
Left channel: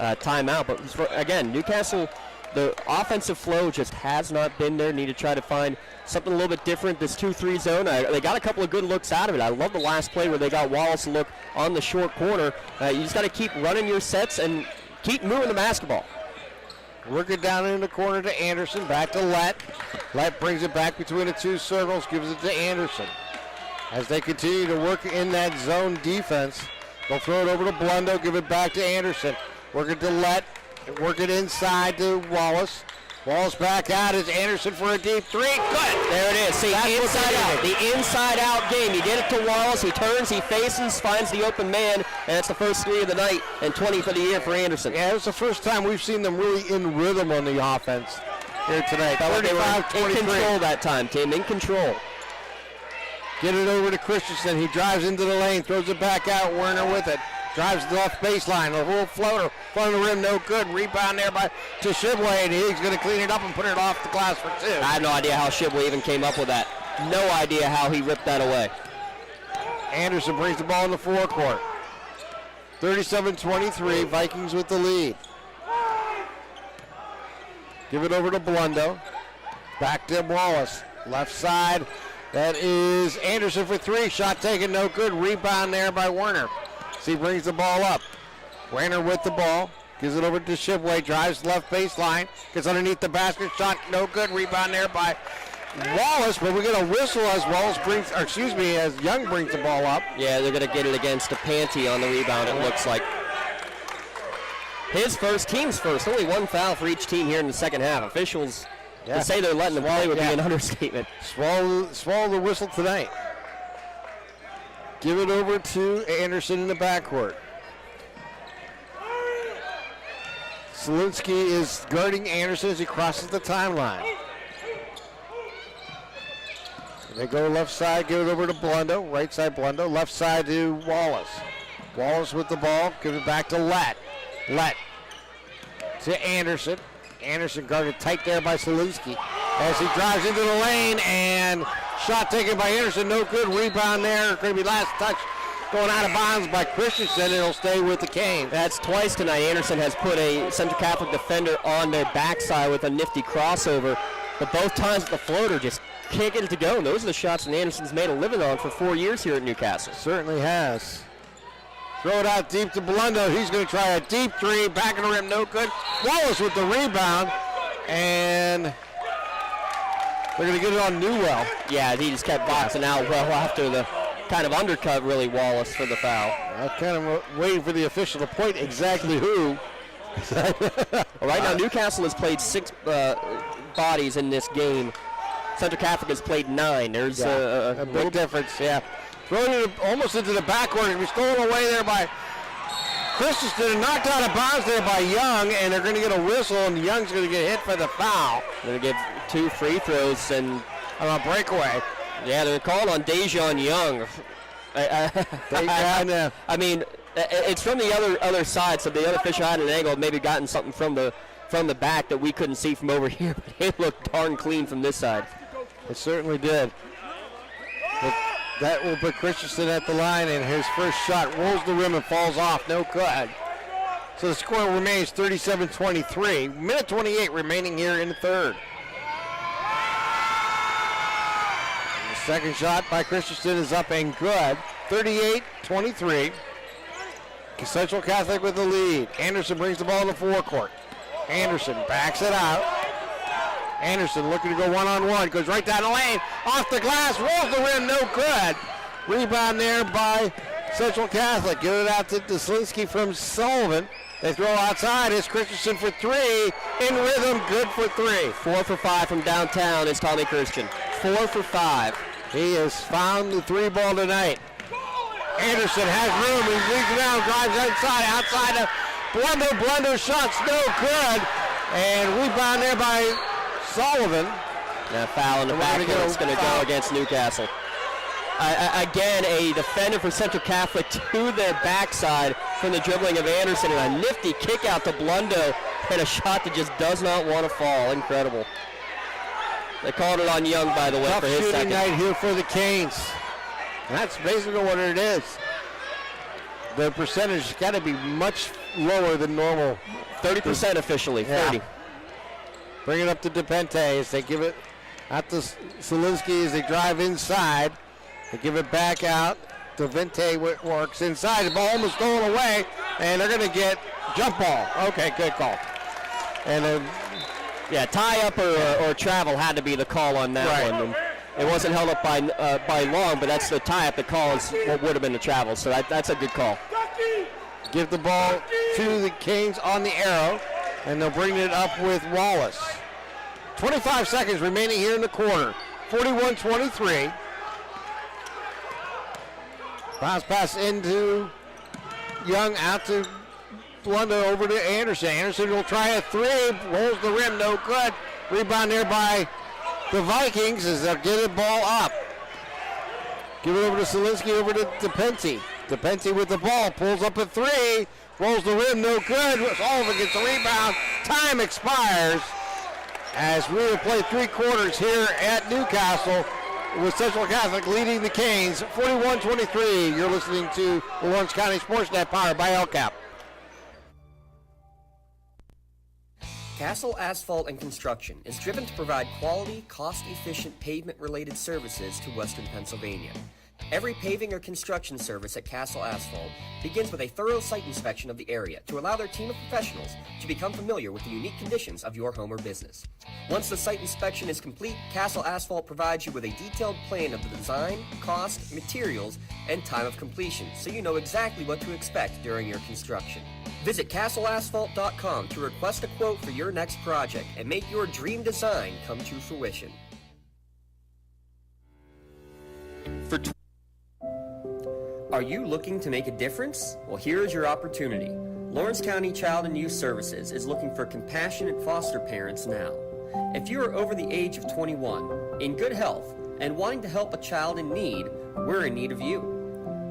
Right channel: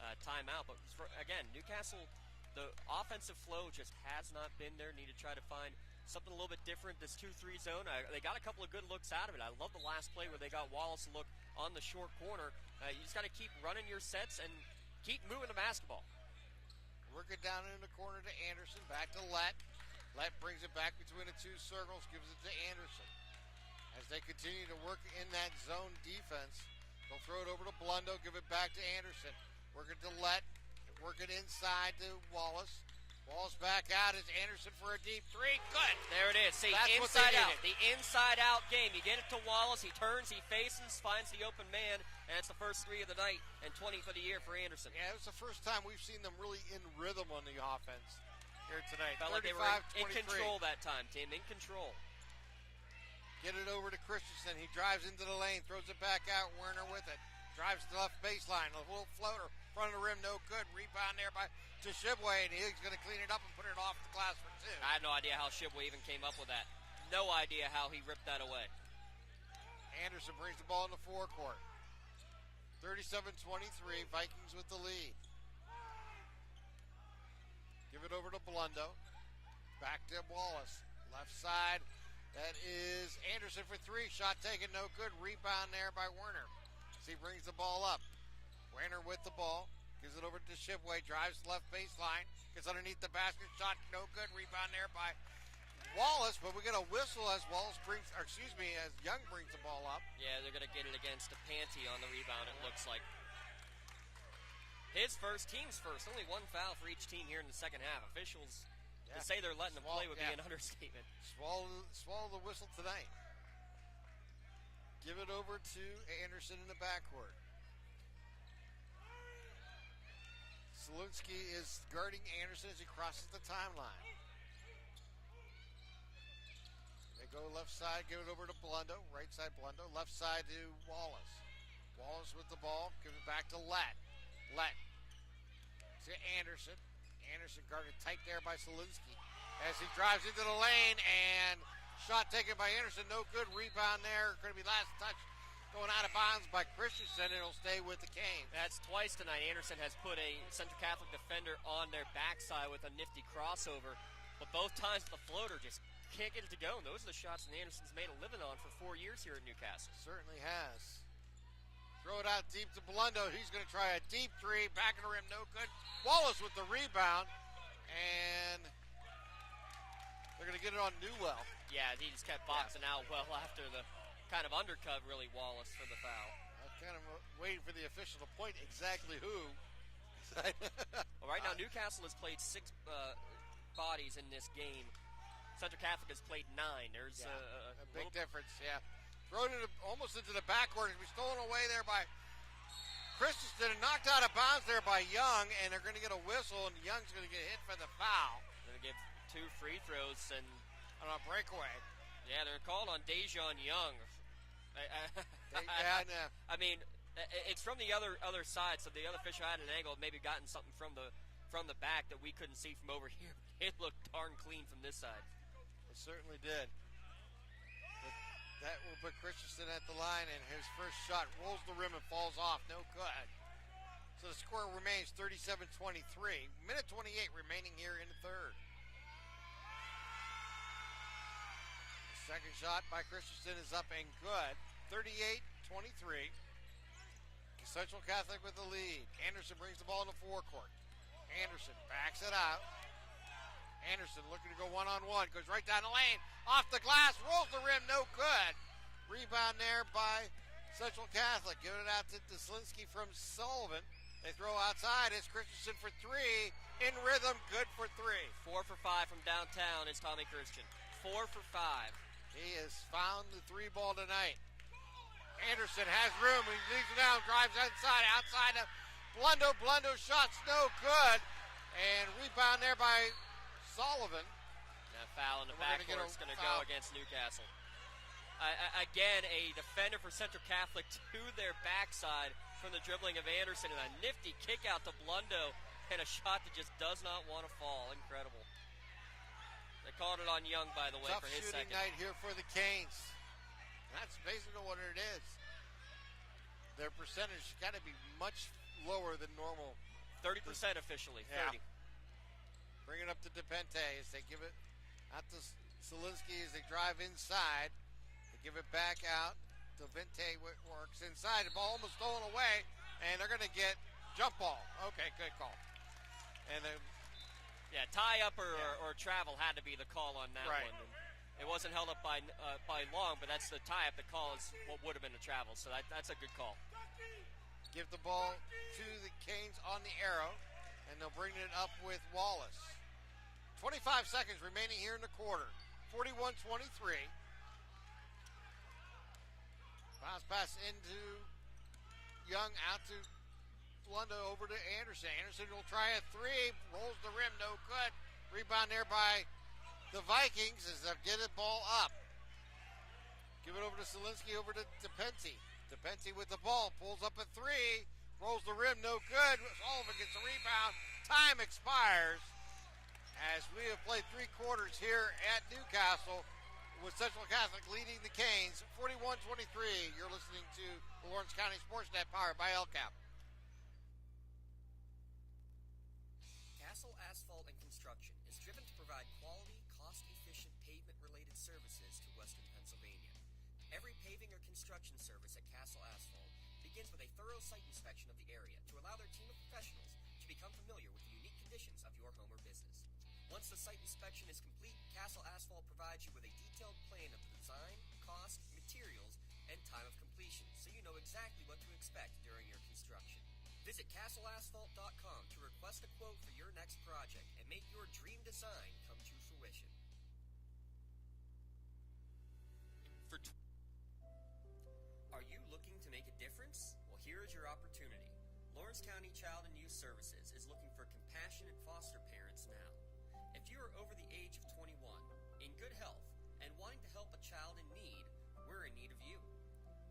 timeout. But again, Newcastle, the offensive flow just has not been there. Need to try to find something a little bit different. This 2-3 zone, they got a couple of good looks out of it. I love the last play where they got Wallace to look on the short corner. You just got to keep running your sets and keep moving the basketball. Work it down in the corner to Anderson, back to Lett. Lett brings it back between the two circles, gives it to Anderson. As they continue to work in that zone defense, they'll throw it over to Blundo, give it back to Anderson. Work it to Lett, work it inside to Wallace. Wallace back out is Anderson for a deep 3. Good. There it is. See, inside out. The inside out game. You get it to Wallace. He turns, he faces, finds the open man, and that's the first 3 of the night and 20 for the year for Anderson. Yeah, it was the first time we've seen them really in rhythm on the offense here tonight. 35-23. In control that time, Tim. In control. Get it over to Christensen. He drives into the lane, throws it back out. Werner with it. Drives the left baseline. A little floater. Front of the rim, no good. Rebound there by Shibway, and he's going to clean it up and put it off the glass for 2. I have no idea how Shibway even came up with that. No idea how he ripped that away. Anderson brings the ball in the forecourt. 37-23, Vikings with the lead. Give it over to Blundo. Back to Wallace. Left side. That is Anderson for 3. Shot taken, no good. Rebound there by Werner. So he brings the ball up. Werner with the ball. Gives it over to Shibway. Drives left baseline. Gets underneath the basket. Shot no good. Rebound there by Wallace. But we get a whistle as as Young brings the ball up. Yeah, they're going to get it against DePanti on the rebound, it looks like. His first, team's first. Only 1 foul for each team here in the second half. Officials to say they're letting them play would be an understatement. Swallow the whistle tonight. Give it over to Anderson in the backcourt. Solinsky is guarding Anderson as he crosses the timeline. They go left side, give it over to Blundo. Right side Blundo, left side to Wallace. Wallace with the ball, give it back to Lett. Lett to Anderson. Anderson guarded tight there by Solinsky as he drives into the lane, and shot taken by Anderson, no good. Rebound there, going to be last touch going out of bounds by Christensen. It'll stay with the Canes. That's twice tonight. Anderson has put a Central Catholic defender on their backside with a nifty crossover, but both times the floater just can't get it to go. And those are the shots that Anderson's made a living on for 4 years here at Newcastle. Certainly has. Throw it out deep to Blundo. He's going to try a deep 3. Back of the rim, no good. Wallace with the rebound. And they're going to get it on Newell. Yeah, he just kept boxing out well after the kind of undercut, really, Wallace for the foul. I was kind of waiting for the official to point exactly who. Well, right now, Newcastle has played 6 bodies in this game. Central Catholic has played 9. There's a big difference, yeah. Throwing it almost into the backcourt. It was stolen away there by Christensen and knocked out of bounds there by Young, and they're going to get a whistle, and Young's going to get hit for the foul. They're going to get 2 free throws and a breakaway. Yeah, they're called on Dejon Young. I mean, it's from the other side, so the other official had an angle, maybe gotten something from the back that we couldn't see from over here. But it looked darn clean from this side. It certainly did. But that will put Christensen at the line, and his first shot rolls the rim and falls off. No good. So the score remains 37-23. Minute 28 remaining here in the third. The second shot by Christensen is up and good. 38-23. Central Catholic with the lead. Anderson brings the ball in the forecourt. Anderson backs it out. Anderson looking to go one-on-one. Goes right down the lane. Off the glass. Rolls the rim. No good. Rebound there by Central Catholic. Get it out to Deslinski from Sullivan. They throw outside. It's Christensen for three. In rhythm. Good for three. 4 for 5 from downtown is Tommy Christian. 4 for 5. He has found the three ball tonight. Anderson has room. He leads around, drives inside, outside of Blunder shots, no good. And rebound there by Sullivan. Now foul in the backcourt. It's going to go against Newcastle. Again, a defender for Central Catholic to their backside from the dribbling of Anderson, and a nifty kick out to Blundo, and a shot that just does not want to fall. Incredible. They called it on Young, by the way, Tough for his second. night here for the Canes. And that's basically what it is. The percentage has got to be much lower than normal. 30% officially, 30. Yeah. Bring it up to DePente as they give it out to Solinsky as they drive inside. They give it back out to Vente. Works inside. The ball almost stolen away, and they're going to get jump ball. Okay, good call. And yeah, tie up or travel had to be the call on that one. And it wasn't held up by Long, but that's the tie up. The call is what would have been the travel. So that's a good call. Give the ball to the Canes on the arrow, and they'll bring it up with Wallace. 25 seconds remaining here in the quarter. 41-23. Bounce pass into Young, out to Blunder, over to Anderson. Anderson will try a three, rolls the rim, no good. Rebound there by the Vikings as they'll get the ball up. Give it over to Solinsky, over to DePente. DePente with the ball, pulls up a three, rolls the rim, no good. Sullivan gets the rebound. Time expires as we will play three quarters here at Newcastle with Central Catholic leading the Canes 41-23. You're listening to the Lawrence County SportsNet, powered by LCAP. Castle Asphalt and Construction is driven to provide quality, cost-efficient pavement-related services to Western Pennsylvania. Every paving or construction service at Castle Asphalt begins with a thorough site inspection of the area to allow their team of professionals to become familiar with the unique conditions of your home or business. Once the site inspection is complete, Castle Asphalt provides you with a detailed plan of the design, cost, materials, and time of completion, so you know exactly what to expect during your construction. Visit castleasphalt.com to request a quote for your next project and make your dream design come to fruition. Are you looking to make a difference? Well, here is your opportunity. Lawrence County Child and Youth Services is looking for compassionate foster parents now. If you are over the age of 21, in good health, and wanting to help a child in need, we're in need of you.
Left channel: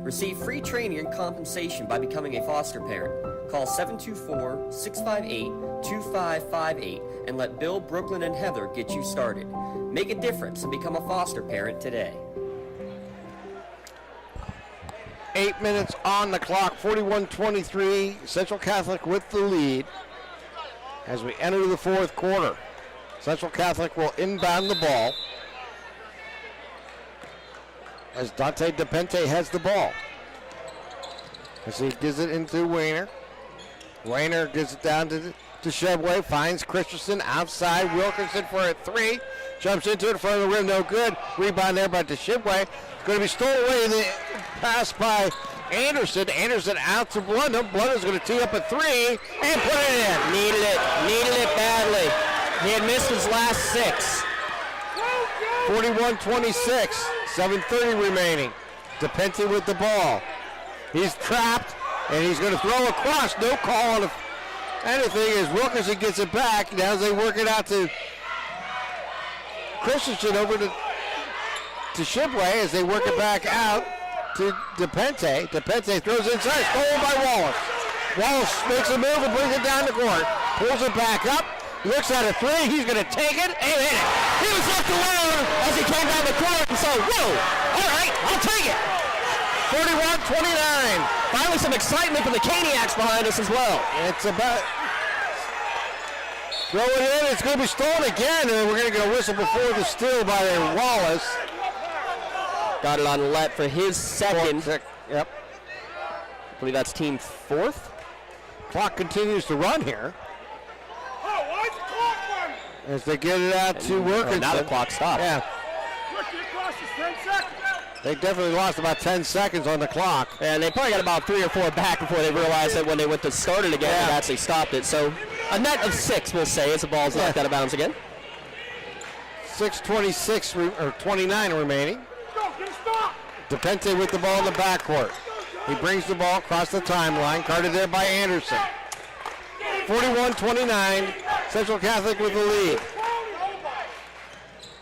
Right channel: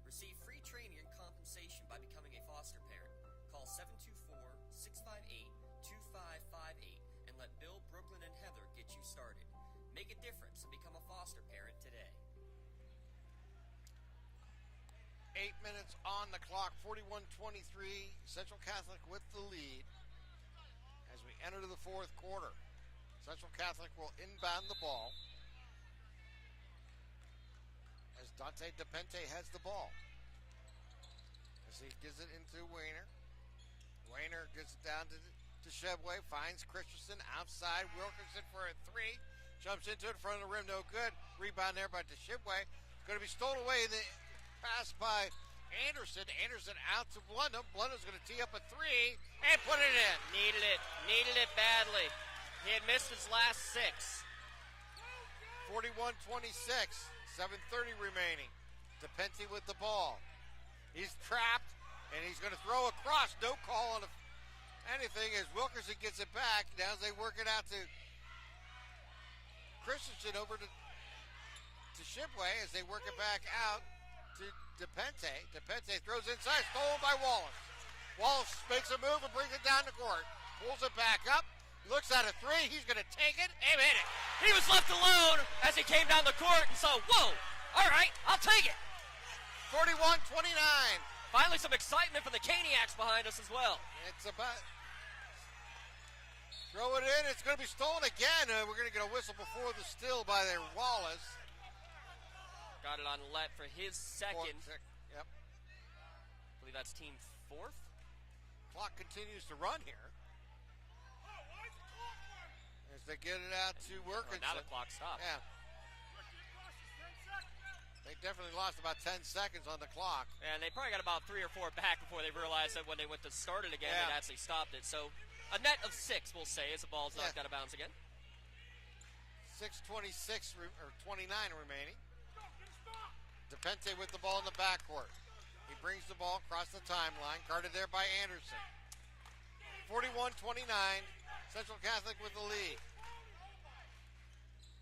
Receive free training and compensation by becoming a foster parent. Call 724-658-2558 and let Bill, Brooklyn, and Heather get you started. Make a difference and become a foster parent today. 8 minutes on the clock, 41-23, Central Catholic with the lead as we enter the fourth quarter. Central Catholic will inbound the ball as Dante DePente has the ball. As he gives it into Wayner. Wayner gives it down to Shebway, finds Christensen outside. Wilkinson for a three, jumps into it in front of the rim, no good. Rebound there by Shebway. Going to be stolen away in the pass by Anderson. Anderson out to Blunder. Blunder's going to tee up a three and put it in. Needed it badly. He had missed his last six. 41-26, 7:30 remaining. DePente with the ball. He's trapped, and he's going to throw across. No call on anything as Wilkinson gets it back. Now as they work it out to Christensen over to Shibway as they work it back out to DePente. DePente throws inside, stolen by Wallace. Wallace makes a move and brings it down the court. Pulls it back up, looks at a three, he's going to take it and hit it. He was left alone as he came down the court, and so, whoa, all right, I'll take it. 41-29. Finally some excitement from the Caniacs behind us as well. It's about throw it in, it's going to be stolen again, and we're going to get a whistle before the steal by Wallace. Got it on Lett for his second. Yep. I believe that's team 4th. Clock continues to run here. As they get it out to Wilkinson. Now the clock stopped. Yeah. They definitely lost about 10 seconds on the clock. And they probably got about 3 or 4 back before they realized that when they went to start it again, it actually stopped it. So a net of 6, we'll say, as the ball's knocked out of bounds again. 6:26 or 29 remaining. DePente with the ball in the backcourt. He brings the ball across the timeline, guarded there by Anderson. 41-29, Central Catholic with the lead.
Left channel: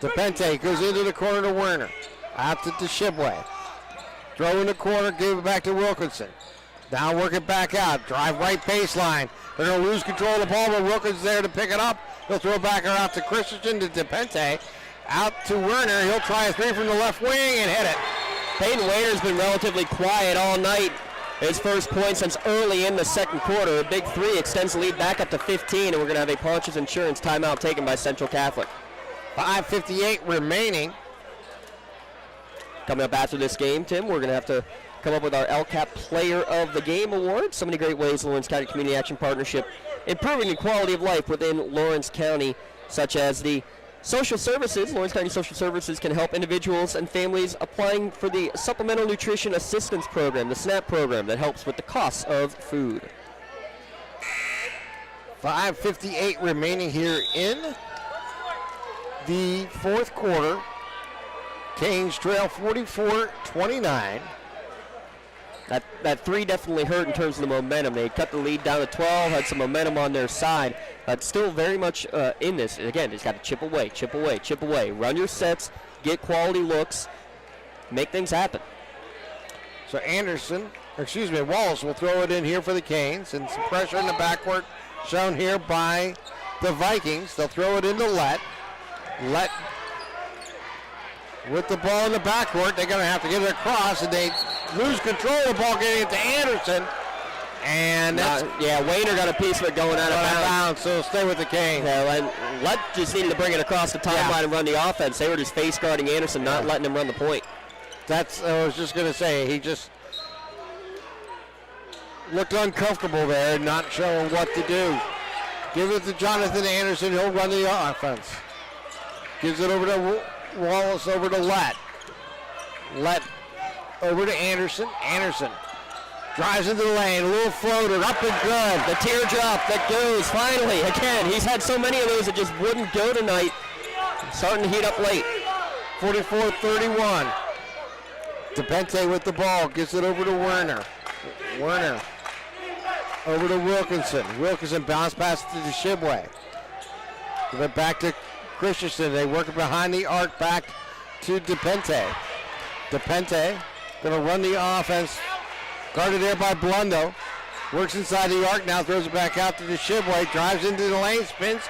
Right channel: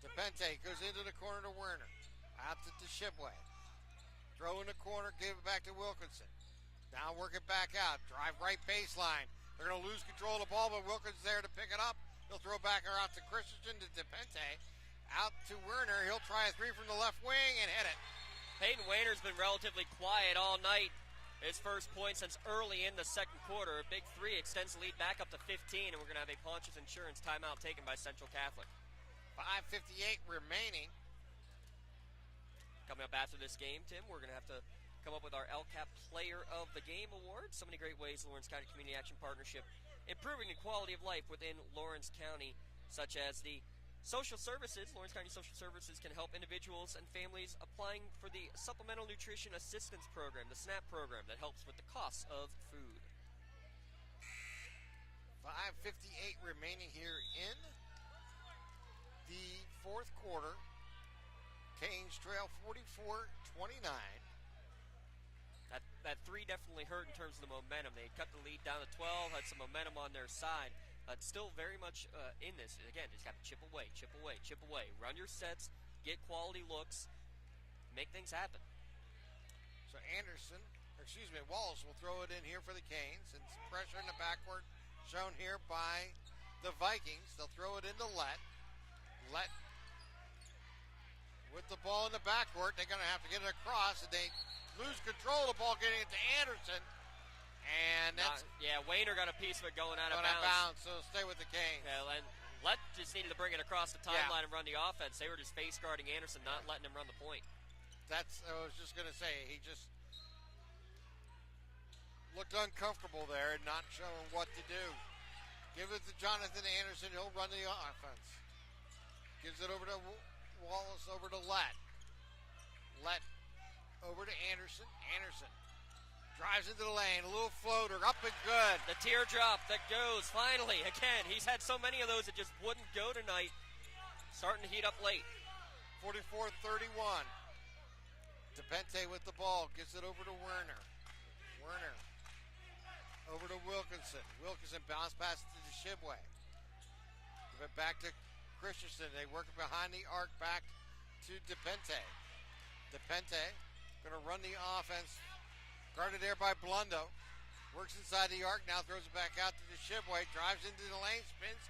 DePente goes into the corner to Werner. Out to Shibway. Throw in the corner, give it back to Wilkinson. Now work it back out. Drive right baseline. They're going to lose control of the ball, but Wilkinson's there to pick it up. He'll throw it back out to Christensen, to DePente. Out to Werner. He'll try a 3 from the left wing and hit it. Peyton Wayner's been relatively quiet all night. His first point since early in the second quarter. A big 3 extends the lead back up to 15, and we're going to have a Ponch's Insurance timeout taken by Central Catholic. 5:58 remaining. Coming up after this game, Tim, we're going to have to come up with our LCAP Player of the Game Award. So many great ways the Lawrence County Community Action Partnership improving the quality of life within Lawrence County, such as the social services. Lawrence County Social Services can help individuals and families applying for the Supplemental Nutrition Assistance Program, the SNAP program that helps with the costs of food. 5:58 remaining here in the fourth quarter. Canes trail 44-29. That 3 definitely hurt in terms of the momentum. They cut the lead down to 12, had some momentum on their side, but still very much in this. Again, just got to chip away, chip away, chip away. Run your sets, get quality looks, make things happen. So Wallace will throw it in here for the Canes, and some pressure in the backcourt shown here by the Vikings. They'll throw it into Lett. Lett with the ball in the backcourt. They're going to have to get it across, and they lose control of the ball, getting it to Anderson. And that's... Wayner got a piece of it going out of bounds. So stay with the Canes. Yeah, Lett just needed to bring it across the timeline and run the offense. They were just face guarding Anderson, not letting him run the point. That's, I was just going to say, he just looked uncomfortable there and not showing what to do. Give it to Jonathan Anderson. He'll run the offense. Gives it over to Wallace, over to Lett. Lett over to Anderson. Anderson drives into the lane. A little floater. Up and good. The teardrop that goes finally. Again, he's had so many of those that just wouldn't go tonight. Starting to heat up late. 44-31. DePente with the ball. Gives it over to Werner. Werner over to Wilkinson. Wilkinson bounce pass to the Shibway. Give it back to Christensen. They work it behind the arc back to DePente. DePente going to run the offense. Guarded there by Blundo. Works inside the arc now, throws it back out to the Shibway. Drives into the lane, spins,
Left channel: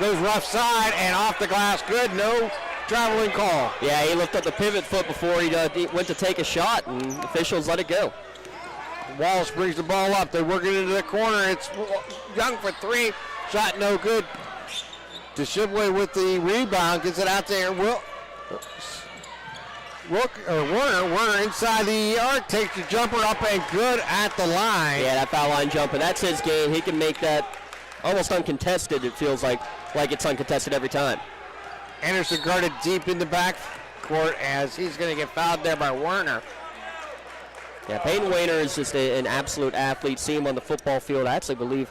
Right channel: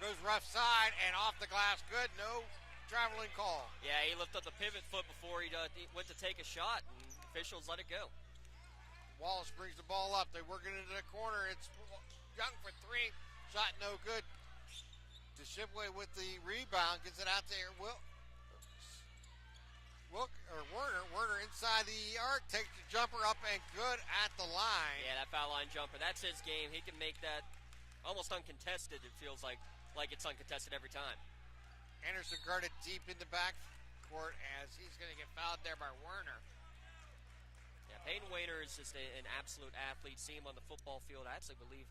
goes rough side, and off the glass. Good, no traveling call. Yeah, he lifted up the pivot foot before he went to take a shot, and officials let it go. Wallace brings the ball up. They work it into the corner. It's Young for 3. Shot no good. Shibway with the rebound, gets it out there. Werner inside the arc, takes the jumper up and good at the line. Yeah, that foul line jumper, that's his game. He can make that almost uncontested. It feels like it's uncontested every time. Anderson guarded deep in the back court as he's going to get fouled there by Werner. Yeah, Peyton Wayner is just an absolute athlete. See him on the football field. I actually believe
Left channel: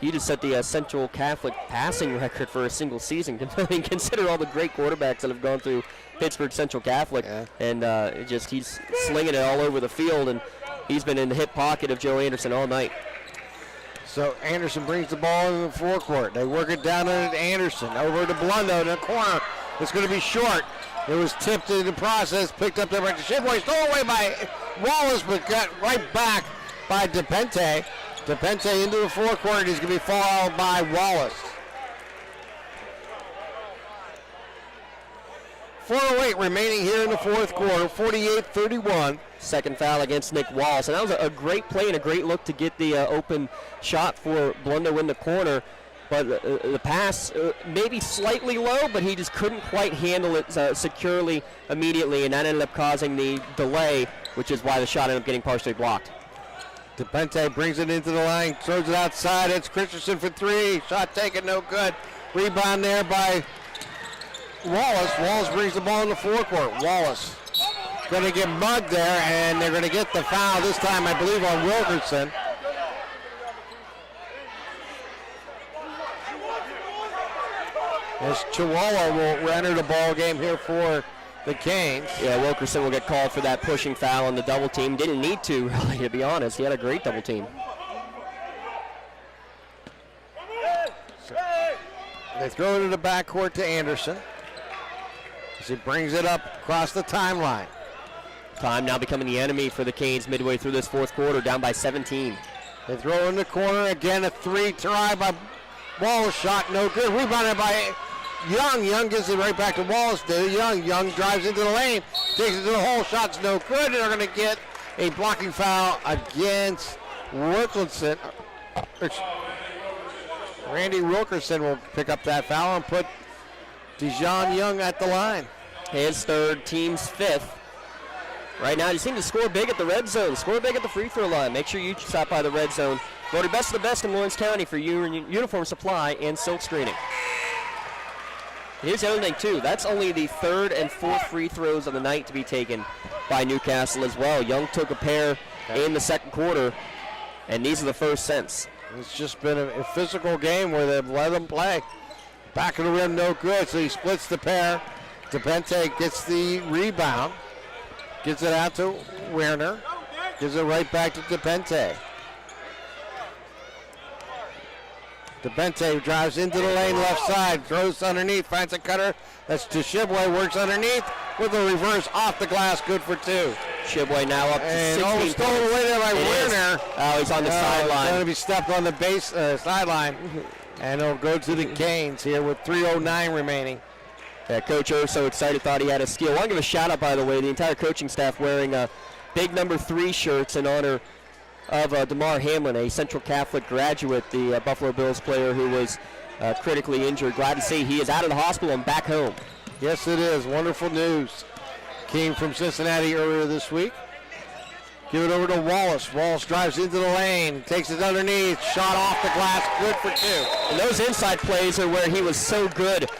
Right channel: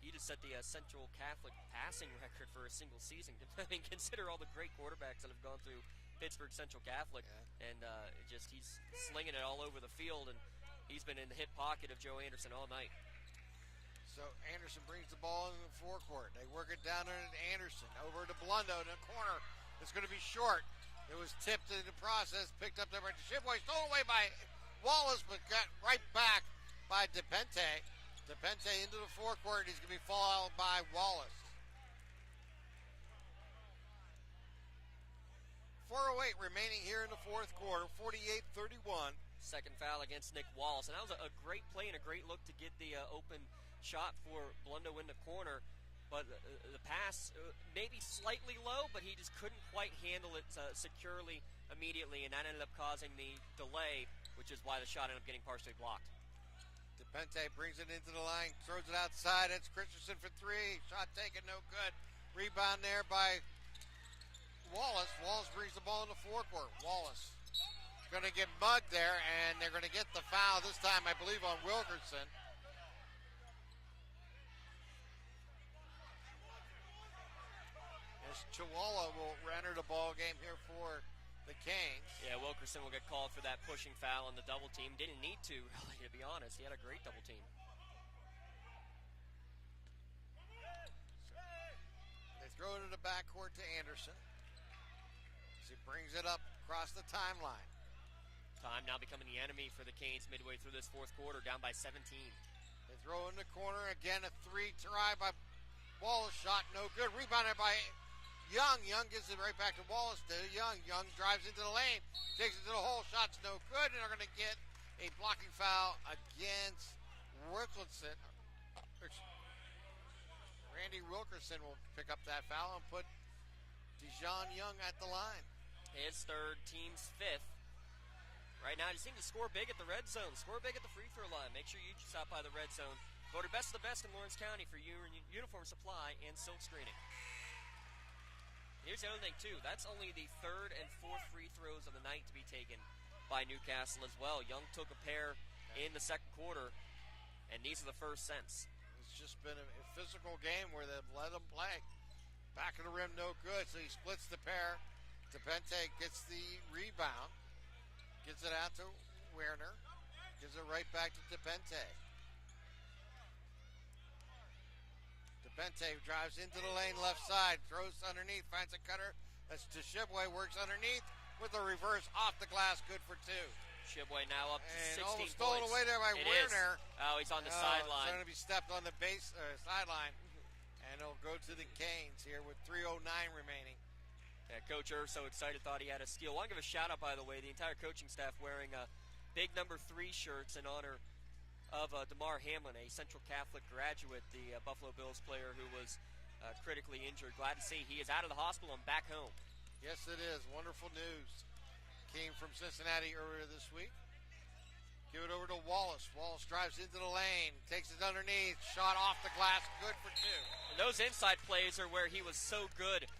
he just set the Central Catholic passing record for a single season. Consider all the great quarterbacks that have gone through Pittsburgh Central Catholic, and he's slinging it all over the field, and he's been in the hip pocket of Joe Anderson all night. So Anderson brings the ball in the forecourt. They work it down to Anderson, over to Blundo in the corner. It's going to be short. It was tipped in the process, picked up there by Shibway, stole away by Wallace, but got right back by DePente. DePente into the forecourt. He's going to be fouled by Wallace. 4:08 remaining here in the fourth quarter. 48-31. Second foul against Nick Wallace. And that was a great play and a great look to get the open shot for Blundo in the corner. But the pass maybe slightly low, but he just couldn't quite handle it securely immediately, and that ended up causing the delay, which is why the shot ended up getting partially blocked. DePente brings it into the line, throws it outside. It's Christensen for three. Shot taken, no good. Rebound there by Wallace. Wallace brings the ball in the forecourt. Wallace going to get mugged there, and they're going to get the foul this time, I believe, on Wilkerson. As Chihuahua will enter the ball game here for the Canes. Yeah, Wilkerson will get called for that pushing foul on the double team. Didn't need to, really, to be honest. He had a great double team. So they throw it to the backcourt to Anderson as he brings it up across the timeline. Time now becoming the enemy for the Canes midway through this fourth quarter, down by 17. They throw in the corner, again a three try by Wallace, shot no good. Rebounded by Young. Young gives it right back to Wallace. Young drives into the lane, takes it to the hole, shot's no good. And they're going to get a blocking foul against Wilkerson. Randy Wilkerson will pick up that foul and put Dijon Young at the line. His third, team's fifth. Right now, you seem to score big at the red zone, score big at the free throw line. Make sure you stop by the red zone. Voted best of the best in Lawrence County for uniform supply and silk screening. Here's the other thing, too. That's only the third and fourth free throws of the night to be taken by Newcastle as well. Young took a pair in the second quarter, and these are the first since. It's just been a physical game where they've let them play. Back of the rim, no good, so he splits the pair. DePente gets the rebound. Gets it out to Werner. Gives it right back to DePente. DePente drives into the lane left side. Throws underneath. Finds a cutter. That's to Shibway. Works underneath with a reverse off the glass. Good for two. Shibway now up to 16 points. Stolen away there by Werner. Oh, he's on the sideline. Going to be stepped on the base sideline. And it'll go to the Canes here with 3:09 remaining. Yeah, Coach Urso excited, thought he had a steal. I want to give a shout out, by the way, the entire coaching staff wearing big number 3 shirts in honor of DeMar Hamlin, a Central Catholic graduate, the Buffalo Bills player who was critically injured. Glad to see he is out of the hospital and back home. Yes, it is. Wonderful news. Came from Cincinnati earlier this week. Give it over to Wallace. Wallace drives into the lane, takes it underneath, shot off the glass, good for two. And those inside plays are where he was so good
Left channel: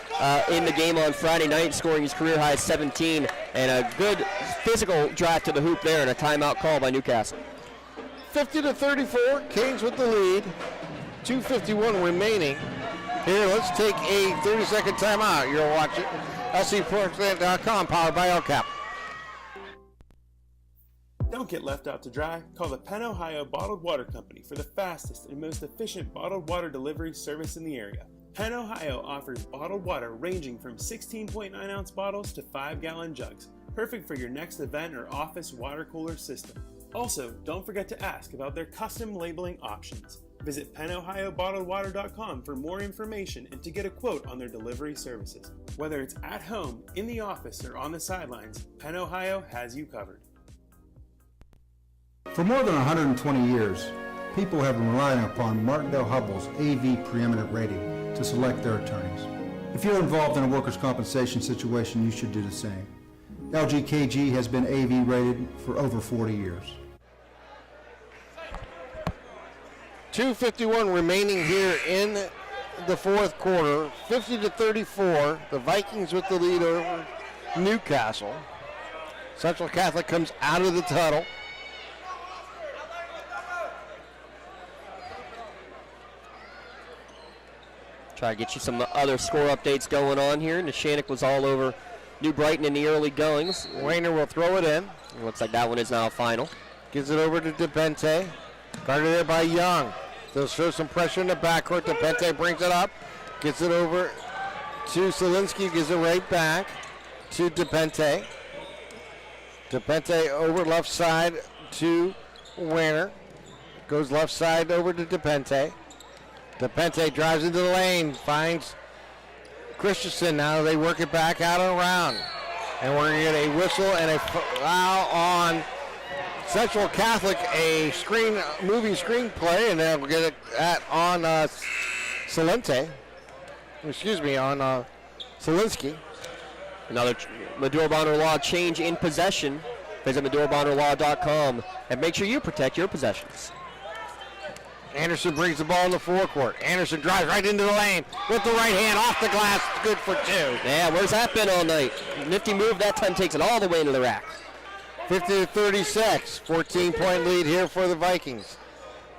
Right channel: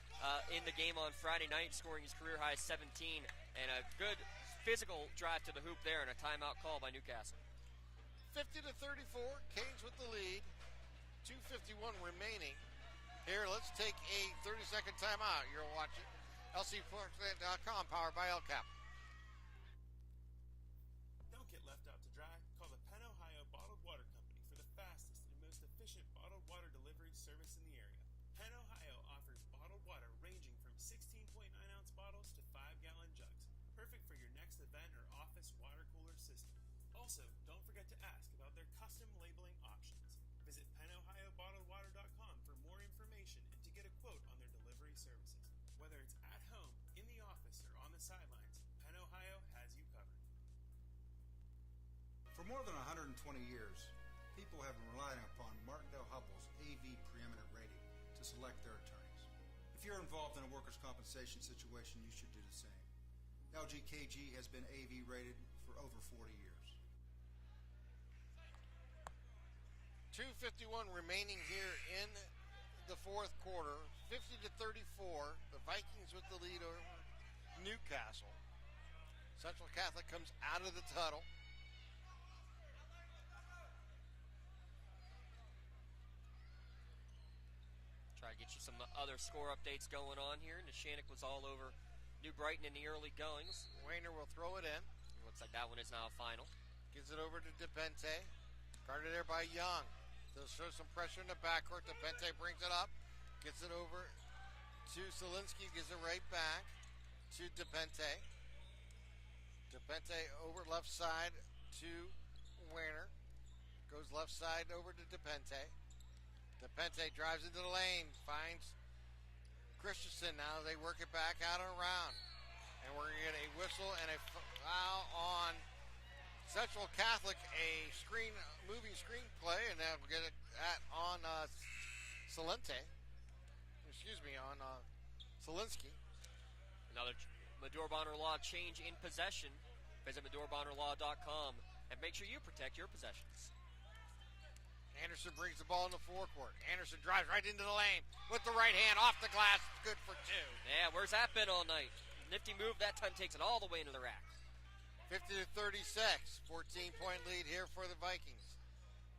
in the game on Friday night, scoring his career high 17, and a good physical drive to the hoop there, and a timeout call by Newcastle. 50-34, Canes with the lead. 2:51 remaining. Here, let's take a 30-second timeout. You're watching LCSportsNet.com, powered by LCAP. Don't get left out to dry. Call the Penn Ohio Bottled Water Company for the fastest and most efficient bottled water delivery service in the area. Penn Ohio offers bottled water ranging from 16.9-ounce bottles to 5-gallon jugs, perfect for your next event or office water cooler system. Also, don't forget to ask about their custom labeling options. Visit PennOhioBottledWater.com for more information and to get a quote on their delivery services. Whether it's at home, in the office, or on the sidelines, Penn Ohio has you covered. For more than 120 years, people have been relying upon Martindale-Hubbell's AV preeminent rating to select their attorneys. If you're involved in a workers' compensation situation, you should do the same. LGKG has been AV rated for over 40 years. 2:51 remaining here in the fourth quarter. 50-34. The Vikings with the lead over Newcastle. Central Catholic comes out of the tunnel. Try to get you some other score updates going on here. Neshannock was all over New Brighton in the early goings. Wayner will throw it in. Looks like that one is now final. Gives it over to DePente. Guarded there by Young. They'll show some pressure in the backcourt. DePente brings it up. Gets it over to Selinski. Gives it right back to DePente. DePente over left side to Wayner. Goes left side over to DePente. DePente drives into the lane, finds Christensen. Now they work it back out and around. And we're going to get a whistle and a foul on Central Catholic, a moving screen play, and then we'll get it on Selinski. Another Maduro-Bonner Law change in possession. Visit MaduroBonnerLaw.com and make sure you protect your possessions. Anderson brings the ball in the forecourt. Anderson drives right into the lane with the right hand off the glass. Good for 2. Yeah, where's that been all night? Nifty move that time, takes it all the way into the rack. 50-36, 14-point lead here for the Vikings.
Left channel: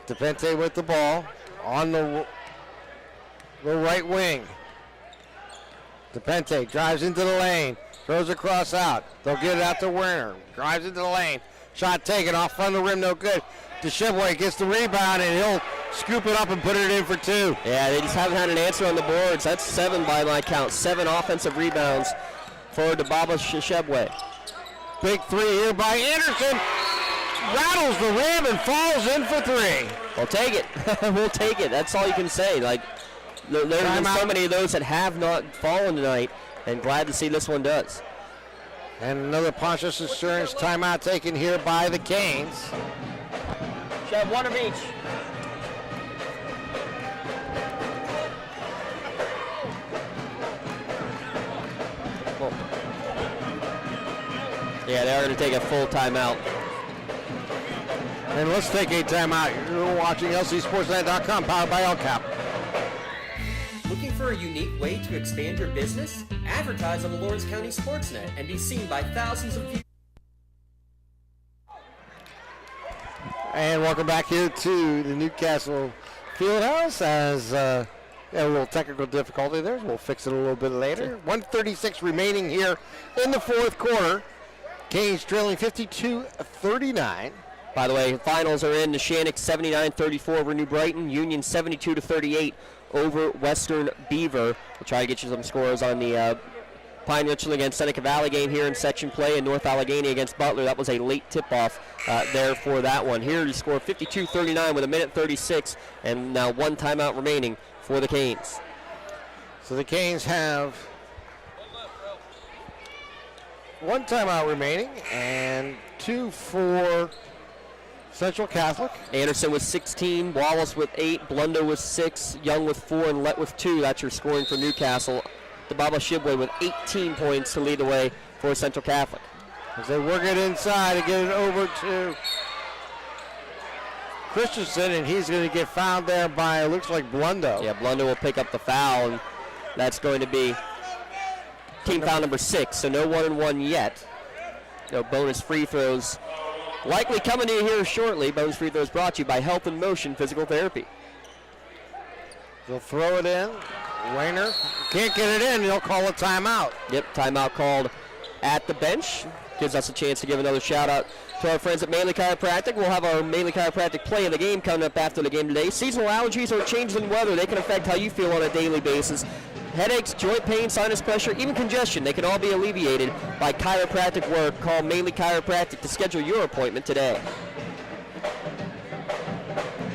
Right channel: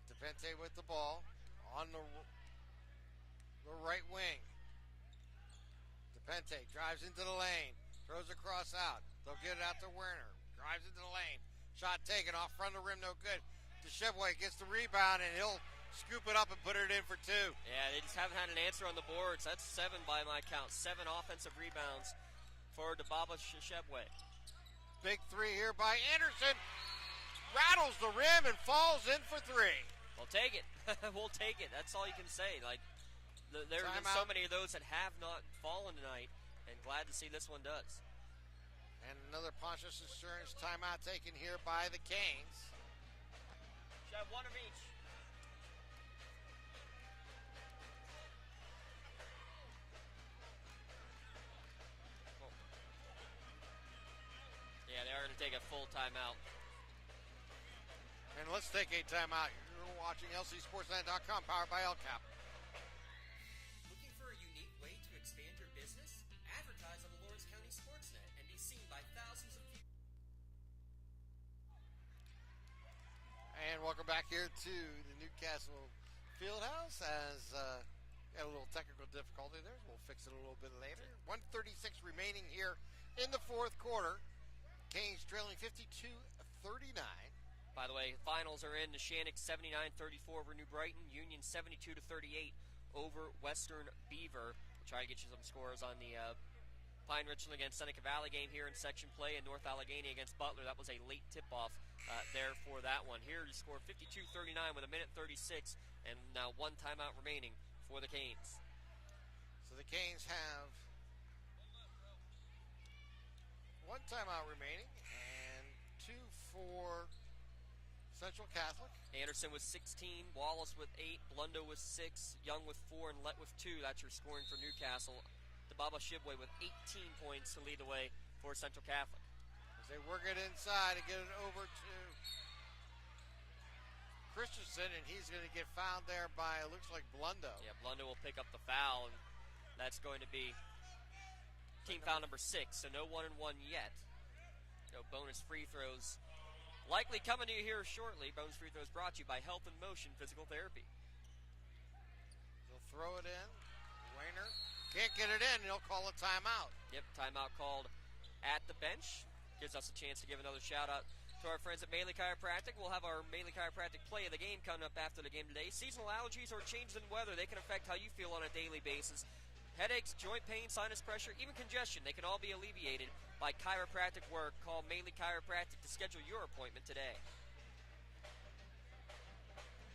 DePente with the ball on the right wing. DePente drives into the lane, throws across out. They'll get it out to Werner. Drives into the lane. Shot taken off front of the rim, no good. DeShibway gets the rebound, and he'll scoop it up and put it in for 2. Yeah, they just haven't had an answer on the boards. That's 7 by my count. 7 offensive rebounds for DeShibway. Big 3 here by Anderson. Rattles the rim and falls in for 3. We'll take it. We'll take it. That's all you can say. Like, there's been so many of those that have not fallen tonight, and glad to see this one does. And another Pontius Insurance timeout taken here by the Canes. Should have 1 of each. Yeah, they are going to take a full timeout. And let's take a timeout. You're watching LCSportsNet.com, powered by LCAP. Looking for a unique way to expand your business? Advertise on the Lawrence County SportsNet and be seen by thousands of viewers. And welcome back here to the Newcastle Fieldhouse as a little technical difficulty there. We'll fix it a little bit later. 1:36 remaining here in the fourth quarter. Canes trailing 52-39. By the way, finals are in. Neshannock 79-34 over New Brighton. Union 72-38 over Western Beaver. We'll try to get you some scores on the Pine Richland against Seneca Valley game here in section play, and North Allegheny against Butler. That was a late tip-off there for that one. Here you score 52-39 with 1:36 and now 1 timeout remaining for the Canes. So the Canes have 1 timeout remaining and 2 for Central Catholic. Anderson with 16, Wallace with 8, Blundo with 6, Young with 4, and Lett with 2. That's your scoring for Newcastle. DeShibway with 18 points to lead the way for Central Catholic. As they work it inside and get it over to Christensen, and he's going to get fouled there by, it looks like, Blundo. Yeah, Blundo will pick up the foul, and that's going to be team foul number 6, so no 1-and-1 yet. No bonus free throws likely coming to you here shortly. Bonus free throws brought to you by Health in Motion Physical Therapy. They'll throw it in. Rayner can't get it in. He'll call a timeout. Yep, timeout called at the bench. Gives us a chance to give another shout out to our friends at Mainly Chiropractic. We'll have our Mainly Chiropractic play of the game coming up after the game today. Seasonal allergies or changes in weather, they can affect how you feel on a daily basis. Headaches, joint pain, sinus pressure, even congestion, they can all be alleviated by chiropractic work. Call Mainly Chiropractic to schedule your appointment today.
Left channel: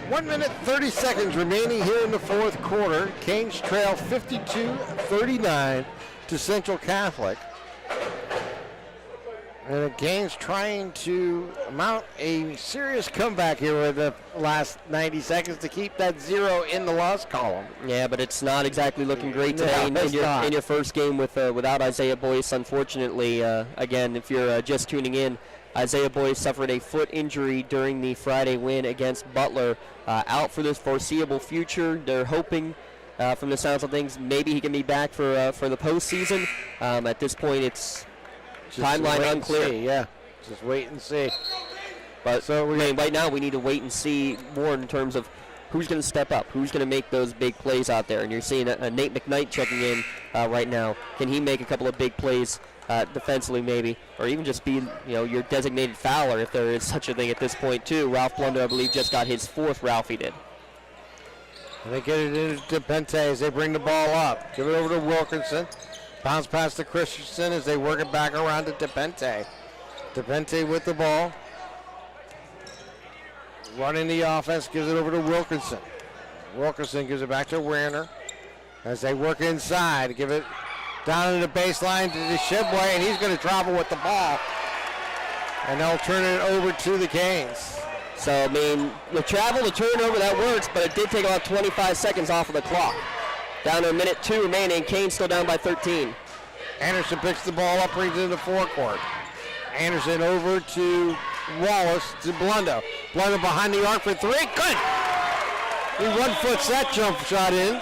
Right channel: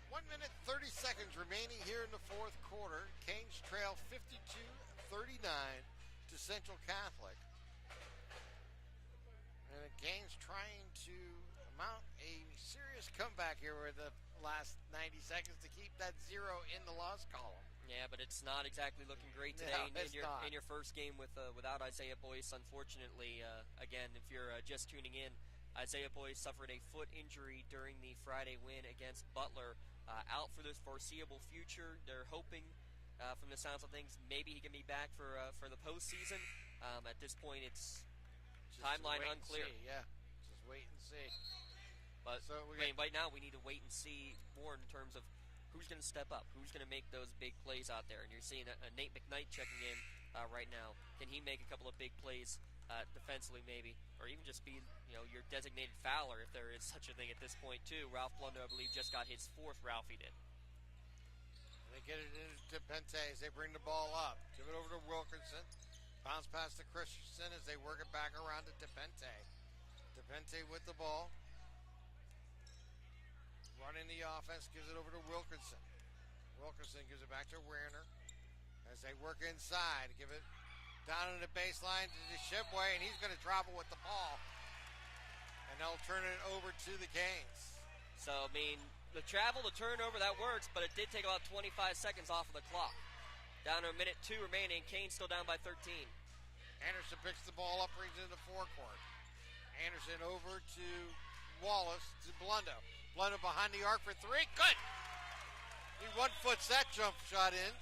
1 minute, 30 seconds remaining here in the fourth quarter. Canes trail 52-39 to Central Catholic. And the Canes trying to mount a serious comeback here with the last 90 seconds to keep that 0 in the loss column. Yeah, but it's not exactly looking great today in your first game without Isaiah Boyce, unfortunately. Again, if you're just tuning in, Isaiah Boyce suffered a foot injury during the Friday win against Butler. Out for this foreseeable future. They're hoping, from the sounds of things, maybe he can be back for the postseason. At this point, it's just timeline unclear. Yeah, just wait and see. But so right now, we need to wait and see more in terms of who's going to step up, who's going to make those big plays out there. And you're seeing a Nate McKnight checking in right now. Can he make a couple of big plays defensively, maybe, or even just be your designated fouler if there is such a thing at this point too? Ralph Blundo, I believe, just got his 4th Ralphie did. And they get it into Pente as they bring the ball up. Give it over to Wilkinson. Bounce pass to Christensen as they work it back around to DePente. DePente with the ball. Running the offense, gives it over to Wilkinson. Wilkinson gives it back to Werner as they work inside. Give it down to the baseline to DeShibway, and he's going to travel with the ball. And they'll turn it over to the Canes. So, I mean, the travel, the turnover, that works, but it did take about 25 seconds off of the clock. Down to 1:02 remaining. Canes still down by 13. Anderson picks the ball up, brings it into forecourt. Anderson over to Wallace to Blundo. Blundo behind the arc for 3. Good! He 1-foot that jump shot in,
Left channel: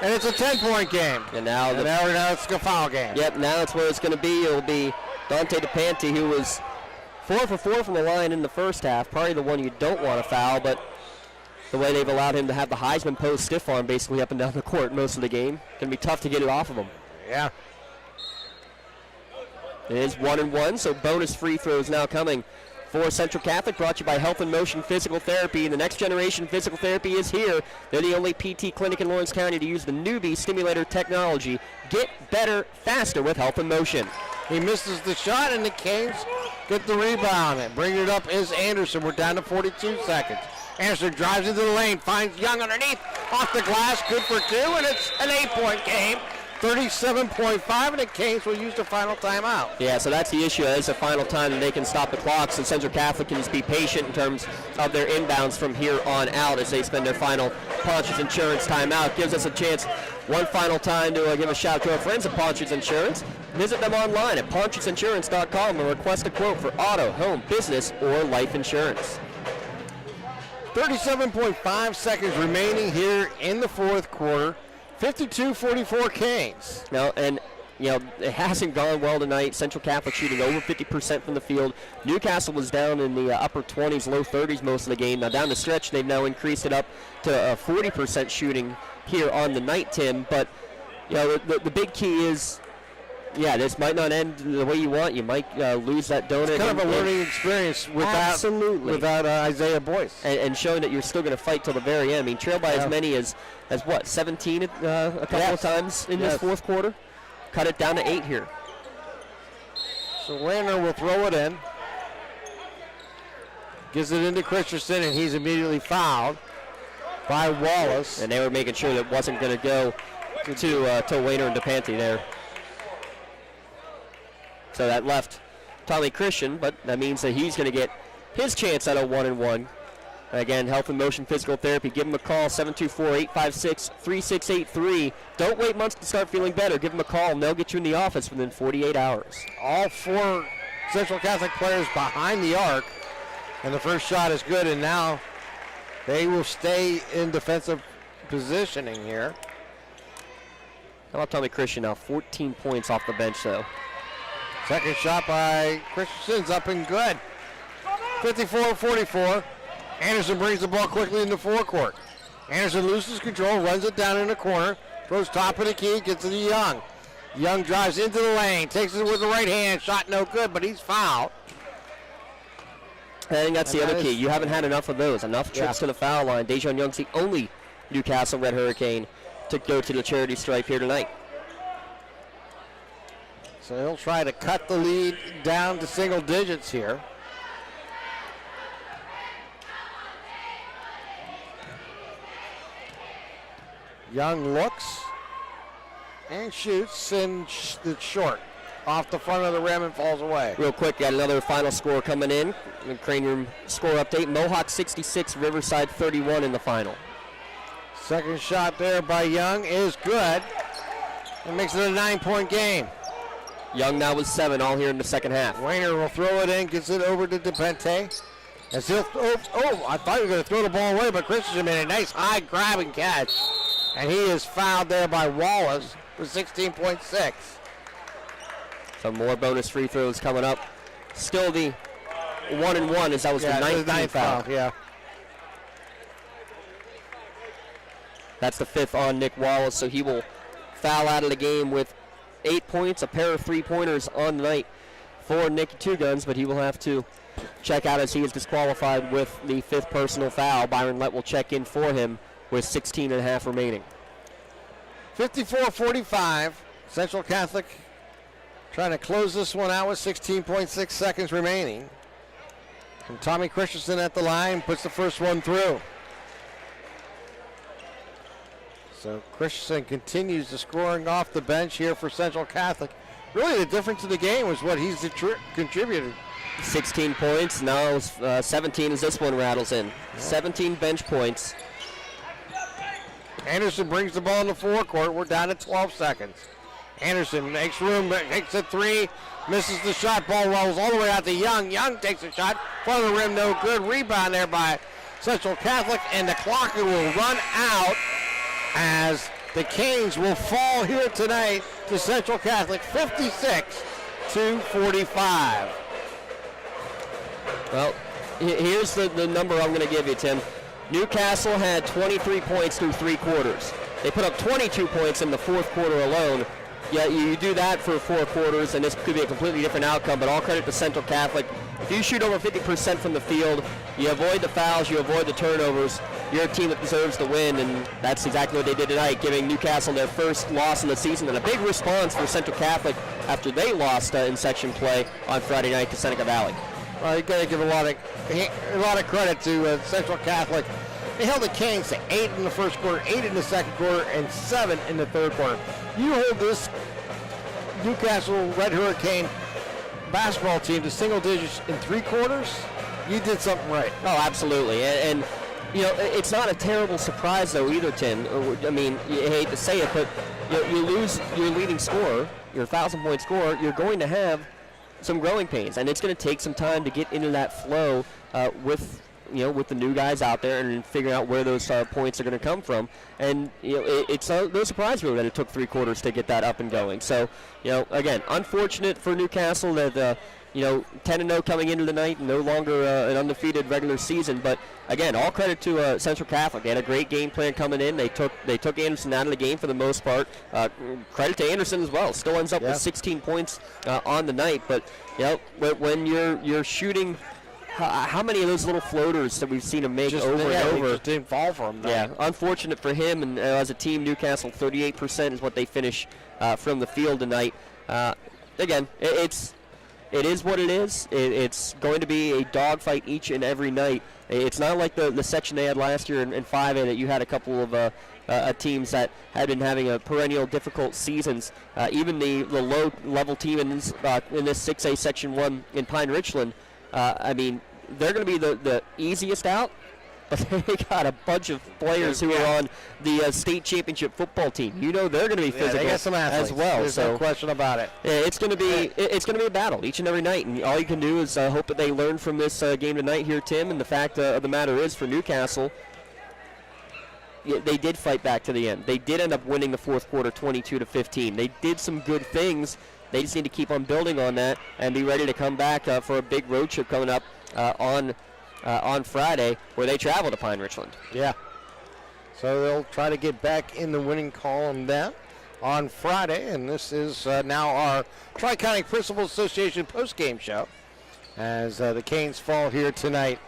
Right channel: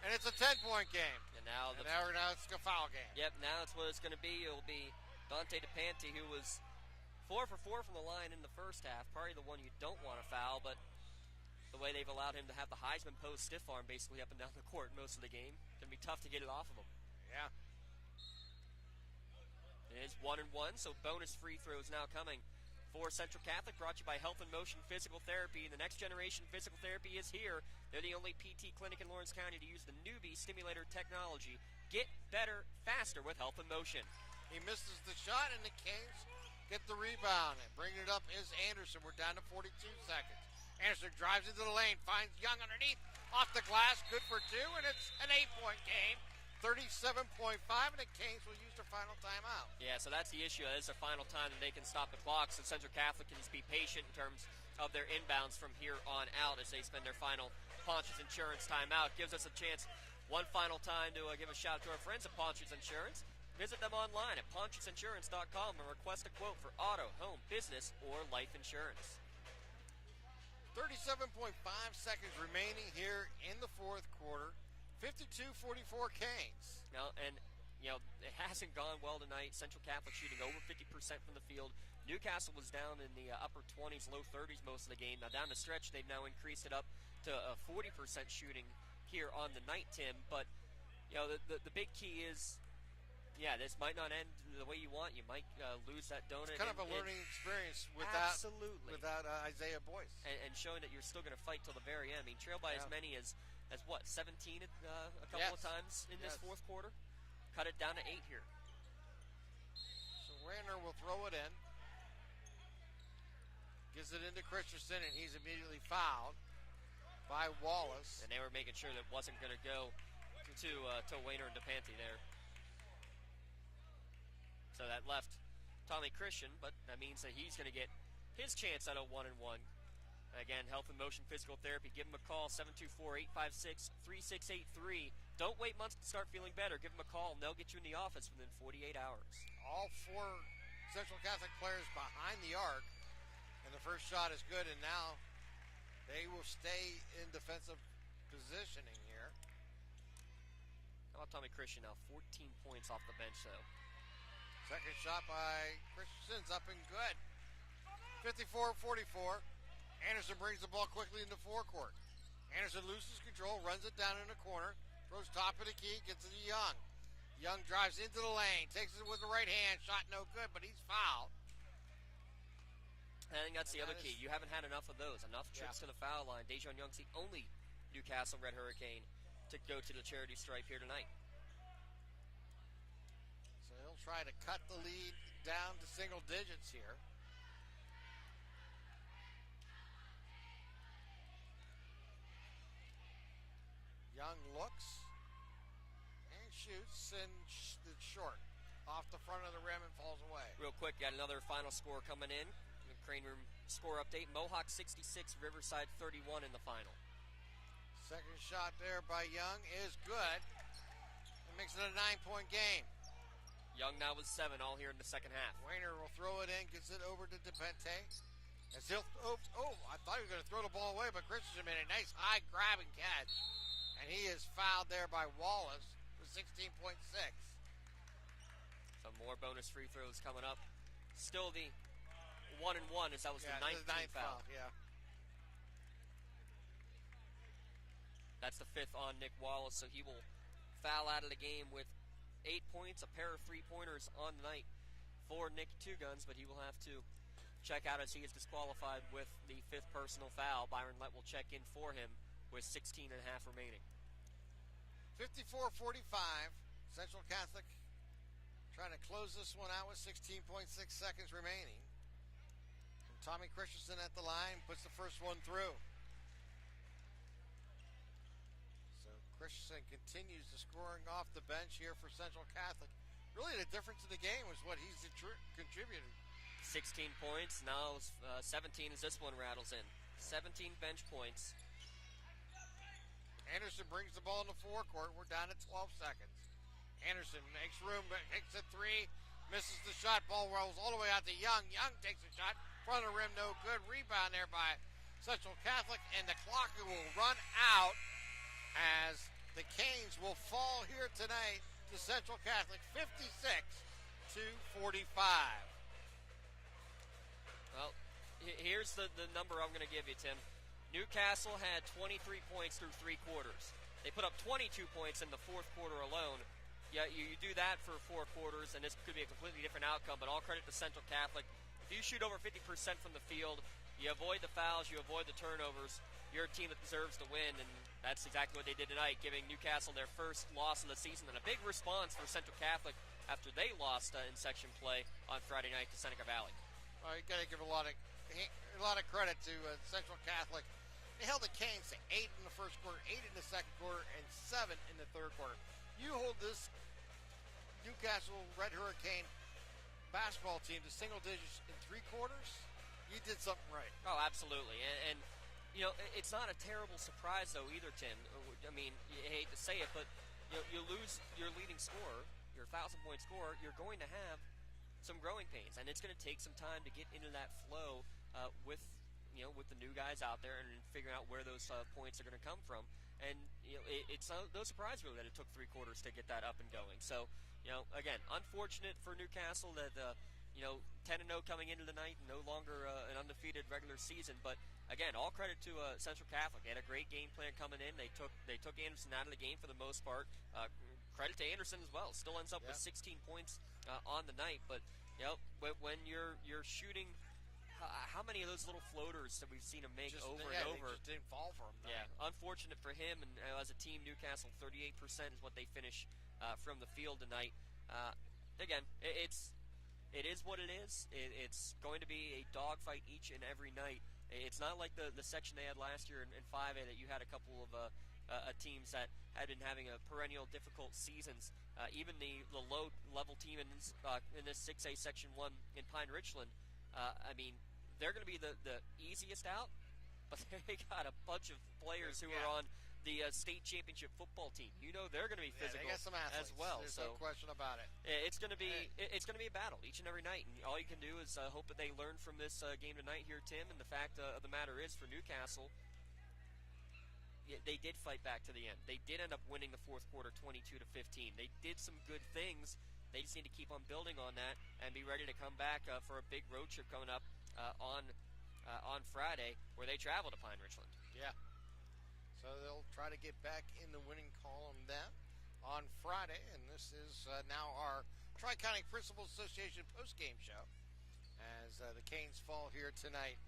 and it's a 10-point game. And now it's a foul game. Yep, now it's where it's going to be. It'll be Dante DePanti, who was 4 for 4 from the line in the first half. Probably the one you don't want to foul, but the way they've allowed him to have the Heisman post stiff arm basically up and down the court most of the game, going to be tough to get it off of him. Yeah. It is 1-1, so bonus free throws now coming for Central Catholic, brought to you by Health in Motion Physical Therapy. The next generation physical therapy is here. They're the only PT clinic in Lawrence County to use the newbie stimulator technology. Get better faster with Health in Motion. He misses the shot, and the Canes get the rebound. And bringing it up is Anderson. We're down to 42 seconds. Anderson drives into the lane, finds Young underneath, off the glass, good for 2, and it's an 8-point game. 37.5, and the Canes will use the final timeout. Yeah, so that's the issue. It's the final time that they can stop the clock, so Central Catholic can just be patient in terms of their inbounds from here on out as they spend their final Ponch's Insurance timeout. Gives us a chance one final time to give a shout out to our friends at Ponch's Insurance. Visit them online at ponchasinsurance.com and request a quote for auto, home, business, or life insurance. 37.5 seconds remaining here in the fourth quarter. 52-44 Canes. No, and it hasn't gone well tonight. Central Catholic shooting over 50% from the field. Newcastle was down in the upper 20s, low 30s most of the game. Now down the stretch, they've now increased it up to 40% shooting here on the night, Tim. But the big key is, this might not end the way you want. You might lose that donut. It's kind of a learning experience without Isaiah Boyce. And showing that you're still going to fight till the very end. I mean, trail by as many as 17 a couple of times in this fourth quarter. Cut it down to 8 here. So Rayner will throw it in. Gives it into Christensen, and he's immediately fouled by Wallace. And they were making sure that it wasn't going to go to Rayner and DePanti there. So that left Tommy Christian, but that means that he's going to get his chance at a 1-and-1. Again, Health in Motion Physical Therapy. Give them a call, 724-856-3683. Don't wait months to start feeling better. Give them a call, and they'll get you in the office within 48 hours. All 4 Central Catholic players behind the arc, and the first shot is good, and now they will stay in defensive positioning here. How about Tommy Christian now? 14 points off the bench, though. Second shot by Christensen's up and good. 54-44. Anderson brings the ball quickly in the forecourt. Anderson loses control, runs it down in the corner, throws top of the key, gets it to Young. Young drives into the lane, takes it with the right hand, shot no good, but he's fouled. I think that's the other key. You haven't had enough of those, enough trips to the foul line. Dejon Young's the only Newcastle Red Hurricane to go to the charity stripe here tonight. So he'll try to cut the lead down to single digits here. Young looks and shoots, and it's short. Off the front of the rim and falls away. Real quick, got another final score coming in. The Crane Room score update. Mohawk 66, Riverside 31 in the final. Second shot there by Young is good. It makes it a 9-point game. Young now with 7, all here in the second half. Rayner will throw it in, gets it over to DePente. As he'll, I thought he was going to throw the ball away, but Christensen made a nice high grab and catch. And he is fouled there by Wallace for 16.6. Some more bonus free throws coming up. Still the 1-and-1 as that was the ninth foul. Yeah. That's the 5th on Nick Wallace, so he will foul out of the game with 8 points, a pair of 3-pointers on the night for Nick Two Guns, but he will have to check out as he is disqualified with the 5th personal foul. Byron Lett will check in for him with 16.5 remaining. 54-45. Central Catholic trying to close this one out with 16.6 seconds remaining. And Tommy Christensen at the line puts the first one through. So Christensen continues the scoring off the bench here for Central Catholic. Really the difference in the game was what he's contributed. 16 points, now 17 as this one rattles in. 17 bench points. Anderson brings the ball in the forecourt. We're down to 12 seconds. Anderson makes room, takes a 3, misses the shot. Ball rolls all the way out to Young. Young takes a shot, front of the rim, no good. Rebound there by Central Catholic, and the clock will run out as the Canes will fall here tonight to Central Catholic, 56-45. Well, here's the number I'm going to give you, Tim. Newcastle had 23 points through 3 quarters. They put up 22 points in the 4th quarter alone. Yeah, you do that for 4 quarters, and this could be a completely different outcome, but all credit to Central Catholic. If you shoot over 50% from the field, you avoid the fouls, you avoid the turnovers, you're a team that deserves to win, and that's exactly what they did tonight, giving Newcastle their first loss in the season, and a big response for Central Catholic after they lost in section play on Friday night to Seneca Valley. Well, you got to give a lot of credit to Central Catholic. They held the Canes to 8 in the first quarter, 8 in the second quarter, and 7 in the third quarter. You hold this Newcastle Red Hurricane basketball team to single digits in 3 quarters, you did something right. Oh, absolutely. And you know, it's not a terrible surprise, though, either, Tim. I mean, you hate to say it, but you lose your leading scorer, your 1,000-point scorer, you're going to have some growing pains, and it's going to take some time to get into that flow with the new guys out there and figuring out where those points are going to come from. And it's no surprise really that it took 3 quarters to get that up and going. So, again, unfortunate for Newcastle that 10-0 coming into the night, no longer an undefeated regular season. But again, all credit to Central Catholic. They had a great game plan coming in. They took Anderson out of the game for the most part. Credit to Anderson as well. Still ends up with 16 points on the night. But when you're shooting. How many of those little floaters that we've seen him make over and over? Just didn't fall for him. Yeah, unfortunate for him. And as a team, Newcastle 38% is what they finish from the field tonight. Again, it is what it is. It's going to be a dogfight each and every night. It's not like the section they had last year in 5A that you had a couple of teams that had been having a perennial difficult seasons. Even the low-level team in this 6A Section 1 in Pine Richland. I mean, they're going to be the easiest out, but they got a bunch of players who are on the state championship football team. They're going to be physical they got some athletes as well. There's no question about it. It's going to be a battle each and every night, and all you can do is hope that they learn from this game tonight here, Tim. And the fact of the matter is, for Newcastle, they did fight back to the end. They did end up winning the 4th quarter 22-15. They did some good things. They just need to keep on building on that and be ready to come back for a big road trip coming up on Friday, where they travel to Pine Richland. Yeah. So they'll try to get back in the winning column then on Friday, and this is now our Tri-County Principal Association post-game show as the Canes fall here tonight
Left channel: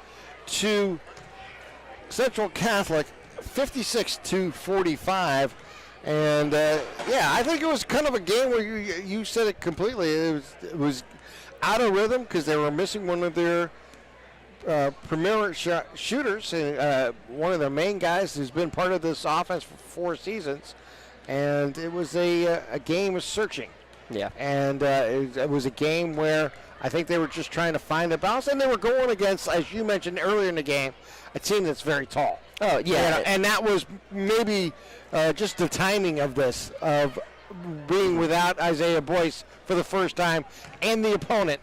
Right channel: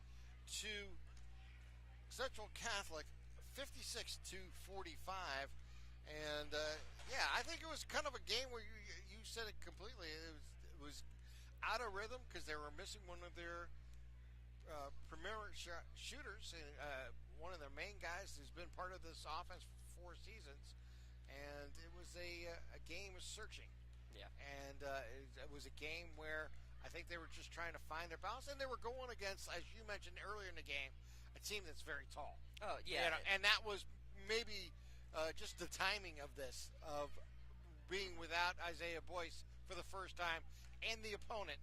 to Central Catholic, 56-45. And, I think it was kind of a game where you said it completely. It was out of rhythm because they were missing one of their premier shooters, one of their main guys who's been part of this offense for 4 seasons. And it was a game of searching. Yeah. And it was a game where I think they were just trying to find a balance. And they were going against, as you mentioned earlier in the game, a team that's very tall. Oh, yeah. And that was maybe just the timing of this, of being without Isaiah Boyce for the first time, and the opponent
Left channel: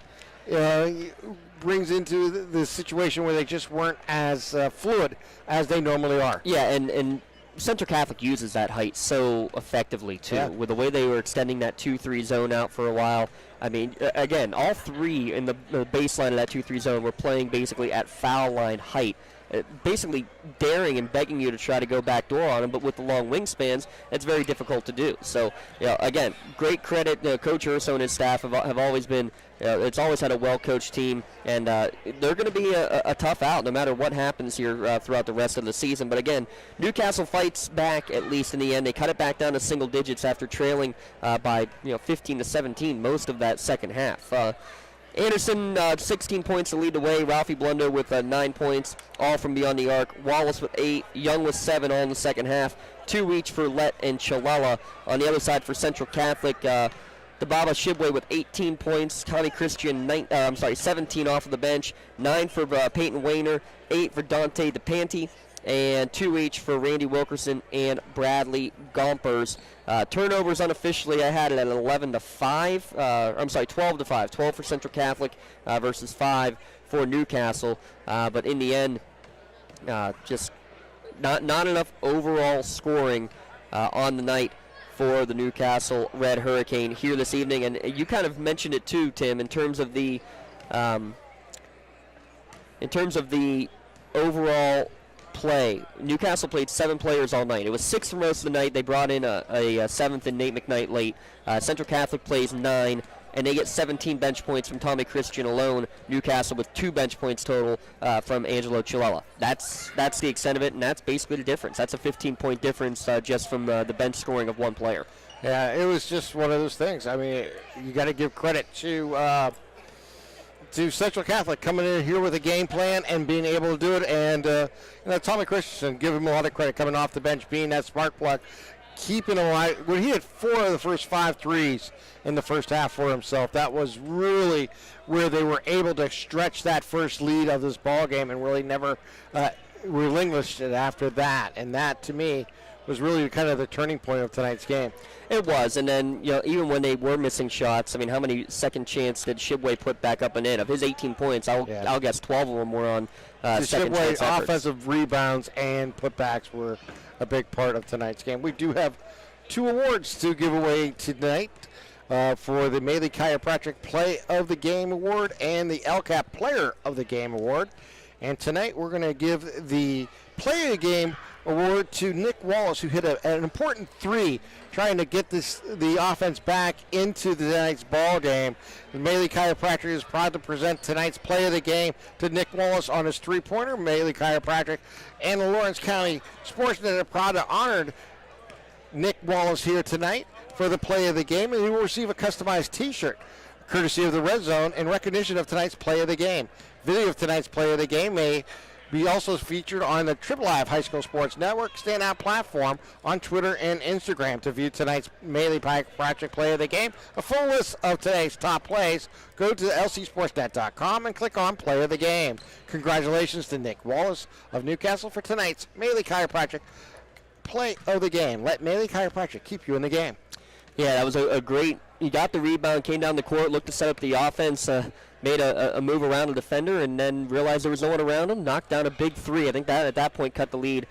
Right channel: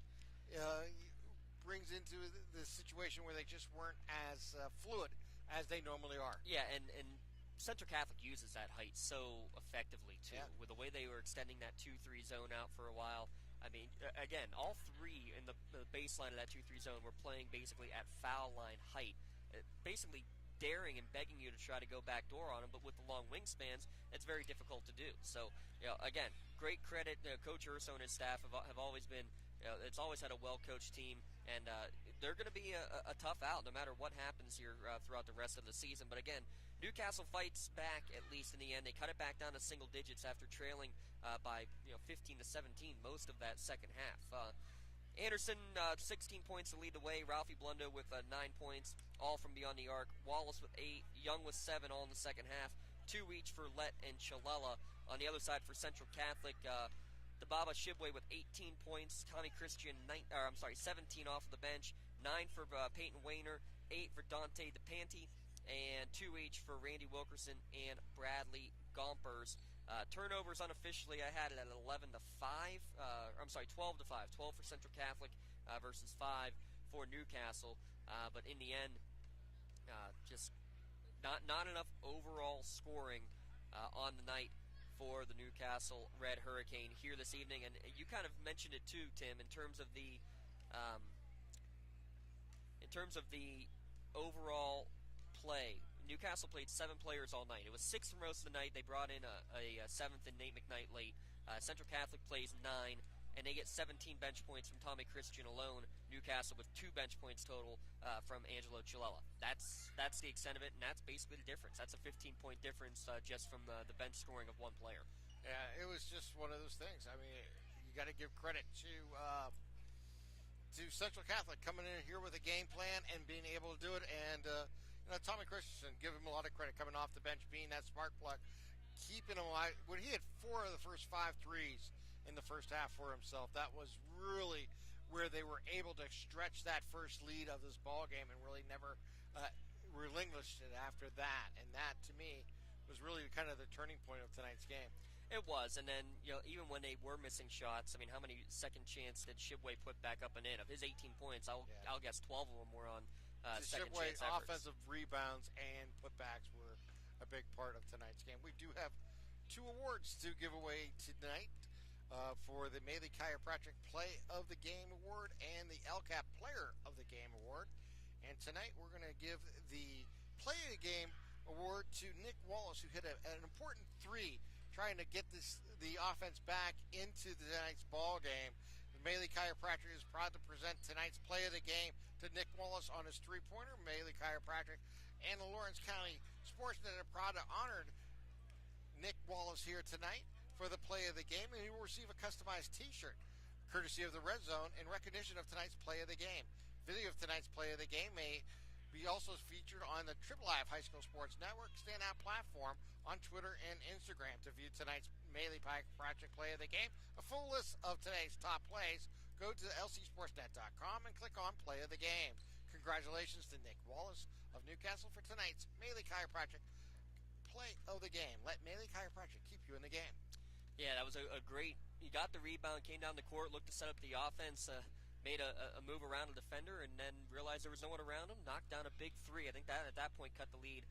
brings into the situation where they just weren't as fluid as they normally are. Yeah, and Central Catholic uses that height so effectively, too, with the way they were extending that 2-3 zone out for a while. I mean, again, all 3 in the baseline of that 2-3 zone were playing basically at foul line height. Basically daring and begging you to try to go backdoor on them, but with the long wingspans, it's very difficult to do. So, again, great credit. Coach Urso and his staff have always been, it's always had a well-coached team, and they're going to be a tough out no matter what happens here throughout the rest of the season. But again, Newcastle fights back at least in the end. They cut it back down to single digits after trailing by 15-17 most of that second half. Anderson, 16 points to lead the way. Ralphie Blunder with 9 points, all from beyond the arc. Wallace with 8. Young with 7, all in the second half. 2 each for Lett and Chalala. On the other side for Central Catholic, Dababa Shibwe with 18 points. Tommy Christian, 17 off of the bench. 9 for Peyton Wayner. 8 for Dante DePanti. And 2 each for Randy Wilkerson and Bradley Gompers. Turnovers unofficially, I had it at 12-5. 12 for Central Catholic versus 5 for Newcastle. But in the end, Just not enough overall scoring on the night for the Newcastle Red Hurricane here this evening. And you kind of mentioned it too, Tim, in terms of the overall play. Newcastle played 7 players all night. It was 6 for most of the night. They brought in a 7th in Nate McKnight late. Central Catholic plays 9, and they get 17 bench points from Tommy Christian alone. Newcastle with 2 bench points total from Angelo Chilella. That's the extent of it, and that's basically the difference. That's a 15-point difference just from the bench scoring of one player. Yeah, it was just one of those things. I mean, you got to give credit to Central Catholic coming in here with a game plan and being able to do it. And Tommy Christensen, give him a lot of credit coming off the bench, being that spark plug, keeping him alive. When he had 4 of the first 5 threes in the first half for himself, that was really where they were able to stretch that first lead of this ball game and really never relinquished it after that. And that, to me, was really kind of the turning point of tonight's game. It was, and then even when they were missing shots, I mean, how many second chance did Shibway put back up and in? Of his 18 points, I'll guess 12 of them were on second chance efforts. Offensive rebounds and putbacks were a big part of tonight's game. We do have 2 awards to give away tonight for the Maley Chiropractic Play of the Game Award and the LCAP Player of the Game Award. And tonight we're going to give the Play of the Game award to Nick Wallace, who hit an important 3 trying to get the offense back into tonight's ball game. The Maley Chiropractic is proud to present tonight's Play of the Game to Nick Wallace on his 3-pointer. Maley Chiropractic and the Lawrence County SportsNet are proud to honor Nick Wallace here tonight for the Play of the Game, and he will receive a customized T-shirt courtesy of the Red Zone in recognition of tonight's Play of the Game. Video of tonight's Play of the Game may be also featured on the Triple Live High School Sports Network standout platform on Twitter and Instagram. To view tonight's Maley Chiropractic Play of the Game, a full list of today's top plays, go to lcsportsnet.com and click on Play of the Game. Congratulations to Nick Wallace of Newcastle for tonight's Maley Chiropractic Play of the Game. Let Maley Chiropractic keep you in the game. Yeah, that was a great, he got the rebound, came down the court, looked to set up the offense, made a move around a defender, and then realized there was no one around him, knocked down a big 3. I think that at that point cut the lead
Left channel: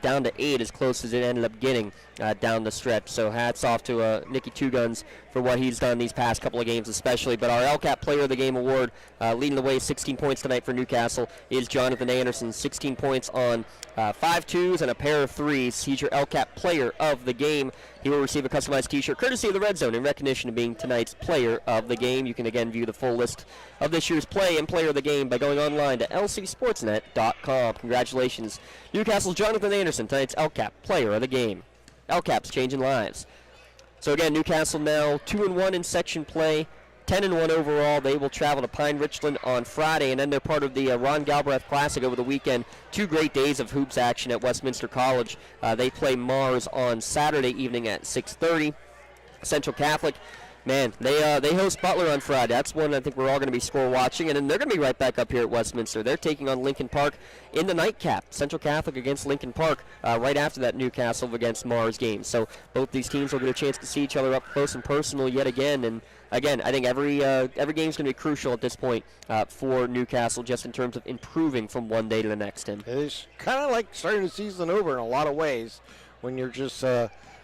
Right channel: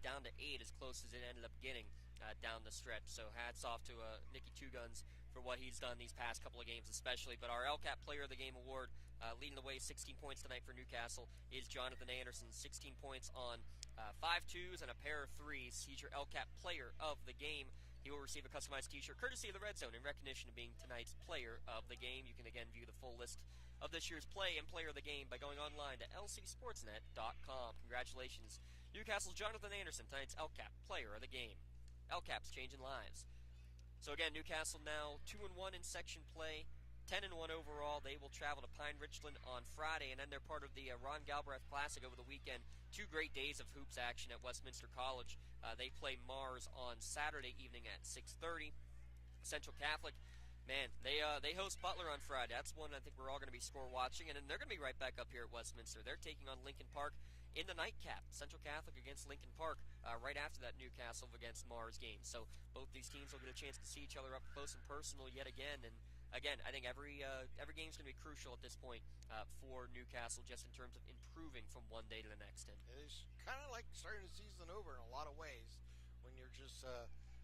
down to 8, as close as it ended up getting down the stretch. So hats off to Nicky Two Guns for what he's done these past couple of games especially. But our LCAP Player of the Game award, leading the way, 16 points tonight for Newcastle, is Jonathan Anderson. 16 points on 5 twos and a pair of 3s. He's your LCAP Player of the Game. He will receive a customized T-shirt courtesy of the Red Zone in recognition of being tonight's Player of the Game. You can again view the full list of this year's Play and Player of the Game by going online to lcsportsnet.com. Congratulations, Newcastle's Jonathan Anderson, tonight's LCAP Player of the Game. LCAP's changing lives. So again, Newcastle now 2-1 in section play, 10-1 overall. They will travel to Pine Richland on Friday, and then they're part of the Ron Galbraith Classic over the weekend. 2 great days of hoops action at Westminster College. They play Mars on Saturday evening at 6:30. Central Catholic, man, they host Butler on Friday. That's one I think we're all going to be score watching, and then they're going to be right back up here at Westminster. They're taking on Lincoln Park in the nightcap. Central Catholic against Lincoln Park right after that Newcastle against Mars game. So both these teams will get a chance to see each other up close and personal yet again. And again, I think every game is going to be crucial at this point for Newcastle, just in terms of improving from one day to the next. Tim, it is kind of like starting the season over in a lot of ways when you're just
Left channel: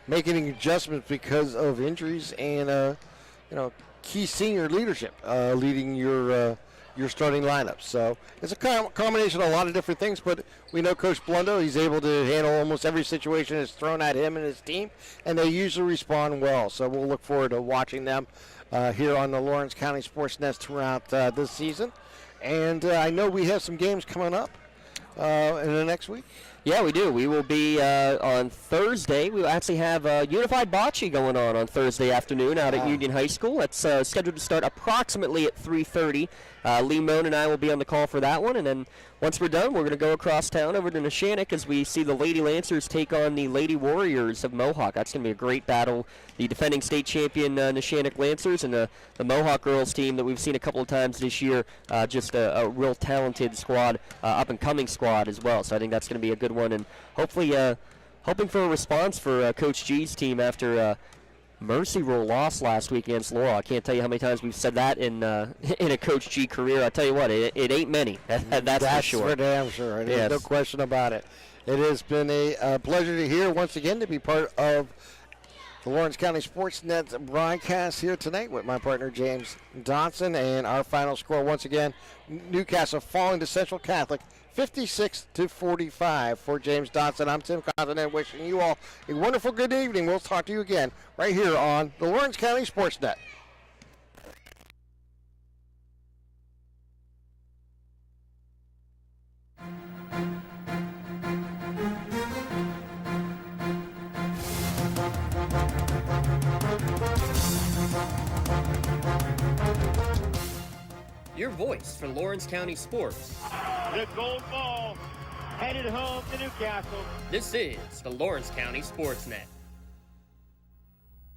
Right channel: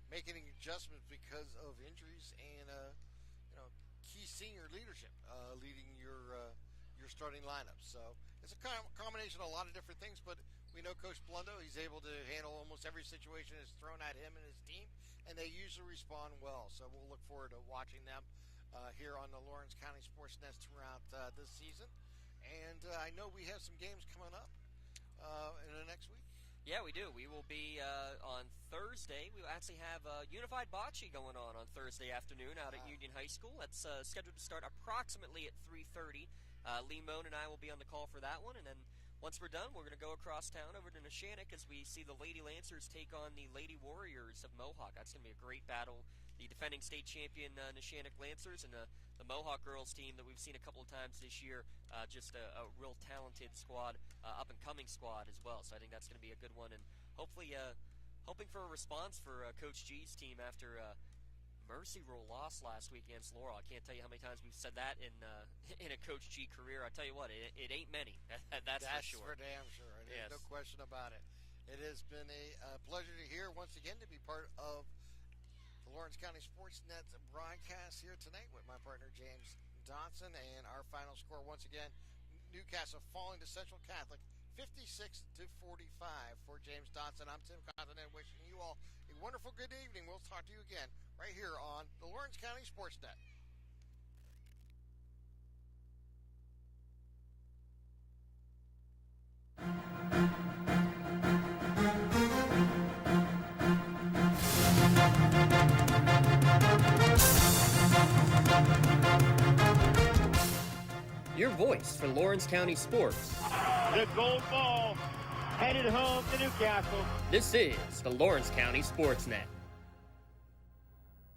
making adjustments because of injuries and key senior leadership leading your starting lineup. So it's a combination of a lot of different things, but we know Coach Blundo, he's able to handle almost every situation that's thrown at him and his team, and they usually respond well. So we'll look forward to watching them here on the Lawrence County SportsNet throughout this season. And I know we have some games coming up in the next week. Yeah, we do. We will be on Thursday. We will actually have Unified Bocce going on Thursday afternoon out at Union High School. That's scheduled to start approximately at 3:30. Lee Moan and I will be on the call for that one. And then once we're done, we're going to go across town over to Neshannock as we see the Lady Lancers take on the Lady Warriors of Mohawk. That's going to be a great battle. The defending state champion Neshannock Lancers and the Mohawk girls team that we've seen a couple of times this year. Just a real talented squad, up-and-coming squad as well. So I think that's going to be a good one. And hopefully hoping for a response for Coach G's team after Mercy Rule loss last week against Laurel. I can't tell you how many times we've said that in a Coach G career. I tell you what, it ain't many. That's for sure. That's for damn sure. Yes. No question about it. It has been a pleasure to hear once again to be part of the Lawrence County SportsNet broadcast here tonight with my partner James Dotson, and our final score once again, Newcastle falling to Central Catholic 56-45. For James Dotson, I'm Tim Continent, wishing you all a wonderful good evening. We'll talk to you again right here on the Lawrence County SportsNet. Your voice for Lawrence County sports. The gold ball headed home to Newcastle. This is the Lawrence County SportsNet.